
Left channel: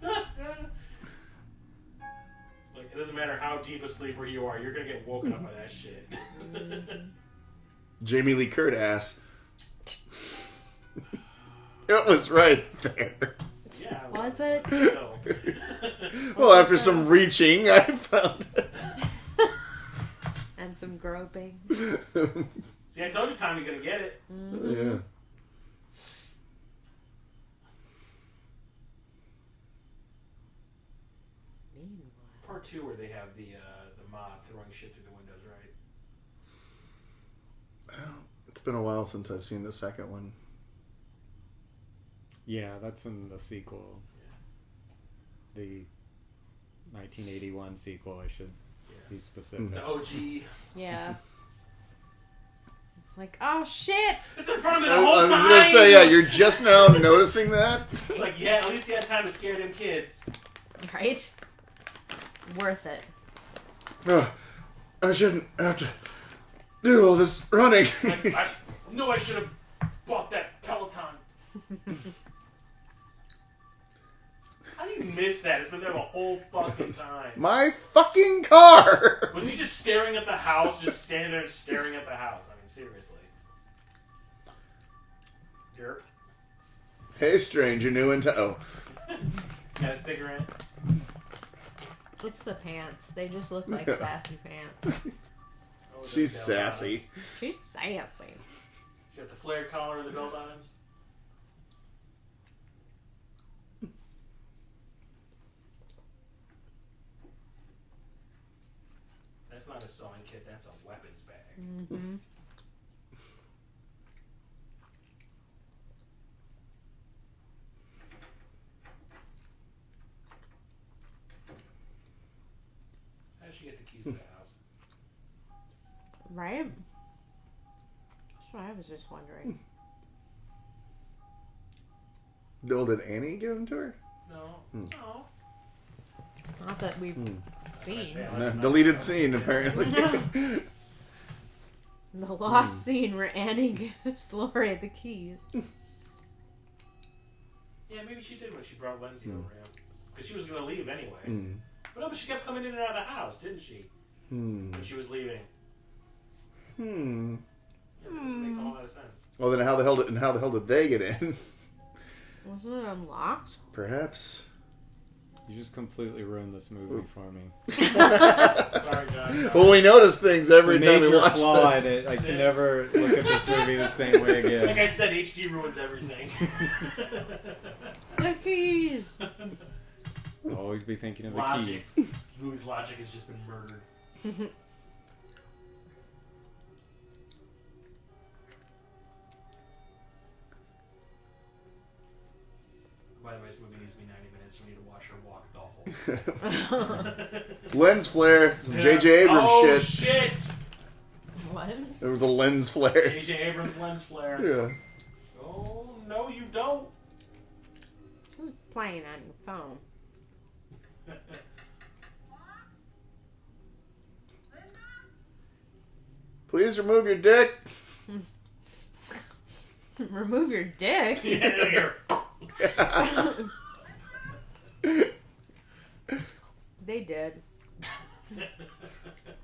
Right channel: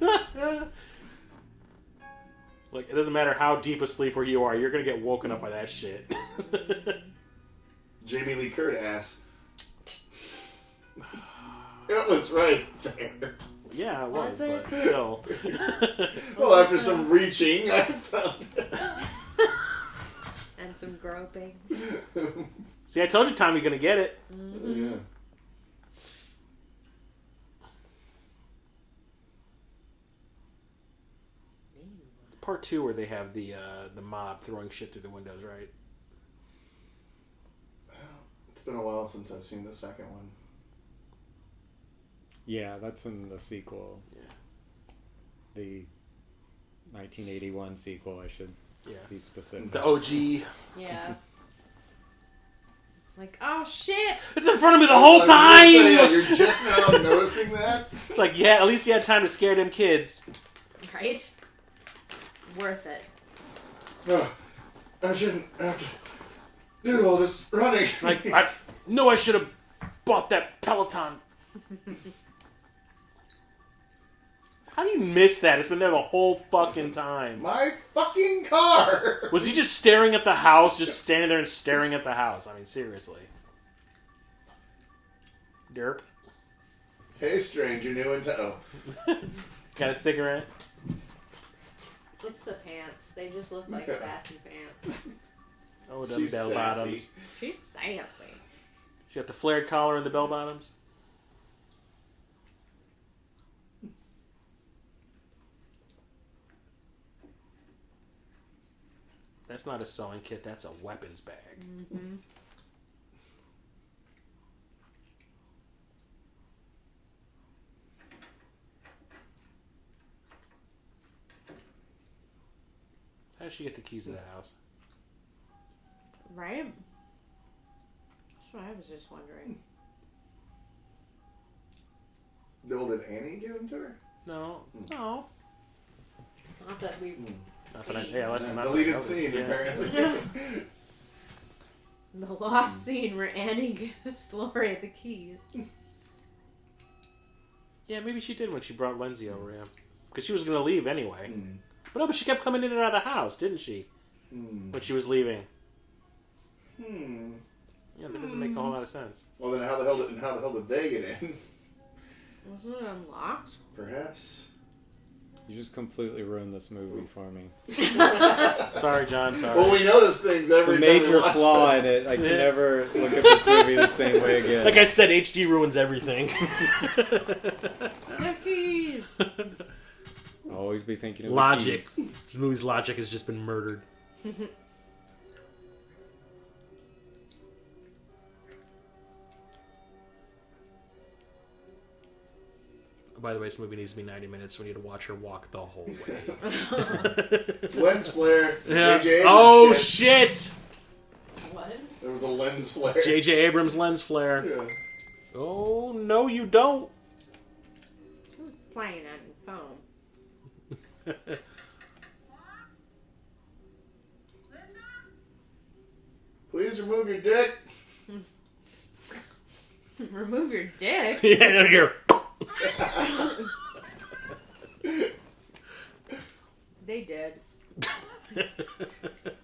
Like, it doesn't matter how deep a sleeper you are, you're gonna get woken up by that shit. Jamie Lee Curtis. It was right there. Yeah, was it? Still. Well, after some reaching, I found it. And some groping. See, I told you Tommy's gonna get it. Yeah. Part 2 where they have the mob throwing shit through the windows, right? It's been a while since I've seen the second one. Yeah, that's in the sequel. Yeah. The 1981 sequel, I should be specific. The OG. Yeah. It's like, oh shit! It's in front of me the whole time! I was gonna say, yeah, you're just now noticing that? It's like, yeah, at least you had time to scare them kids. Right? Worth it. I shouldn't have to do all this running. I know I should have bought that Peloton. How do you miss that? It's been there the whole fucking time. My fucking car! Was he just staring at the house? Just standing there and staring at the house? I mean, seriously. Derp. Hey, stranger, new in tow. Got a cigarette? It's the pants. They just look like sassy pants. Oh, them She's bell sassy. bottoms. She's sassy. She got the flared collar and the bell bottoms. That's not a sewing kit. That's a weapons bag. Mm-hmm. How did she get the keys to the house? Right? That's what I was just wondering. No, did Annie give them to her? No. No. Not that we've seen. Deleted scene, apparently. The lost scene where Annie gives Lori the keys. Yeah, maybe she did when she brought Lindsay over, yeah. Because she was going to leave anyway. But no, but she kept coming in and out of the house, didn't she? When she was leaving. Yeah, that doesn't make a whole lot of sense. Well, then how the hell did they get in? Wasn't it unlocked? Perhaps. You just completely ruined this movie for me. Sorry, John. Sorry. Well, we notice things every it's a time we major watch flaw in this. it. I can never look at this movie the same way again. Like I said, HD ruins everything. The keys! I'll always be thinking of Logic. the keys. This movie's logic has just been murdered. By the way, this movie needs to be 90 minutes, so we need to watch her walk the whole way. Lens flare. Yeah. J.J. Abrams Oh, shit. shit! What? There was a lens flare. J.J. Abrams lens flare. Yeah. Oh, no, you don't. Who's playing on your phone? Please remove your dick. Remove your dick? Yeah, here. They did.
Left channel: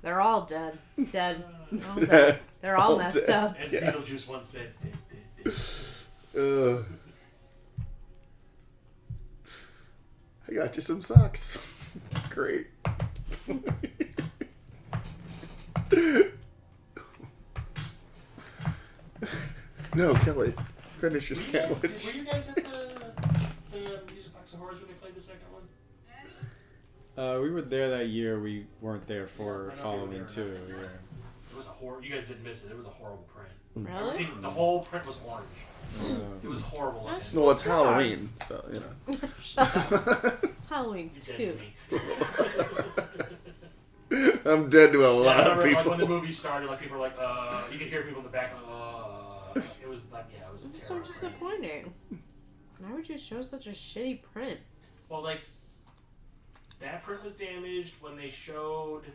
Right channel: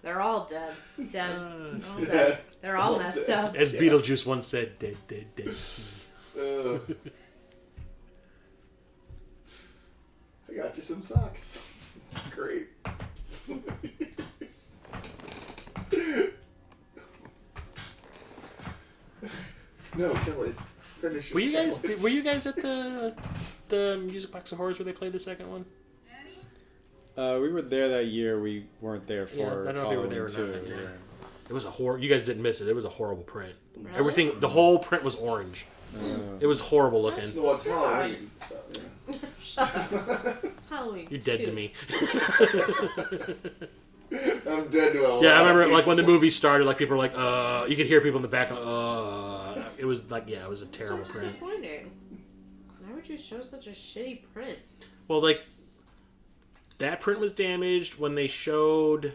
They're all dead. Dead. All dead. They're all messed up. As Beetlejuice once said, dead. I got you some socks. Great. No, Kelly. Finish your sandwich. Were you guys at the Music Box of Horrors where they played the second one? We were there that year. We weren't there for I don't know if you were there Halloween or too. not. Yeah. It was a horror. You guys didn't miss it. It was a horrible print. Really? Everything, the whole print was orange. It was horrible looking. Well, it's Halloween, so yeah. Shut up. It's Halloween. You're dead to me. I'm dead to a lot. Yeah, I remember of like when the people. movie started, like people were like, you could hear people in the back, it was like, yeah, it was a terrible so print. disappointing. Why would you show such a shitty print? Well, like, that print was damaged when they showed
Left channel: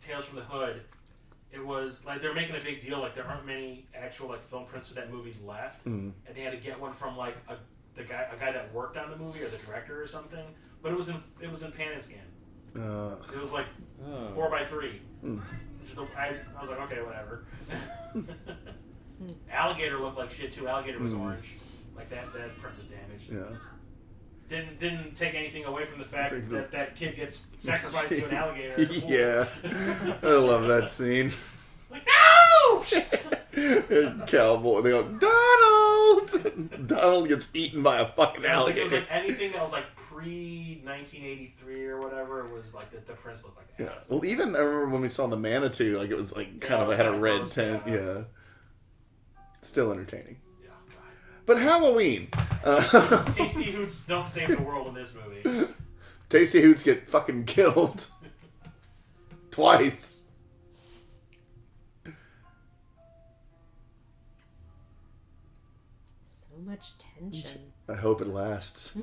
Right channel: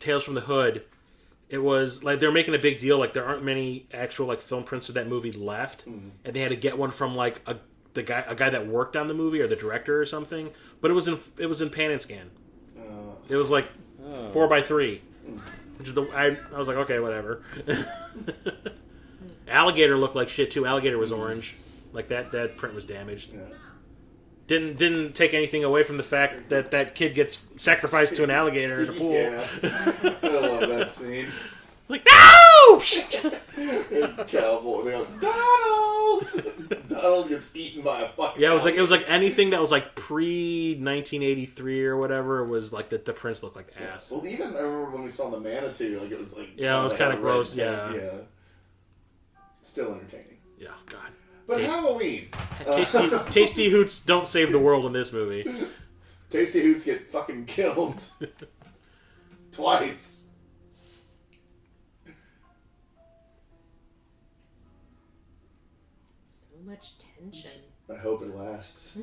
Tales from the Hood. It was like they were making a big deal. Like there aren't many actual like film prints of that movie left, and they had to get one from like a guy that worked on the movie or the director or something. But it was in pan and scan. It was like 4x3. Which is I was like, okay, whatever. Alligator looked like shit too. Alligator was orange. Like that print was damaged. Yeah. Didn't take anything away from the fact that kid gets sacrificed to an alligator in a pool. Yeah. I love that scene. Like, no! Cowboy, they go, Donald! Donald gets eaten by a fucking alligator. It was like anything that was like pre-1983 or whatever was like the prints looked like ass. Well, even I remember when we saw the Manatee, like it was like it was kind of red gross, tint. Yeah. Still entertaining. Yeah, God. But Halloween. Tasty Hoots don't save the world in this movie. Tasty Hoots get fucking killed. Twice. So much tension. I hope it lasts.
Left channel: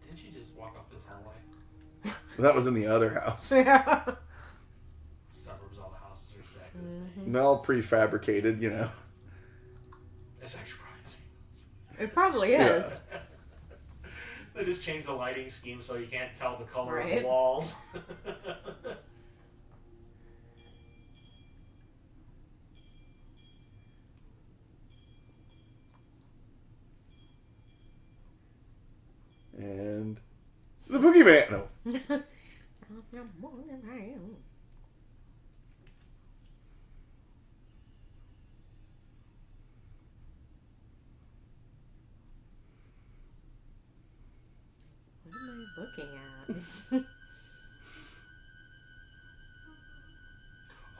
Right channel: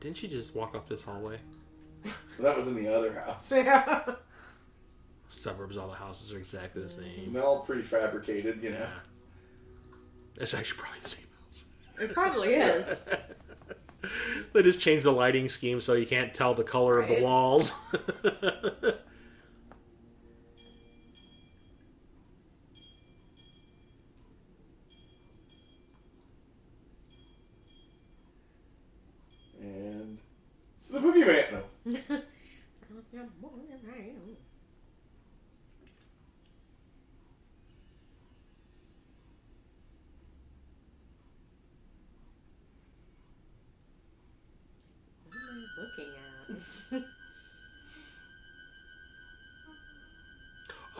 Didn't she just walk up this hallway? That was in the other house. Yeah. Suburbs, all the houses are exactly the same. They're all prefabricated, you know. It's actually probably the same house. It probably is. They just changed the lighting scheme so you can't tell the color of the Right. walls. And the Boogeyman. No. What am I looking at?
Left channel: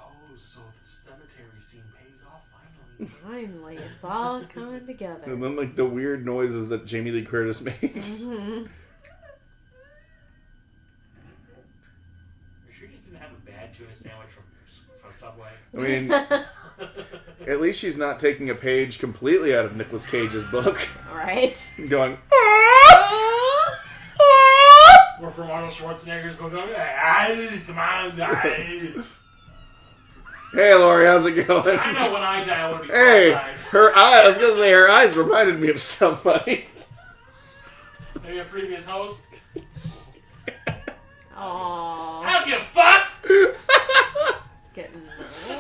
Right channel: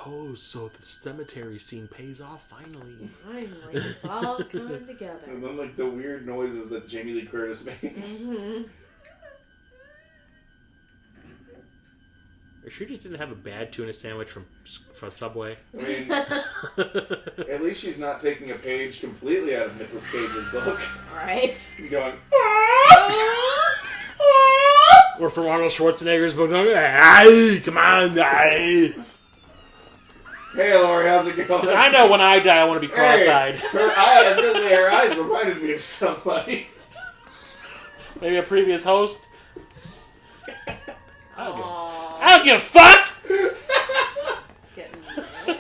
Oh, so the cemetery scene pays off finally. Finally, it's all coming together. And then like the weird noises that Jamie Lee Curtis makes. Mm-hmm. She just didn't have a bad tuna sandwich from Subway. I mean, at least she's not taking a page completely out of Nicolas Cage's book. Right. Going, Or from Arnold Schwarzenegger's book. Ay, come on, ay. hey Lori, how's it going? I know when I die, I want to be Hey, cross-eyed. I was gonna say her eyes reminded me of somebody. Maybe a previous host. Aww. I don't give a fuck! It's getting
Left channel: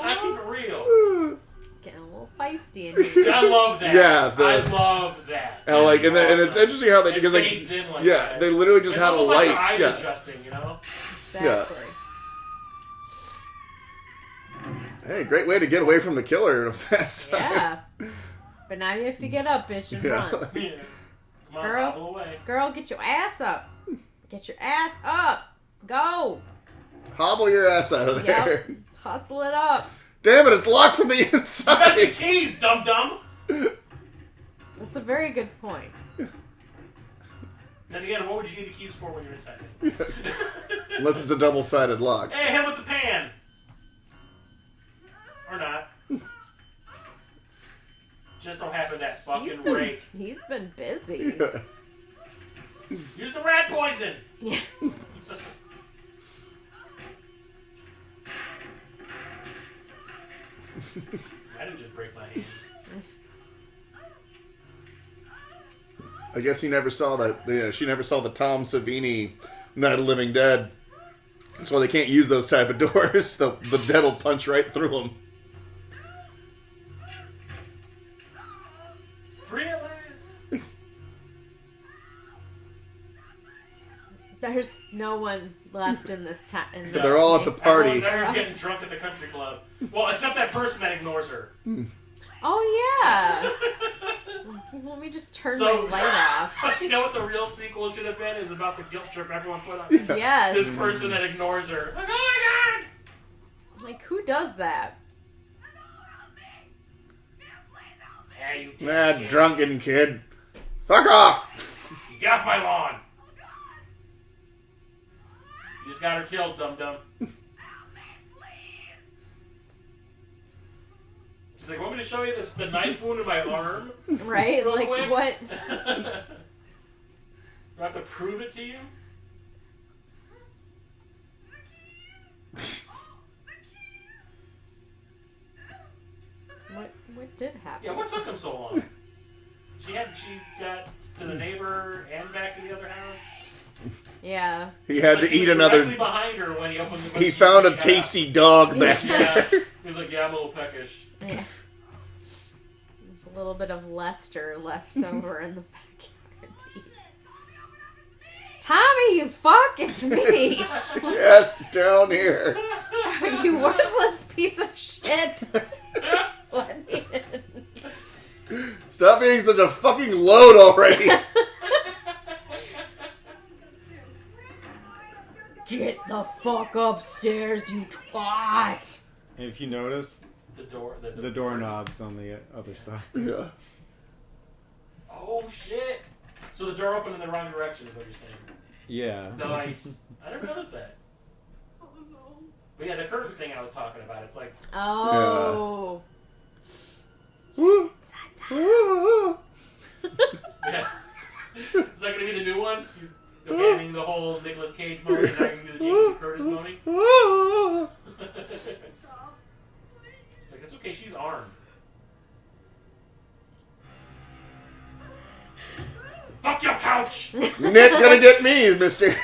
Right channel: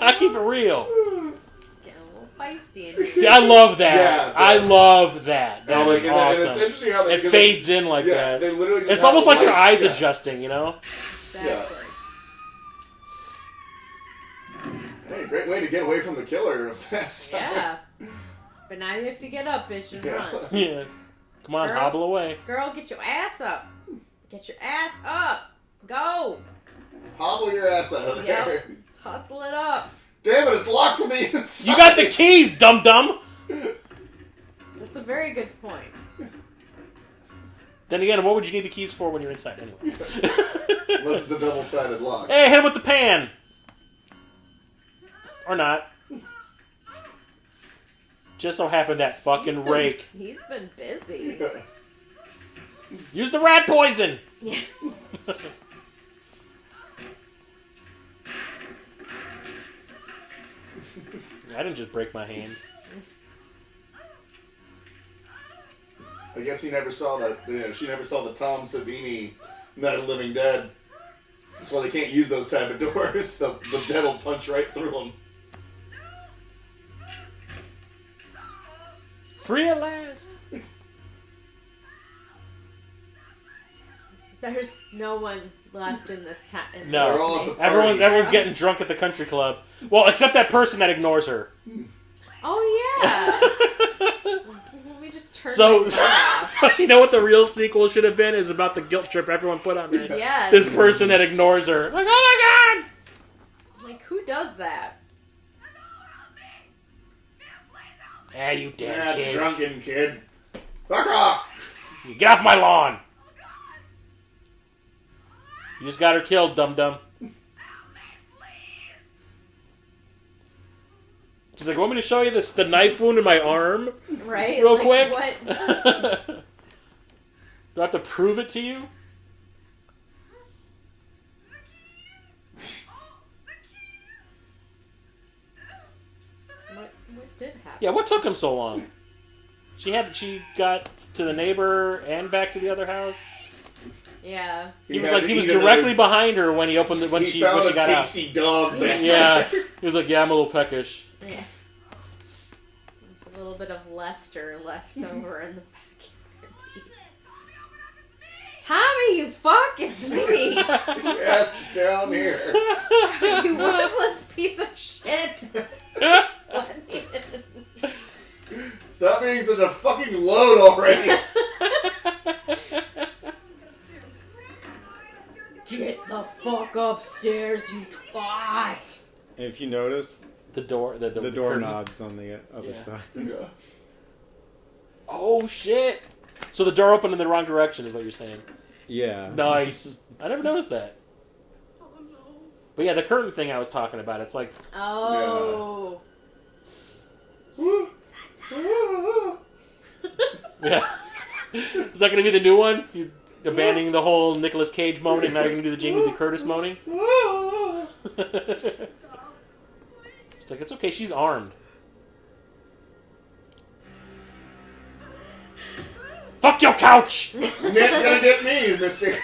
I keep it real. getting a little feisty in here. See, I love that. Yeah, I love that. And, like, That is and awesome. it's interesting how they It because fades in like that. they literally just It's have almost a like light. her eyes Yeah. adjusting, you know? Exactly. Hey, great way to get away from the killer in a fast time. Yeah. But now you have to get up, bitch, and Yeah. run. Yeah. Come on, Girl. hobble away. Girl, get your ass up. Get your ass up. Go. Hobble your ass out of there. Yep. Hustle it up. Damn it, it's locked from the inside. You got the keys, dum-dum! That's a very good point. Then again, what would you need the keys for when you're inside anyway? Unless it's a double-sided lock. Hey, hit him with the pan! Or not. Just so happened that fucking rake. He's been busy. Use the rat poison! Yeah. I didn't just break my hand. I guess he never saw that. Yeah, she never saw the Tom Savini Night of the Living Dead. That's why they can't use those type of doors. The dead will punch right through them. Free at last! There's no one left in this town. No. They're all at the party. Everyone's getting drunk at the country club. Well, except that person that ignores her. Oh, yeah. Let me just turn my So, light off. so you know what the real sequel should have been? Is about the guilt trip everyone put on me. Yes. This person that ignores her. Like, oh my god! Like, who does that? Yeah, you damn That kids. drunken kid. Fuck off! Get off my lawn! You just got her killed, dum-dum. She's like, want me to show you the knife wound in my arm? Right? Real like, quick? what? Do I have to prove it to you? What did happen? Yeah, what took him so long? She got to the neighbor and back to the other house. Yeah. He had to he was eat directly another. behind her when he opened the. When He she, found when a she got tasty dog back Yeah, there. he was like, "Yeah, I'm a little peckish." Yeah. There's a little bit of Lester left over in the backyard. Tommy, you fuck! It's me! Yes, down here. You worthless piece of shit! Let me in. Stop being such a fucking load already. Get the fuck upstairs, you twat! And if you notice, The the doorknob's on the other side. Yeah. Oh shit! So the door opened in the wrong direction, is what you're saying. Yeah. Nice. I never noticed that. But yeah, the curtain thing I was talking about, it's like, Oh. yeah. Is that going to be the new one? You abandoning the whole Nicolas Cage moaning, and now you're going to do the Jamie Lee Curtis moaning? It's like, it's okay, she's armed. Fuck your couch! You're not gonna get me, mister.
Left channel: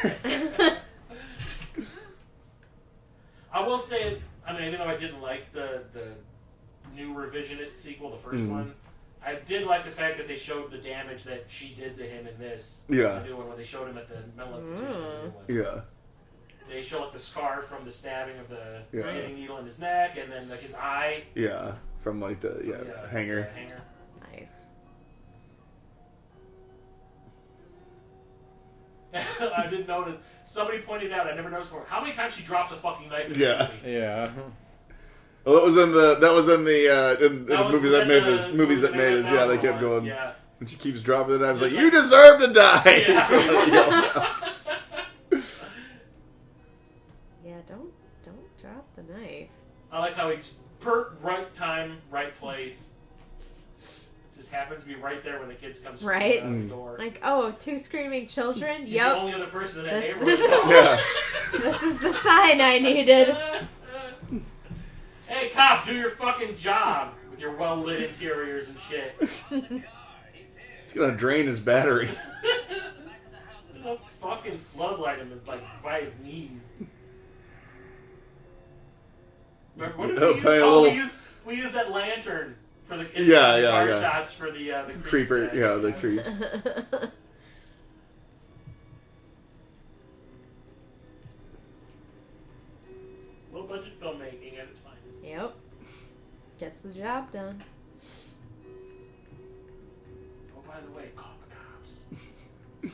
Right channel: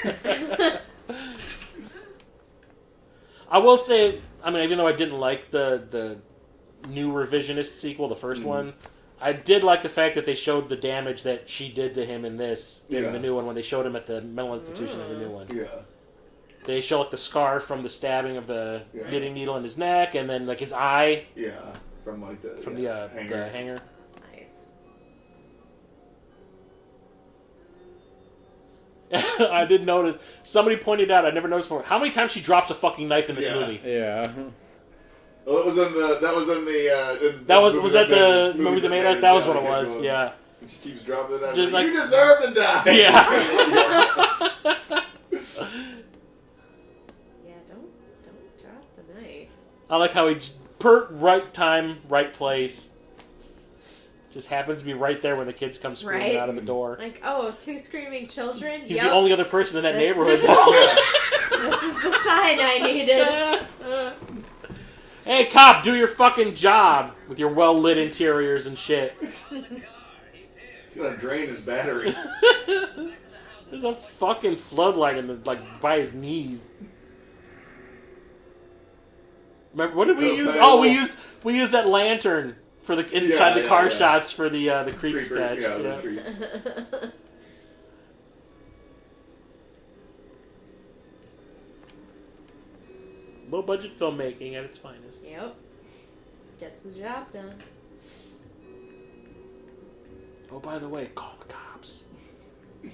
I will say, I mean, even though I didn't like the new revisionist sequel, the first one, I did like the fact that they showed the damage that she did to him in this, in the new one, when they showed him at the mental institution in the new one. Yeah. They show like the scar from the stabbing of the knitting Nice. needle in his neck, and then like his eye Yeah. From like the from the hanger. hanger. Nice. I did notice. Somebody pointed out. I never noticed before. How many times she drops a fucking knife in this movie? Yeah. Well, that was in the. Was that the movies that made us. That was Yeah, what they it kept was. going. Yeah. And she keeps dropping it. I was Just like, like- you deserve to die. Yeah. Yeah, don't drop the knife. I like how he right time, right place. Just happens to be right there when the kids come screaming Right. out of the door. Like, oh, 2 screaming children? He's the only other person in that This- neighborhood. this is- Yeah. This is the sign I needed. Hey, cop, do your fucking job with your well-lit interiors and shit. It's gonna drain his battery. There's a fucking floodlight in the by his knees. Remember, what did we use? Oh, we used that lantern for the inside the car shots for the creep Creeper. sketch. Yeah, the creeps. Low budget filmmaking at its finest. Yep. Gets the job done. Oh, by the way, call the cops. Maybe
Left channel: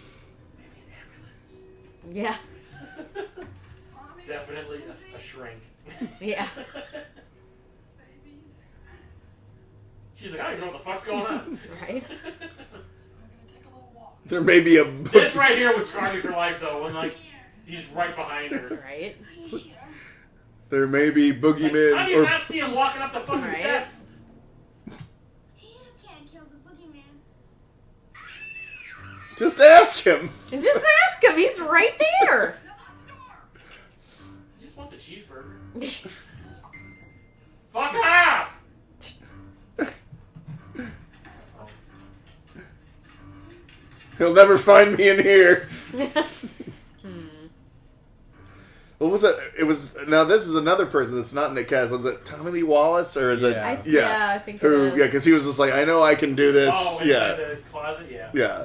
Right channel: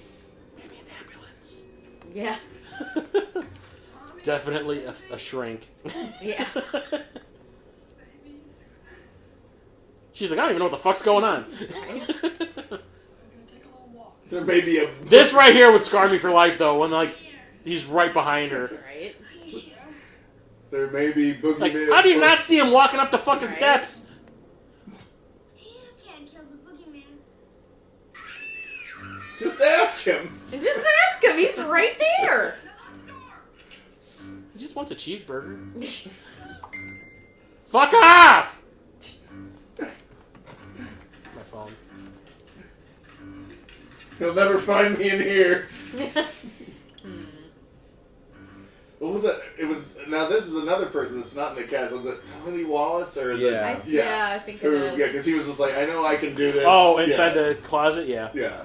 an ambulance. Yeah. Definitely a shrink. Yeah. She's like, I don't even know what the fuck's going on. Right? I'm gonna take a little walk. There may be a. This right here would scar me for life, though, when like he's right behind her. Right? There may be boogeyman. Like, how do you not see him walking up the fucking Right. steps? You can't kill the boogeyman. Just ask him. Just ask him. He's right there. He just wants a cheeseburger. Fuck off! That's my phone. He'll never find me in here. What was it? It was. Now this is another person that's not Nick Castle. Is it Tommy Lee Wallace or is it? Yeah. Yeah, I think it Who, is. yeah, because he was just like, I know I can do this. Oh, inside the closet? Yeah. Yeah.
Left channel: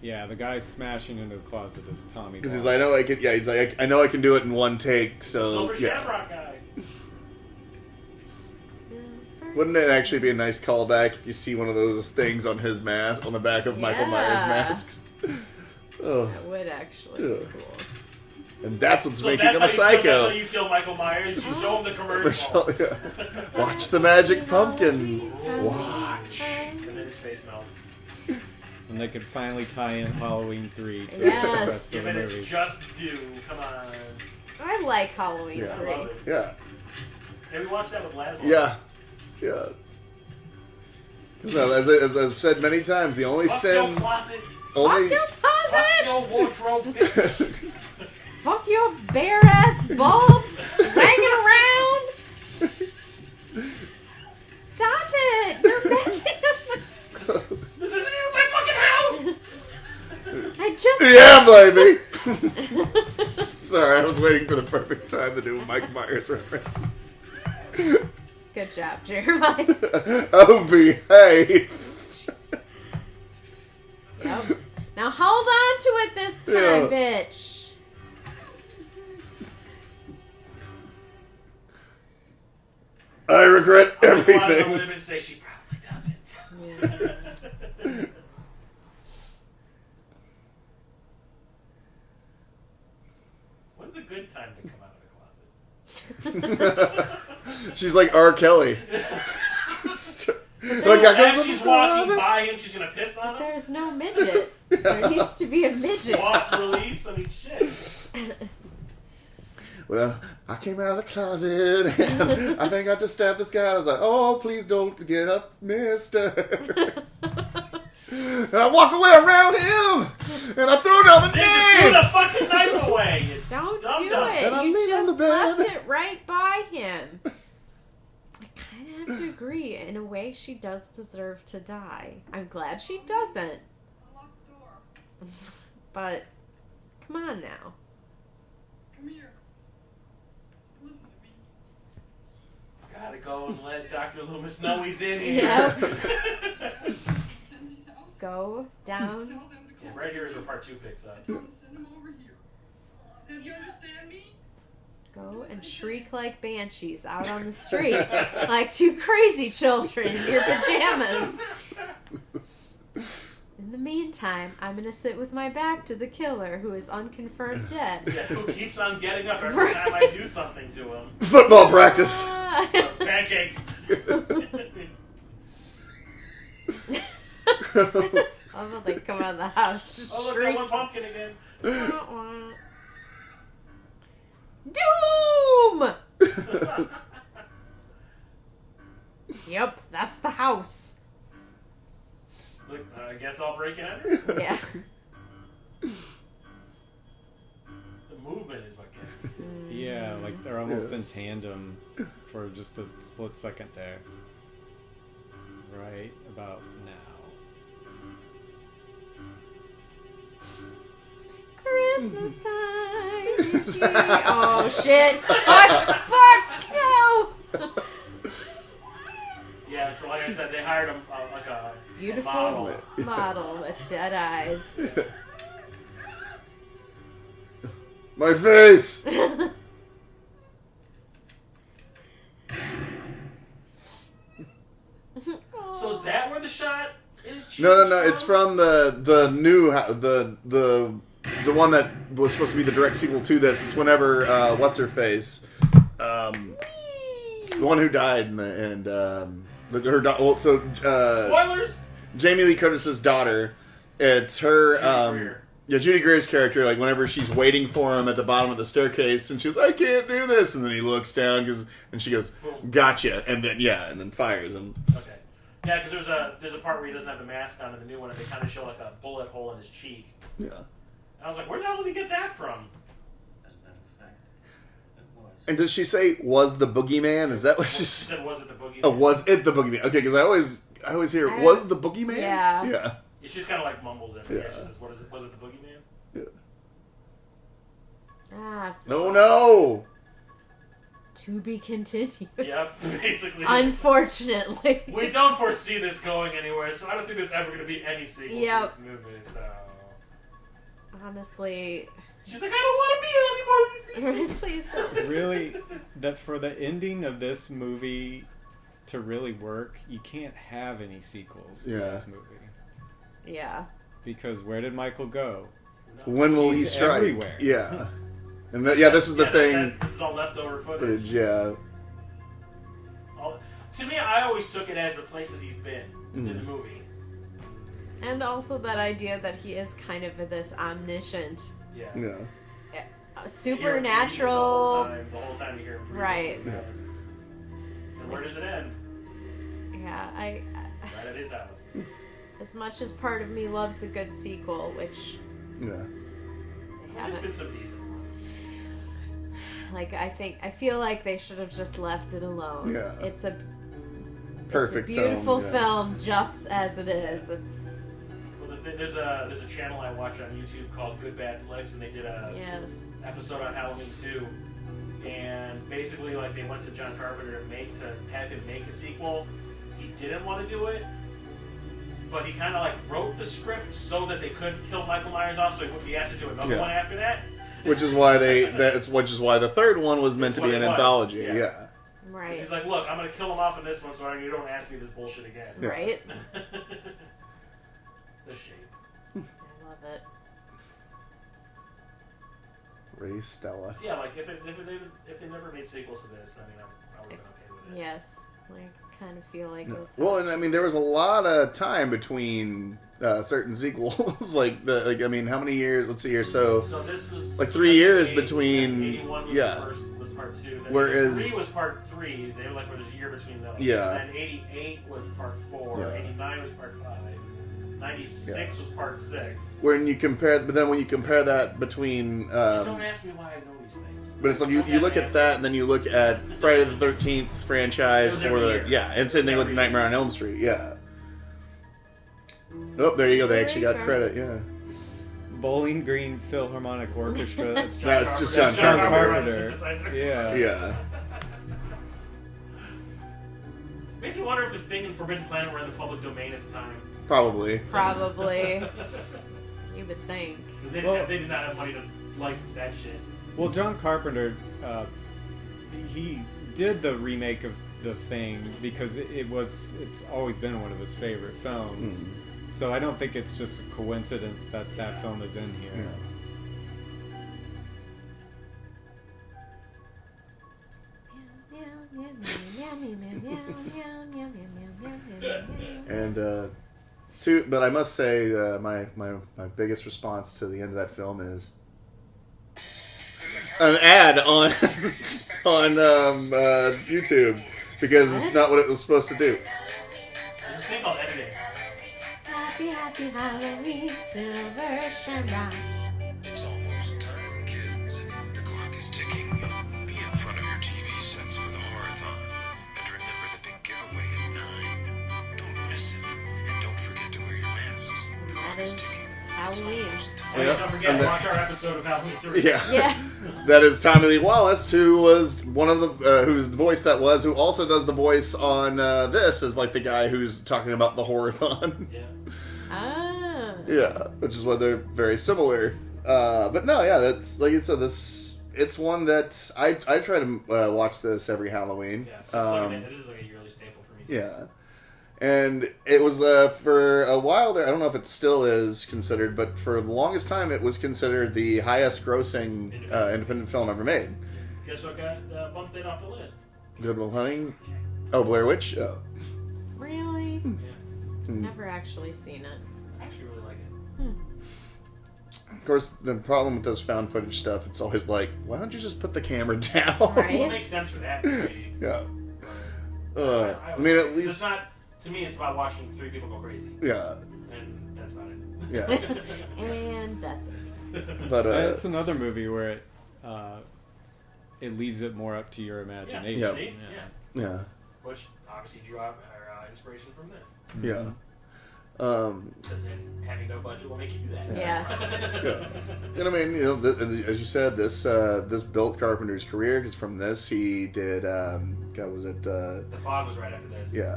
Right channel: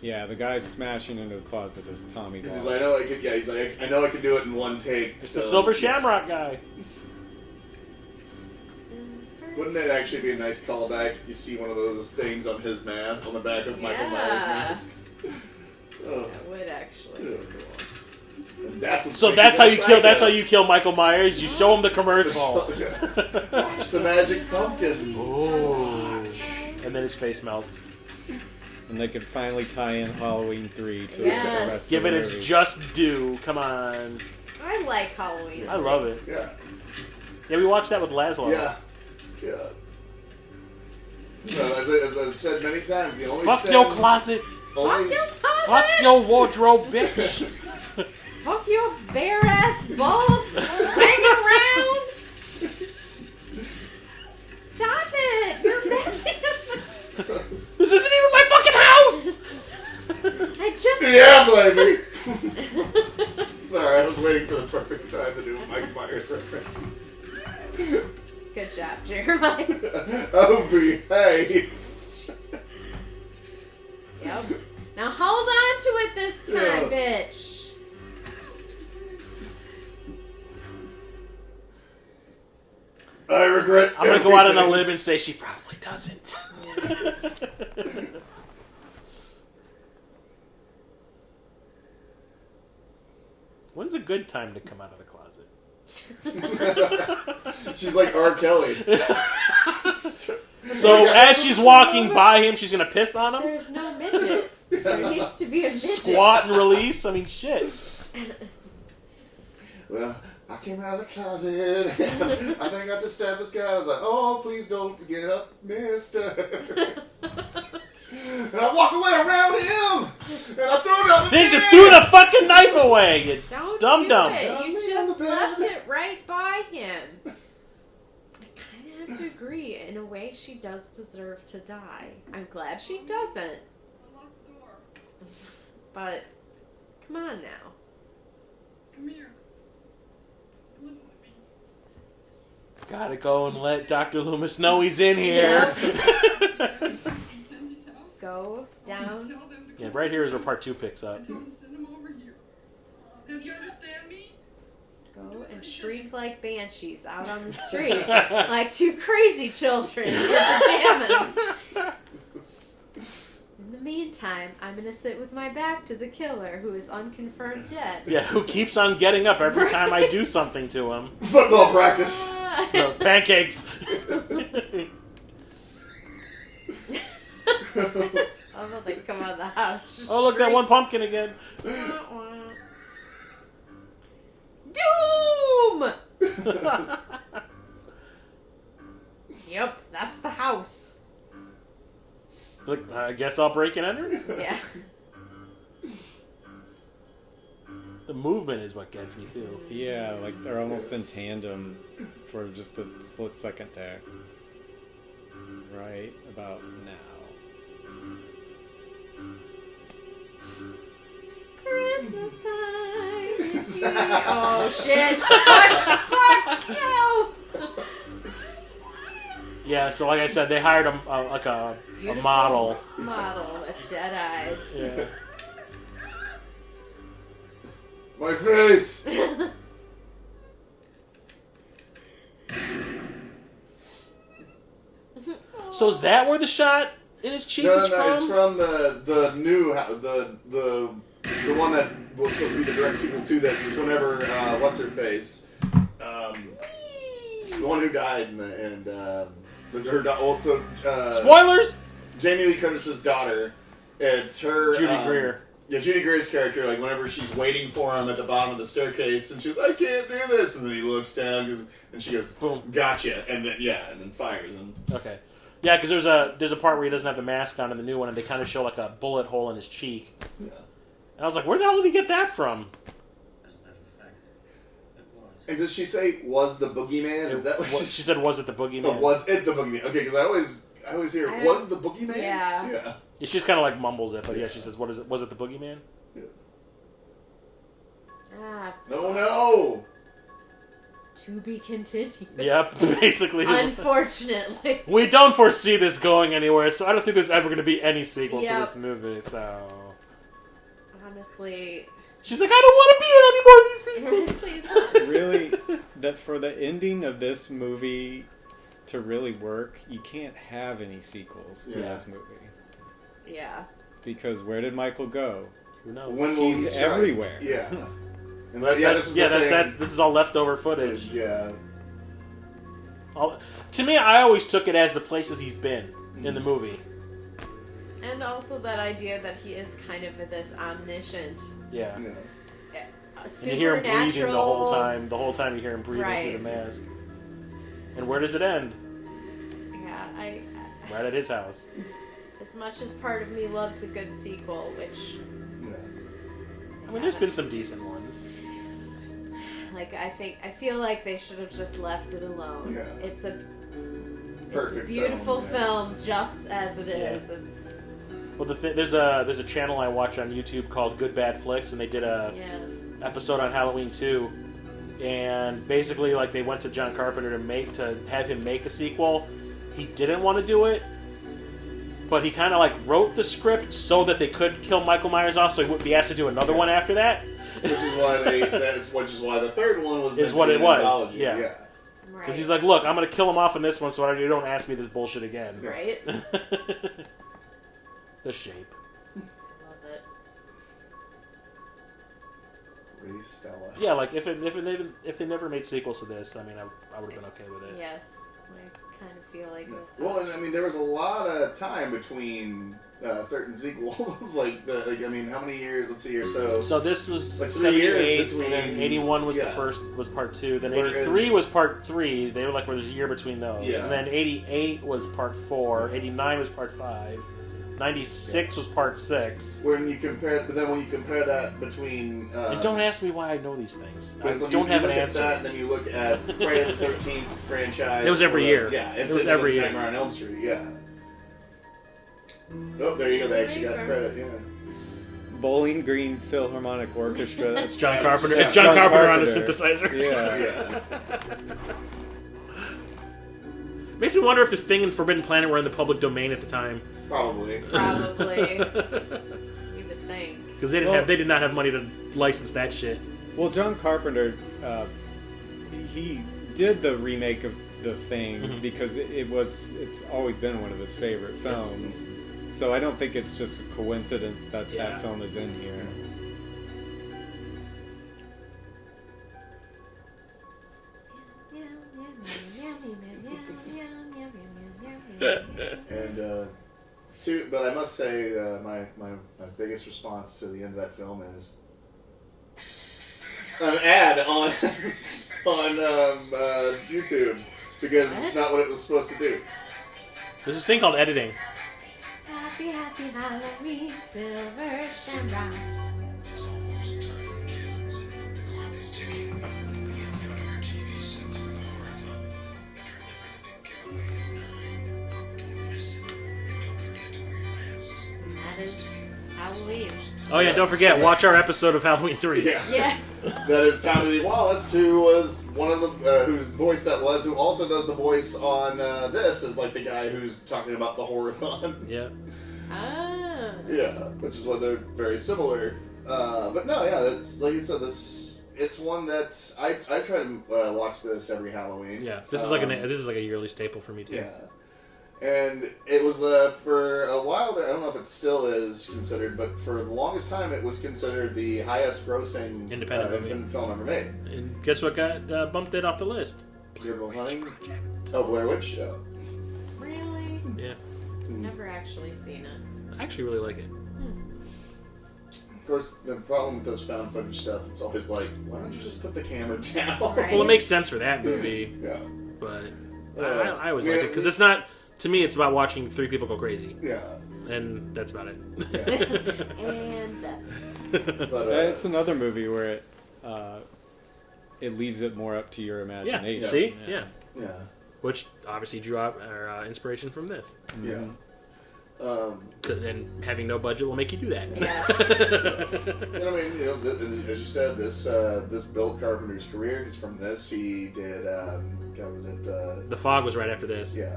Yeah, the guy smashing into the closet is Tommy. Because he's Wallace. like, I know I can. Yeah, he's like, I know I can do it in one take. It's So the Silver yeah. Shamrock guy. Wouldn't it actually be a nice callback if you see one of those things on his mask, on the back of Michael Myers' masks? Oh, That would actually be cool. and that's what's So making that's him how a you psycho. kill. That's how you kill Michael Myers. You show him the commercial, Watch the magic pumpkin. and then his face melts. And they could finally tie in Halloween 3 to Yes. the rest Give of the it its movies. just due. Come on. I like Halloween. I love it. Yeah. Yeah, we watched that with Laszlo. Yeah. No, as I've said many times, the only Fuck sin... your closet. only, Fuck your closet! Fuck your wardrobe, bitch. Fuck your bare ass bulb swinging around! Stop it! You're messing up my... This isn't even my fucking house! I just... Yeah, baby! Sorry, I was waiting for the perfect time to do a Mike Myers reference. Good job, Jeremiah. Oh, behave! Yep. Now hold on to it this time, bitch. I regret I'm gonna go out on a everything. limb and say she probably doesn't. When's a good time to come out of the closet? She's like R. Kelly. So as she's walking by him, she's gonna piss on him? There's no midget. There needs to be a midget. Squat and release? I mean, shit. Well, I came out of the closet and I think I just stabbed this guy. I was like, oh, please don't get up, mister. And I walk away around him and I threw down the Things knife. are threw the fucking knife away, you Don't dum do dum. it. And I You laid on just the bed. left it right by him. I kind of have to agree. In a way, she does deserve to die. I'm glad she doesn't. Lock the door. But, come on now. Come here. Listen to me. Gotta go and let Dr. Loomis know he's in here. Yep. Mackenzie's house. Go down. Tell them to Yeah, come right here is over where part 2 picks up. Tell them to send him over here. Did you understand me? Go and shriek like banshees out on the street. Like two crazy children in your pajamas. In the meantime, I'm going to sit with my back to the killer who is unconfirmed dead. Yeah, who keeps on getting up every time I do something to him. Football practice. Pancakes. I love how they come out of the house. Just Oh, look, that one pumpkin again. Wah, wah. Doom! Yep, that's the house. Look, I guess I'll break and enter. Yeah. The movement is what gets me too. Yeah, like they're almost in tandem for just a split second there. Right about now. Christmas time is here. Oh shit! Fuck! No! Yeah, so like I said, they hired a Beautiful model. model with dead eyes. Yeah. My face. So is that where the shot in his cheek? No, is it's from the new the one that was supposed to be the direct sequel to this. It's whenever what's her face, the one who died and Spoilers. Jamie Lee Curtis's daughter. It's her. Judy Greer. Yeah, Judy Greer's character, like whenever she's waiting for him at the bottom of the staircase, and she goes, "I can't do this," and then he looks down and she goes, Boom. "Gotcha," and then fires him. Okay. Yeah, because there's a part where he doesn't have the mask on in the new one, and they kind of show like a bullet hole in his cheek. Yeah. And I was like, where the hell did he get that from? As a matter of fact, it was. And does she say, "Was the boogeyman"? Is that what she said? Was it the boogeyman? Oh, was it the boogeyman? Okay, because I always hear, "Was the boogeyman?" Yeah. Yeah. She just kind of like mumbles it, but yeah, Yeah. she says, "What is it? Was it the boogeyman?" Yeah. Ah, No. to be continued. Yep, basically. Unfortunately. We don't foresee this going anywhere, so I don't think there's ever going to be any sequels Yep. to this movie. So Honestly. she's like, I don't want to be in any more of these sequels. Please don't. Really, that for the ending of this movie to really work, you can't have any sequels to this movie. Yeah. Because where did Michael go? Who knows? When will he He's strike? everywhere. Yeah. And this is the thing. This is all leftover footage. Yeah. To me, I always took it as the places he's been in the movie. And also that idea that he is kind of this omniscient, Yeah. supernatural. The whole time you hear him breathing Right. through the mask. And where does it end? Yeah, Right at his house. as much as part of me loves a good sequel, which Yeah. I mean, there's been some decent ones. like I feel like they should have just left it alone. Yeah. It's a Perfect beautiful film, film just as it is. It's Well, there's a channel I watch on YouTube called Good Bad Flicks, and they did a yes. episode on Halloween 2, and basically like they went to John Carpenter to have him make a sequel. He didn't want to do it, but he kind of like wrote the script so that they could kill Michael Myers off, so he wouldn't be asked to do another one after that. Which is why which is why the third one was meant to be an anthology. Yeah. Yeah. Right. Because he's like, look, I'm gonna kill him off in this one, so you don't ask me this bullshit again. Right. The shape. I love it. Ray Stella. Yeah, like if they never made sequels to this, I mean, I would have been okay with it. Yes. I kind of feel like it's Well, and I mean, there was a lot of time between certain sequels. I mean, how many years? Let's see here. So this was like 3 years 78, between. and then 81 was the first, was part 2. Then Whereas- 83 was part 3. They were like, well, there's a year between those. Yeah. And then 88 was part 4. Yeah. 89 was part 5. 96 was part 6. When you compare that between. Don't ask me why I know these things. But it's like you look at that, and then you look at Friday the 13th franchise. It was every year. Yeah, and It same was thing with every year. Nightmare on Elm Street. Yeah. Oh, there you go. They actually got credit. Yeah. Bowling Green Philharmonic Orchestra. That's John That's Carpenter. just It's John John Carpenter on a Carpenter. synthesizer. Yeah. Yeah. Makes me wonder if the Thing and Forbidden Planet were in the public domain at the time. Probably. probably. You would think. Because Well- they did not have money to license that shit. Well, John Carpenter, he did the remake of The Thing because it's always been one of his favorite films. So I don't think it's just a coincidence that that film is in here. And but I must say, my biggest response to the end of that film is an ad on YouTube because it's not what it was supposed to do. There's this thing called editing. Happy, happy Halloween, Silver Shamrock. It's almost time, kids. The clock is ticking. Be in front of your TV sets for the horror-thon. And remember the big giveaway at 9. Don't miss it. And don't forget to wear your masks. The clock That is is ticking. Halloween. Oh yeah, don't forget, watch our episode of Halloween 3. Yeah. Yeah. That is Tommy Lee Wallace, who was one of the whose voice that was, who also does the voice on this, is like the guy who's talking about the horror-thon. Yeah. Ah. Yeah, which is why they're very similar. But no, yeah, that's like you said. It's one that I try to watch this every Halloween. Yeah. This is like a yearly staple for me too. Yeah, and it was for a while there. I don't know if it still is considered, but for the longest time, it was considered the highest-grossing independent film ever made. And guess what got bumped it off the list? Good Will Hunting. Oh, Blair Witch. Oh. Really? Yeah. Never actually seen it. I actually really like it. Of course, the problem with this found footage stuff, it's always like, why don't you just put the camera down? Right. Well, it makes sense for that movie, Yeah. but I always I mean, like it at because it's least- not. To me, it's about watching 3 people go crazy, Yeah. and that's about it. Yeah. And that's it. But It's another movie where it leaves it more up to your Yeah. imagination. See, yeah. yeah. Which obviously drew out our inspiration from this, Yeah. and having no budget will make you do that. Yes. And I mean, you know, as you said, this built Carpenter's career because from this he did, God, was it? The Fog was right after this. Yeah,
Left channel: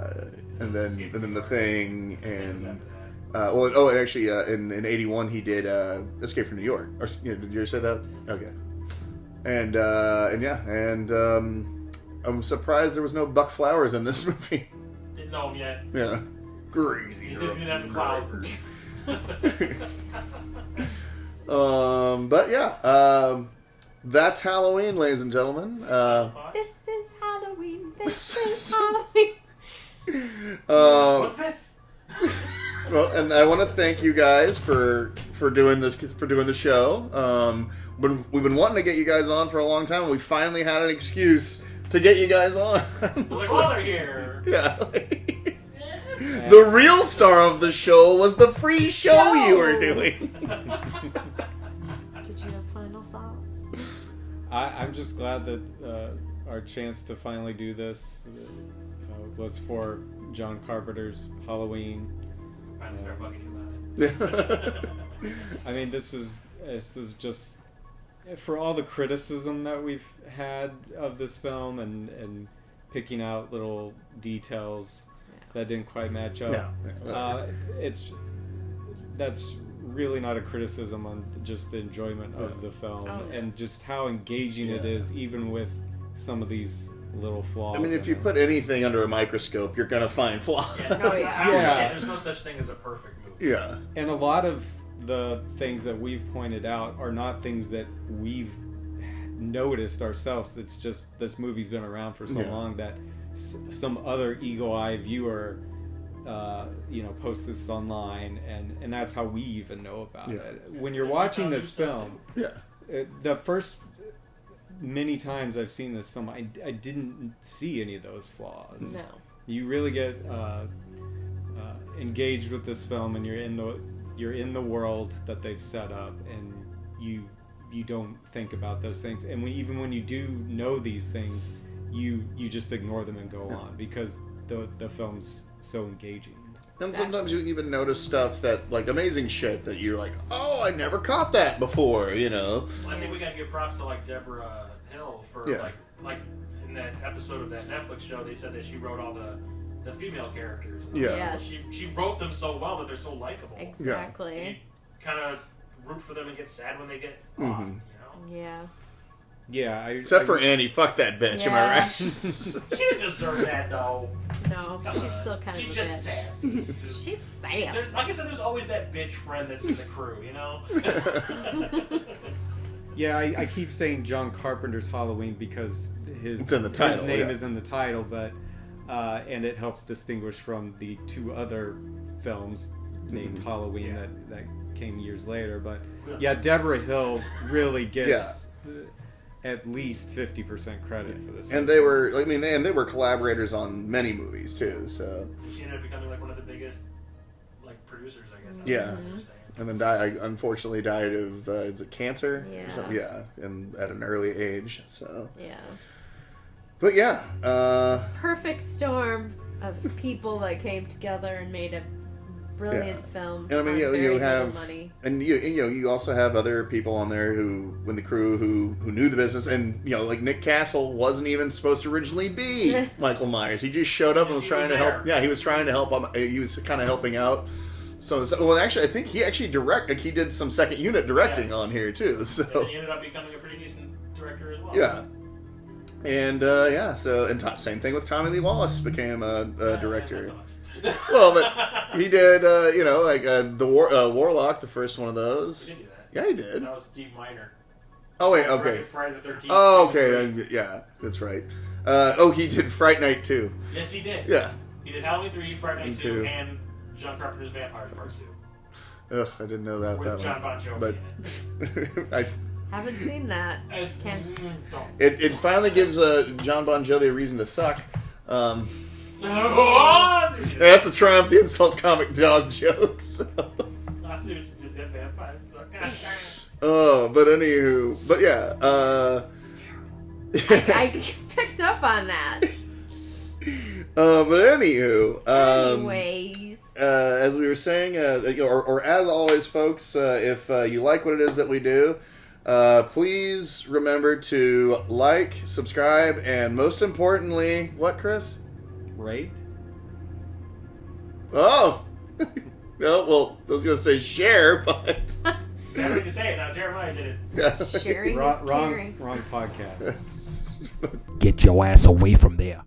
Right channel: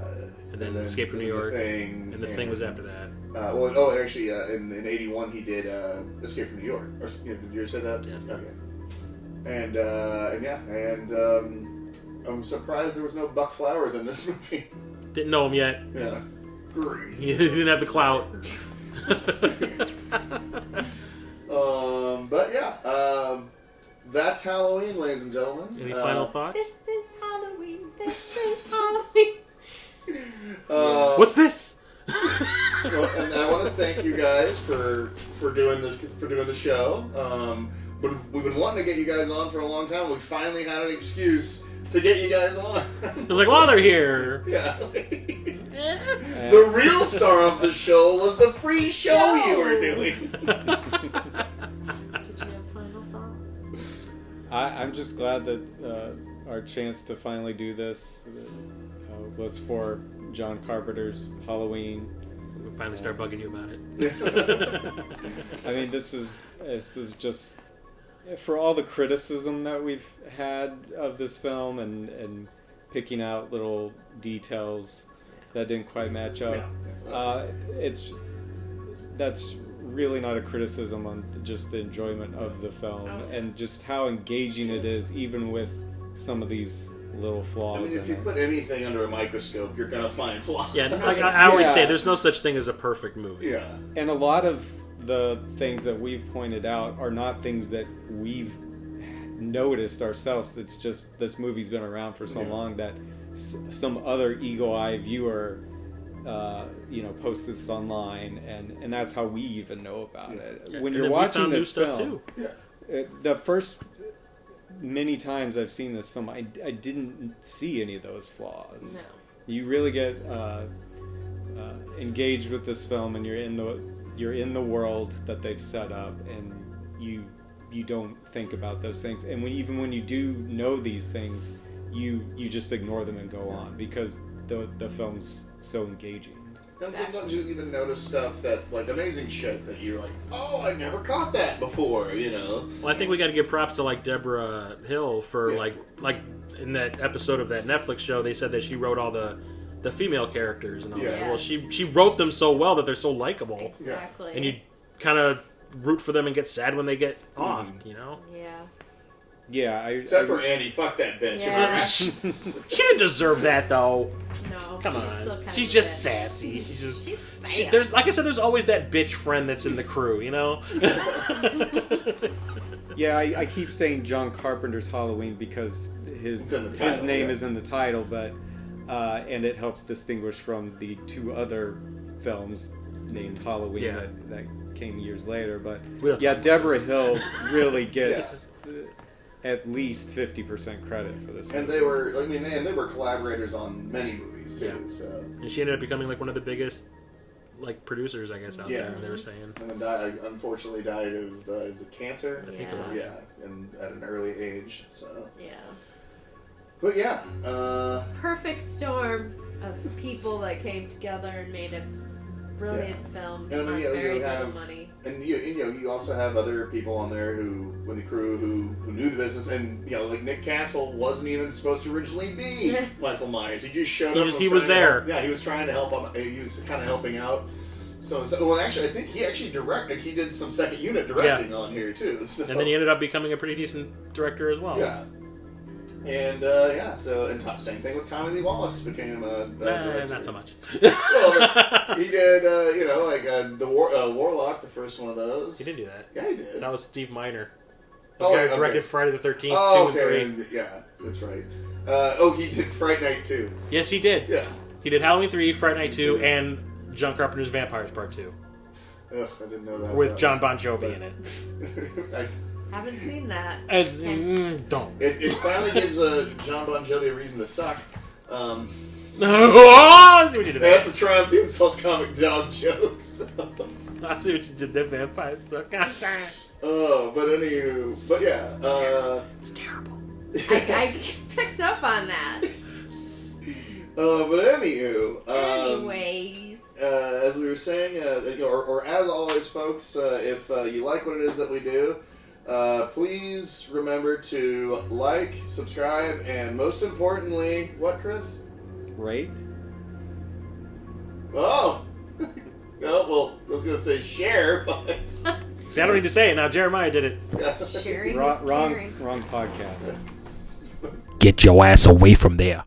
And then Escape from New York. The Thing, And the Thing was after that. Actually, in '81 he did Escape from New York. Or did you ever say that? Yes. Okay. And I'm surprised there was no Buck Flowers in this movie. Didn't know him yet. Yeah. Great. He didn't have the clout. But yeah, that's Halloween, ladies and gentlemen. Any final thoughts? This is Halloween. This is Halloween. What's this? Well, and I want to thank you guys for doing the show. We've been wanting to get you guys on for a long time, and we finally had an excuse to get you guys on. It's like, well, they're here. Yeah. The real star of the show was the free show you were doing. Did you have final thoughts? I'm just glad that our chance to finally do this was for John Carpenter's Halloween. We'll finally start bugging you about it. I mean, this is just, for all the criticism that we've had of this film and picking out little details that didn't quite match up. That's really not a criticism on just the enjoyment of the film and just how engaging it is, even with some of these little flaws. I mean, if you put anything under a microscope, you're gonna find flaws. Yeah, I always say there's no such thing as a perfect movie. Yeah, and a lot of the things that we've pointed out are not things that we've noticed ourselves. It's just this movie's been around for so long that some other eagle-eye viewer post this online, and that's how we even know about it. When you're watching this film, the first many times I've seen this film, I didn't see any of those flaws. No. You really get engaged with this film, and you're in the world that they've set up, and you don't think about those things. And even when you do know these things, you just ignore them and go on because the film's so engaging. And sometimes you even notice stuff that, like, amazing shit that you're like, oh, I never caught that before, you know? Well, I think we got to give props to, like, Deborah Hill for, like in that episode of that Netflix show, they said that she wrote all the female characters. And all that. Well, she wrote them so well that they're so likable. Exactly. And you kind of root for them and get sad when they get off, you know? Yeah. Yeah, except for Annie, fuck that bitch. Yeah. Am I right? She didn't deserve that, though. No, she's still kind of. She's just sassy. She's sassy. There's, like I said, there's always that bitch friend that's in the crew, you know. Yeah, I keep saying John Carpenter's Halloween because his name is in the title, but and it helps distinguish from the two other films named Halloween that came years later. But Deborah Hill really gets at least 50% credit for this. And they were collaborators on many movies too. So and she ended up becoming like one of the biggest producers, I guess. Out there, they were saying. And then unfortunately died of is it cancer? Yeah. So, and at an early age. So but perfect storm of people that came together and made a brilliant film. And I mean, you have money, and you also have other people on there who knew the business, and like Nick Castle wasn't even supposed to originally be Michael Myers. He just showed up. He was there. Yeah, he was trying to help him. He was kind of helping out. So well, actually, I think he actually directed. He did some second unit directing on here too. So. And then he ended up becoming a pretty decent director as well. Yeah. And same thing with Tommy Lee Wallace became a director. Not so much. Well, but he did, the Warlock, the first one of those. He did do that. Yeah, he did. That was Steve Miner. Oh wait, okay. Directed Friday the 13th. Oh, okay, then, yeah, that's right. He did Fright Night 2. Yes, he did. Yeah, he did Halloween 3, Fright Night 2, and John Carpenter's Vampires Part 2. Ugh, I didn't know that. With John Bon Jovi in it. Haven't seen that. Don't. It finally gives John Bon Jovi a reason to suck. That's a Triumph the Insult Comic Dog joke. So. I see what you did there, Vampires suck. But yeah. It's terrible. I picked up on that. Anyways, as we were saying, or as always, folks, if you like what it is that we do, please remember to like, subscribe, and most importantly, what, Chris? Rate. Oh, well, I was gonna say share, but See, I don't need to say it now. Jeremiah did it. Sharing is caring. Wrong podcast. Get your ass away from there.